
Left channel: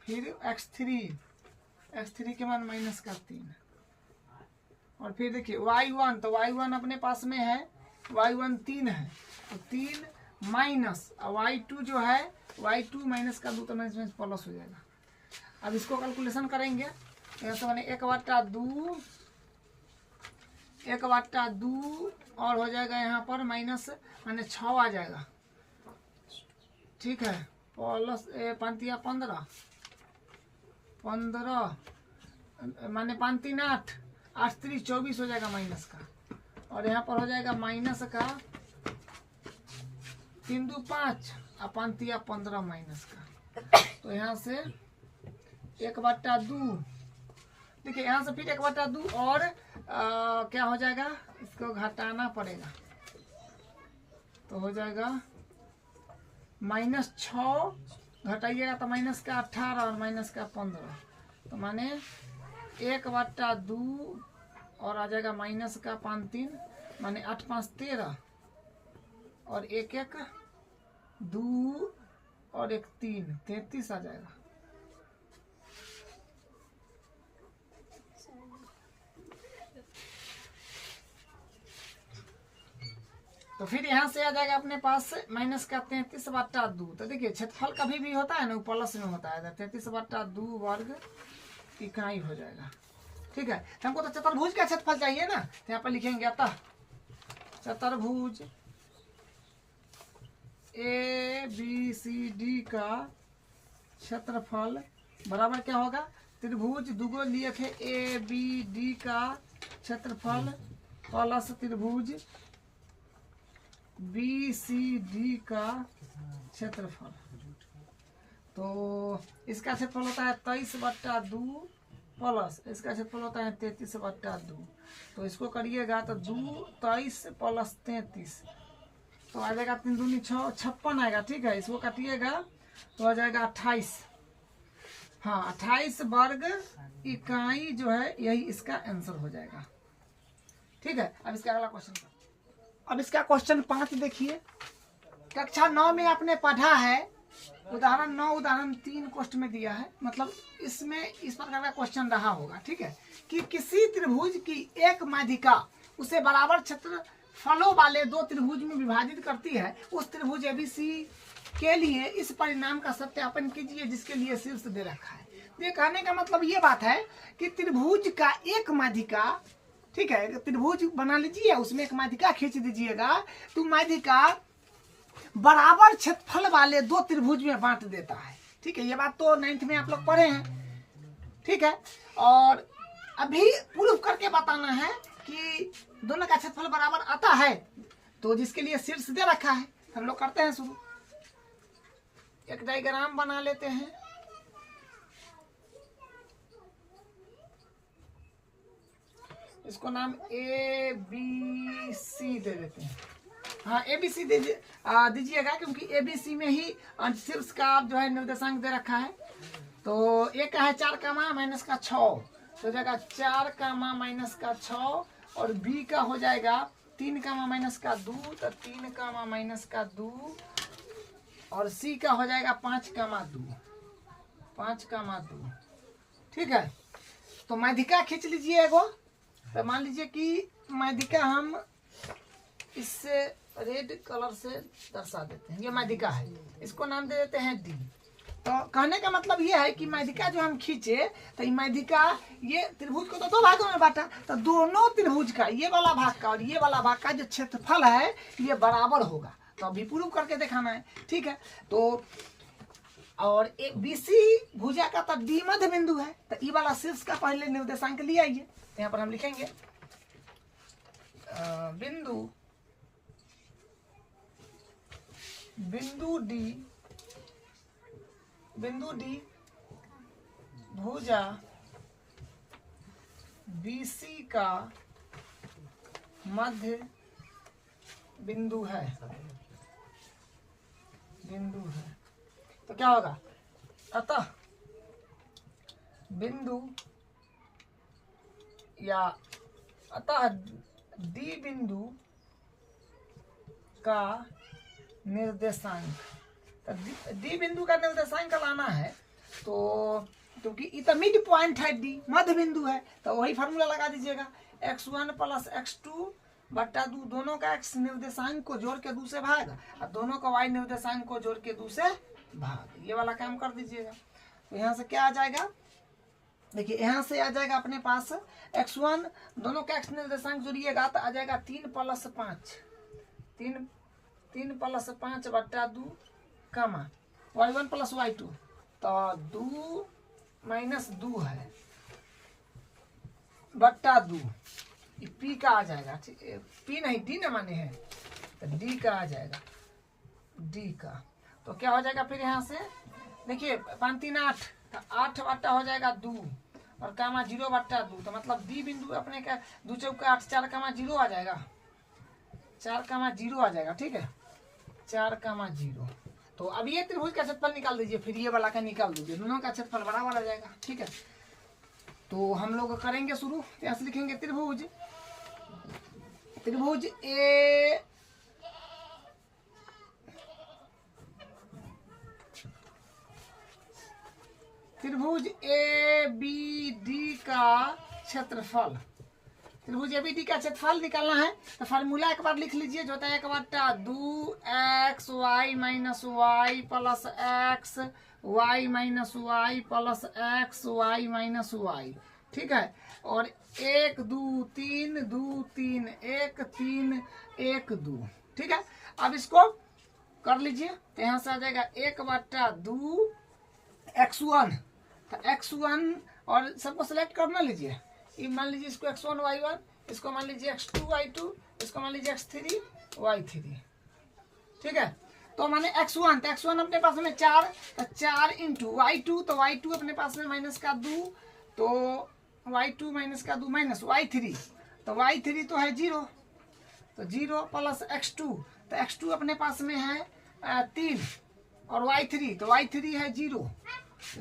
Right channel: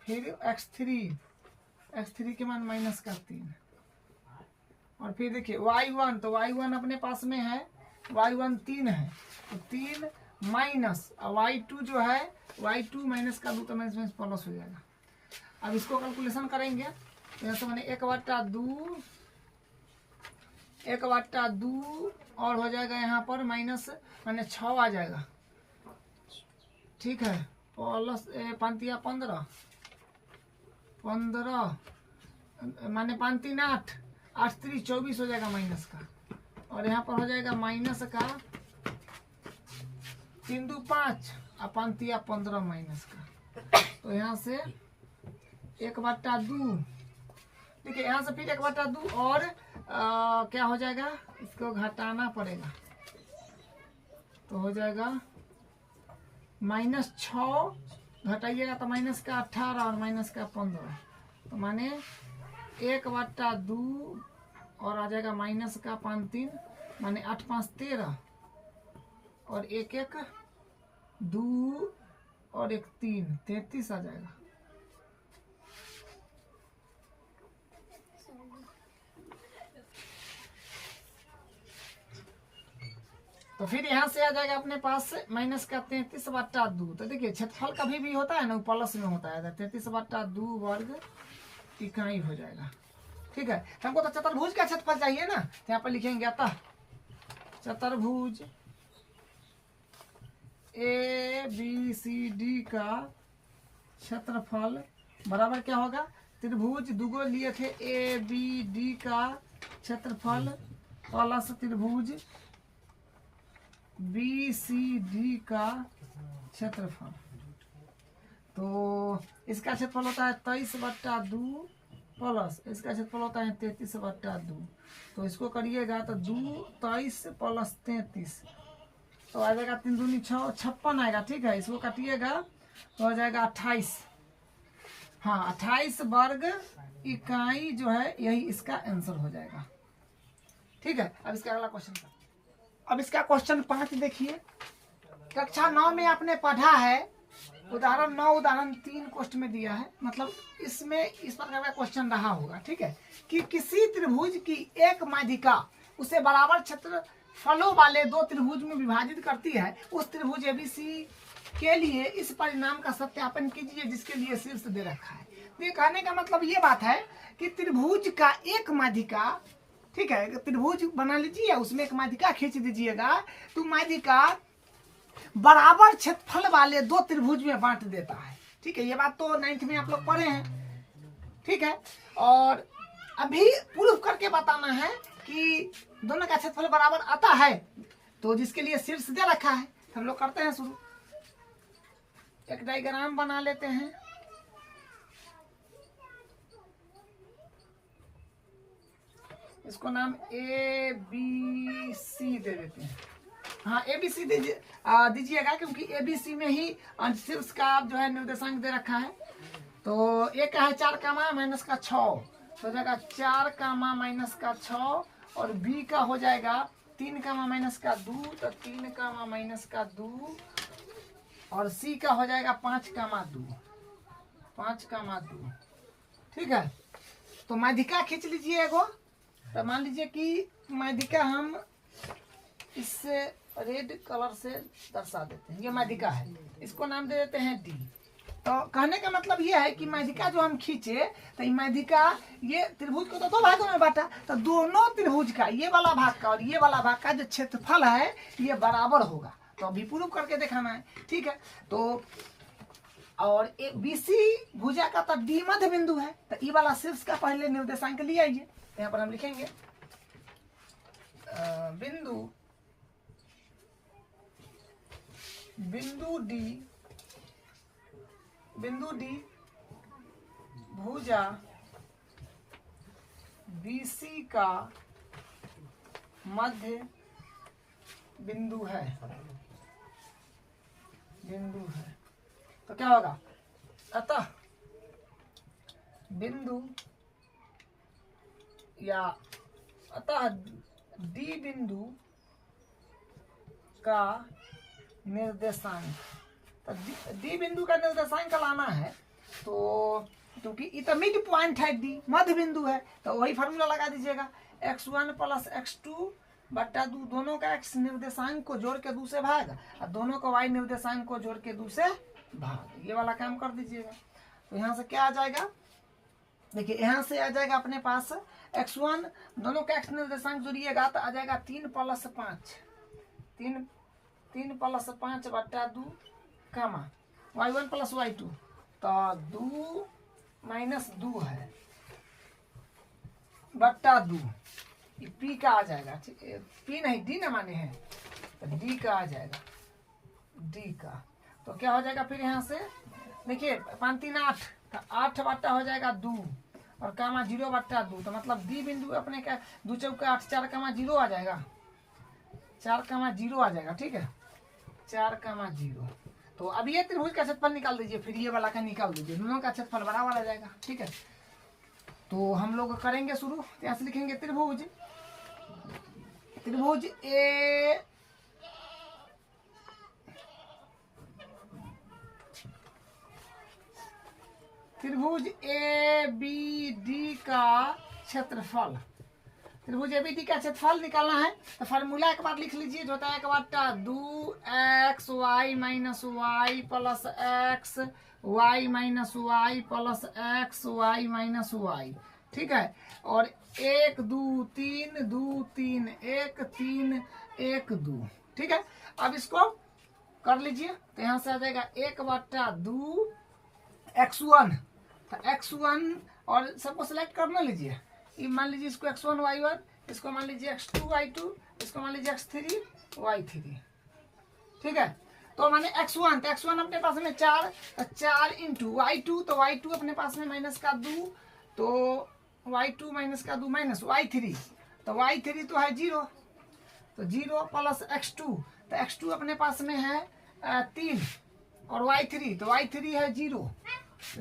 फिर x3 के मान माइनस का 3 और फिर देखिए y1 तो y1 अपने पास में है, y1 3 है तो 3 माइनस और y2 जो है y2 माइनस का 2 तो माइनस प्लस हो जाएगा। अब इसको कैलकुलेशन करेंगे यहाँ से मैंने 1/2 और हो जाएगा यहाँ पर माइनस मैंने 6 आ जाएगा, ठीक है, प्लस 5 15 माने 5 3 8 8 3 24 हो जाएगा माइनस का और यहाँ पर हो जाएगा माइनस का 3 2 5 और 5 3 15 माइनस का। तो यहाँ से 1/2 देखिए यहाँ से फिर 1/2 और क्या हो जाएगा, इसको घटाना पड़ेगा तो हो जाएगा -6 घटाइएगा तो माइनस का 18 और माइनस का 15 तो माने 1/2 और आ जाएगा माइनस का 5 3 माने 8 5 13 और 1 1 2 और 1 3 33 आ जाएगा। तो फिर यहाँ से आ जाएगा अपने पास माइनस का 33/2। तो देखिए क्षेत्रफल कभी भी होता है ना प्लस में होता है, 33/2 वर्ग इकाई हो जाएगा, ठीक है। हमको तो चतुर्भुज का क्षेत्रफल चाहिए ना, तो यहाँ पर लिखेंगे अतः चतुर्भुज ABCD का क्षेत्रफल बराबर क्या होगा, त्रिभुज दुगो लिए थे ABD का क्षेत्रफल प्लस त्रिभुज BCD का क्षेत्रफल। तो इसका क्षेत्रफल होता है 23/2 प्लस इसका क्षेत्रफल होता है 33/2। तो इसको करिएगा तो 2 23 प्लस 33 तो आ जाएगा 3 दूनी 6 56 आएगा, ठीक है। इसको काटिएगा तो आ जाएगा 28, हाँ 28 वर्ग इकाई जो है यही इसका आंसर हो जाएगा, ठीक है। अब इसका अगला क्वेश्चन, अब इसका क्वेश्चन 5 देखिए। कक्षा 9 में आपने पढ़ा है उदाहरण 9 उदाहरण 3 क्वेश्चन में दिया है, मतलब इसमें इस प्रकार का क्वेश्चन रहा होगा, ठीक है, कि किसी त्रिभुज की एक माध्यिका उसे बराबर क्षेत्रफलों वाले 2 त्रिभुज में विभाजित करती है। उस त्रिभुज ABC के लिए इस परिणाम का सत्यापन कीजिए जिसके लिए शीर्ष दे रखा है। ये कहने का मतलब ये बात है कि त्रिभुज का एक माध्यिका, ठीक है, त्रिभुज बना लीजिए उसमें एक माध्यिका खींच दीजिएगा तो माध्यिका बराबर क्षेत्रफल वाले 2 त्रिभुज में बांट देता है, ठीक है। ये बात तो 9th में आप लोग पढ़े हैं, ठीक है। और अभी प्रूफ करके बताना है कि दोनों का क्षेत्रफल बराबर आता है, तो जिसके लिए शीर्ष दे रखा है। हम लोग करते हैं शुरू, एक डायग्राम बना लेते हैं। इसको नाम ABC दे देते हैं, हाँ ABC दीजिएगा क्योंकि ABC में ही शीर्ष का जो है निर्देशांक दे रखा है। तो एक है 4 माइनस का 6 तो हो जाएगा 4 माइनस का 6 और B का हो जाएगा 3 माइनस का 2 तो 3 माइनस का 2 और C का हो जाएगा 5 2, ठीक है। तो माध्यिका खींच लीजिए एगो, तो मान लीजिए कि माध्यिका हम इससे रेड कलर से दर्शा देते हैं, ये माध्यिका है, इसको नाम दे देते हैं डी। तो कहने का मतलब ये है कि माध्यिका जो हम खींचे तो ये माध्यिका ये त्रिभुज को तो दो भागों में बांटा, तो दोनों त्रिभुज का ये वाला भाग का और ये वाला भाग का जो क्षेत्रफल है ये बराबर होगा। तो अभी प्रूव करके दिखाना है, ठीक है। तो और बीसी भुजा का तो डी मध्य बिंदु है, तो ई वाला शीर्ष का पहले निर्देशांक लिया आइए। तो यहाँ पर हम लिखेंगे बिंदु डी भुजा बीसी का मध्य बिंदु है तो क्या होगा, अतः डी बिंदु का निर्देशांक, तो डी बिंदु का निर्देशांक लाना है तो क्योंकि ये तो मिड पॉइंट है, डी मध्य बिंदु है, तो वही फार्मूला लगा दीजिएगा x1 + x2 बट्टा 2, दोनों का x निर्देशांक को जोड़ के 2 से भाग और दोनों का y निर्देशांक को जोड़ के 2 से भाग, ये वाला काम कर दीजिएगा। तो यहाँ से क्या आ जाएगा, देखिए यहाँ से आ जाएगा अपने पास x1, दोनों का x निर्देशांक जोड़िएगा तो आ जाएगा 3 + 5, 3 + 5 बट्टा 2 कमा y1 + y2, तो 2 - 2 है बट्टा 2, पी का आ जाएगा, पी नहीं डी ना माने हैं, तो डी का आ जाएगा, डी का। तो क्या हो जाएगा फिर यहाँ से देखिए 5 3 8, तो 8 बट्टा हो जाएगा 2 और कामा 0 बट्टा 2, तो मतलब डी बिंदु अपने का 2 चौका 8, 4 कामा 0 आ जाएगा, 4 कामा 0 आ जाएगा, ठीक है 4 कामा 0। तो अब ये त्रिभुज का क्षेत्रफल निकाल दीजिए, फिर ये वाला का निकाल दीजिए, दोनों का क्षेत्रफल बराबर आ जाएगा, ठीक है। तो हम लोग करेंगे शुरू, यहाँ से लिखेंगे त्रिभुज ए बी डी का क्षेत्रफल, त्रिभुज ए बी डी का क्षेत्रफल निकालना है। तो फार्मूला एक बार लिख लीजिए, जो होता है 1/2 xy - y + x y - y + x y - y, ठीक है। और 1 2 3 2 3 1 3 1 2, ठीक है। अब इसको कर लीजिए, तो यहाँ से आ जाएगा 1/2 x1, तो x1 और सबको सेलेक्ट करना लीजिए, ये मान लीजिए इसको x1 y1, इसको मान लीजिए x2 y2, इसको मान लीजिए x3 y3, ठीक है। तो माने x1, तो x1 अपने पास में 4, तो 4 × y2, तो y2 अपने पास में -2, तो y2 -2 माइनस y3, तो y3 तो है 0, तो 0 + x2, तो x2 अपने पास में है 3 और y3, तो y3 है 0,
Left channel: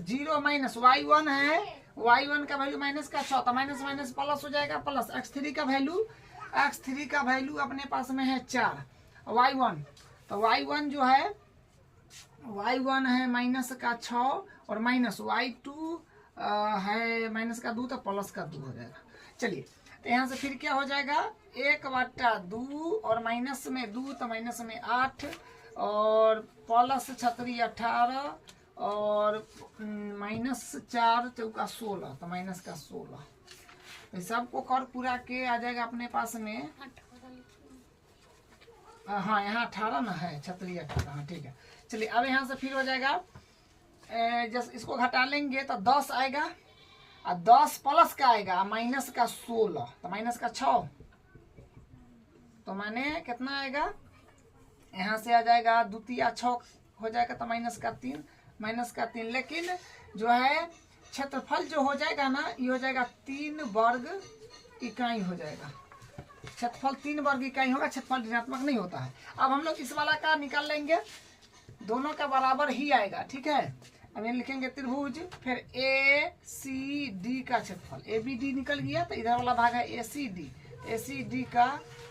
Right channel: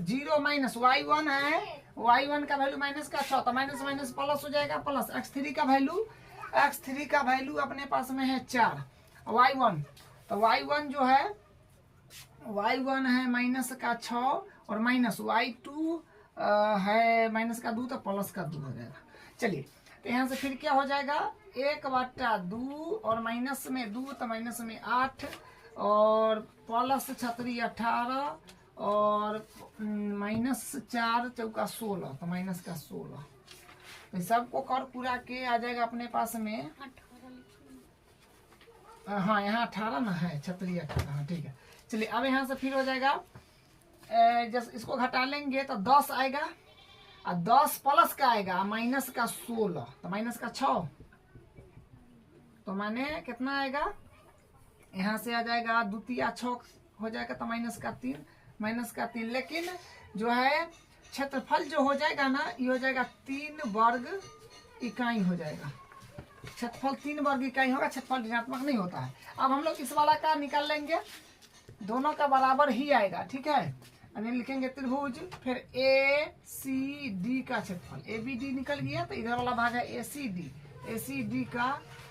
0 माइनस y1 है, y1 का वैल्यू -6, तो माइनस माइनस प्लस हो जाएगा, प्लस x3 का वैल्यू अपने पास में है 4, y1, तो y1 जो है y1 है -6 और माइनस y2 है -2, तो +2 हो जाएगा। चलिए, तो यहाँ से फिर क्या हो जाएगा 1/2 और माइनस में 2, तो माइनस में 8 और प्लस 6 18 और -4 चौका 16, तो -16, तो सबको कर पूरा के आ जाएगा अपने पास में, हाँ यहाँ 18 ना है, 6 18, हाँ ठीक है। चलिए अब यहाँ से फिर हो जाएगा, जब इसको घटा लेंगे तो 10 आएगा और 10 प्लस का आएगा -16, तो -6, तो माने कितना आएगा, यहाँ से आ जाएगा 2 × 6 हो जाएगा, तो -3, लेकिन जो है क्षेत्रफल जो हो जाएगा ना, ये हो जाएगा 3 वर्ग इकाई हो जाएगा, क्षेत्रफल 3 वर्ग इकाई होगा, क्षेत्रफल ऋणात्मक नहीं होता है। अब हम लोग इस वाला का निकाल लेंगे, दोनों का बराबर ही आएगा, ठीक है। अब ये लिखेंगे त्रिभुज, फिर ए सी डी का क्षेत्रफल, ए बी डी निकल गया, तो इधर वाला भाग है ए सी डी का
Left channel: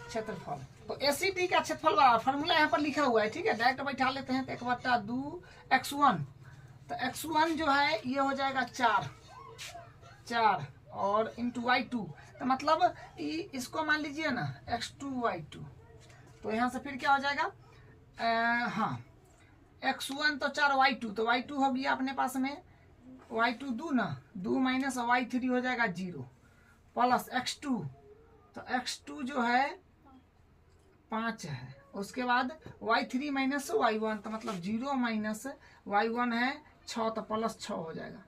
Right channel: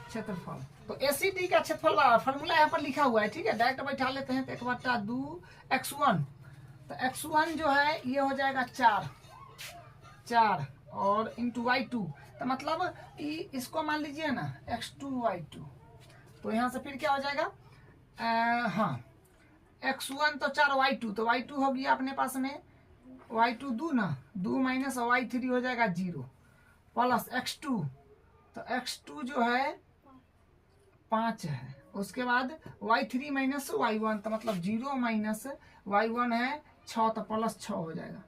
क्षेत्रफल। तो ए सी डी का क्षेत्रफल वाला फॉर्मूला यहाँ पर लिखा हुआ है, ठीक है, डायरेक्ट बैठा लेते हैं। तो 1/2 x1, तो x1 जो है ये हो जाएगा 4 और इंटू y2, तो मतलब इसको मान लीजिए ना x2y2, तो यहाँ से फिर क्या हो जाएगा, हाँ x1 तो 4y2, तो y2 हो गया अपने पास में y2 2 ना, 2 माइनस y3 हो जाएगा 0 प्लस x2, तो x2 जो है 5 है, उसके बाद y3 माइनस y1, तो मतलब 0 माइनस y1 है 6, तो प्लस 6 हो जाएगा,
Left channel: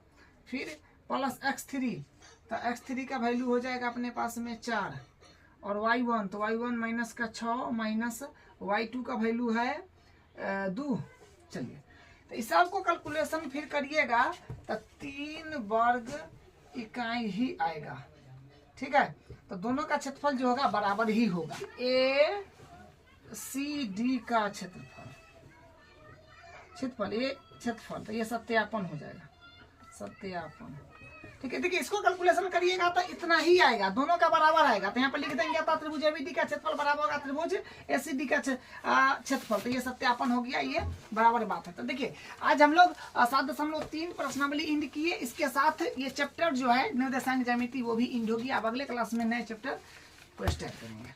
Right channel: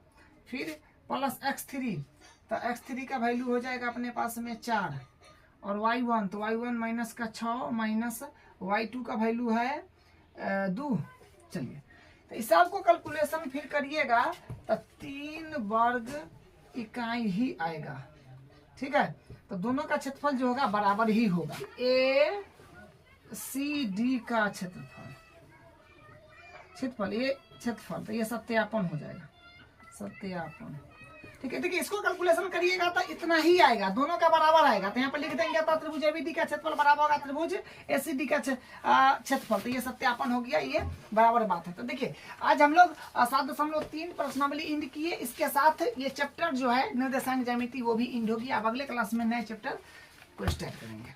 फिर प्लस x3, तो x3 का वैल्यू हो जाएगा अपने पास में 4, और y1, तो y1 माइनस का 6 माइनस y2 का वैल्यू है 2। चलिए तो इस सबको कैलकुलेशन फिर करिएगा तो 3 वर्ग इकाई ही आएगा। ठीक है, तो दोनों का क्षेत्रफल जो होगा बराबर ही होगा। ए सी डी का क्षेत्रफल ये क्षेत्रफल, तो ये सत्यापन हो जाएगा, सत्यापन। ठीक है, देखिए इसको कैलकुलेशन करिएगा तो इतना ही आएगा, दोनों का बराबर आएगा, तो यहाँ पर लिख देंगे तो त्रिभुज एबीडी का क्षेत्रफल बराबर होगा त्रिभुज एसीडी का क्षेत्रफल, तो ये सत्यापन हो गया, ये बराबर बात है। तो देखिए आज हम लोग 7.3 प्रश्नावली इंड किए, इसके साथ ये चैप्टर जो है निर्देशांक ज्यामिति वो भी इंड होगी। अब अगले क्लास में नए चैप्टर को स्टार्ट करेंगे।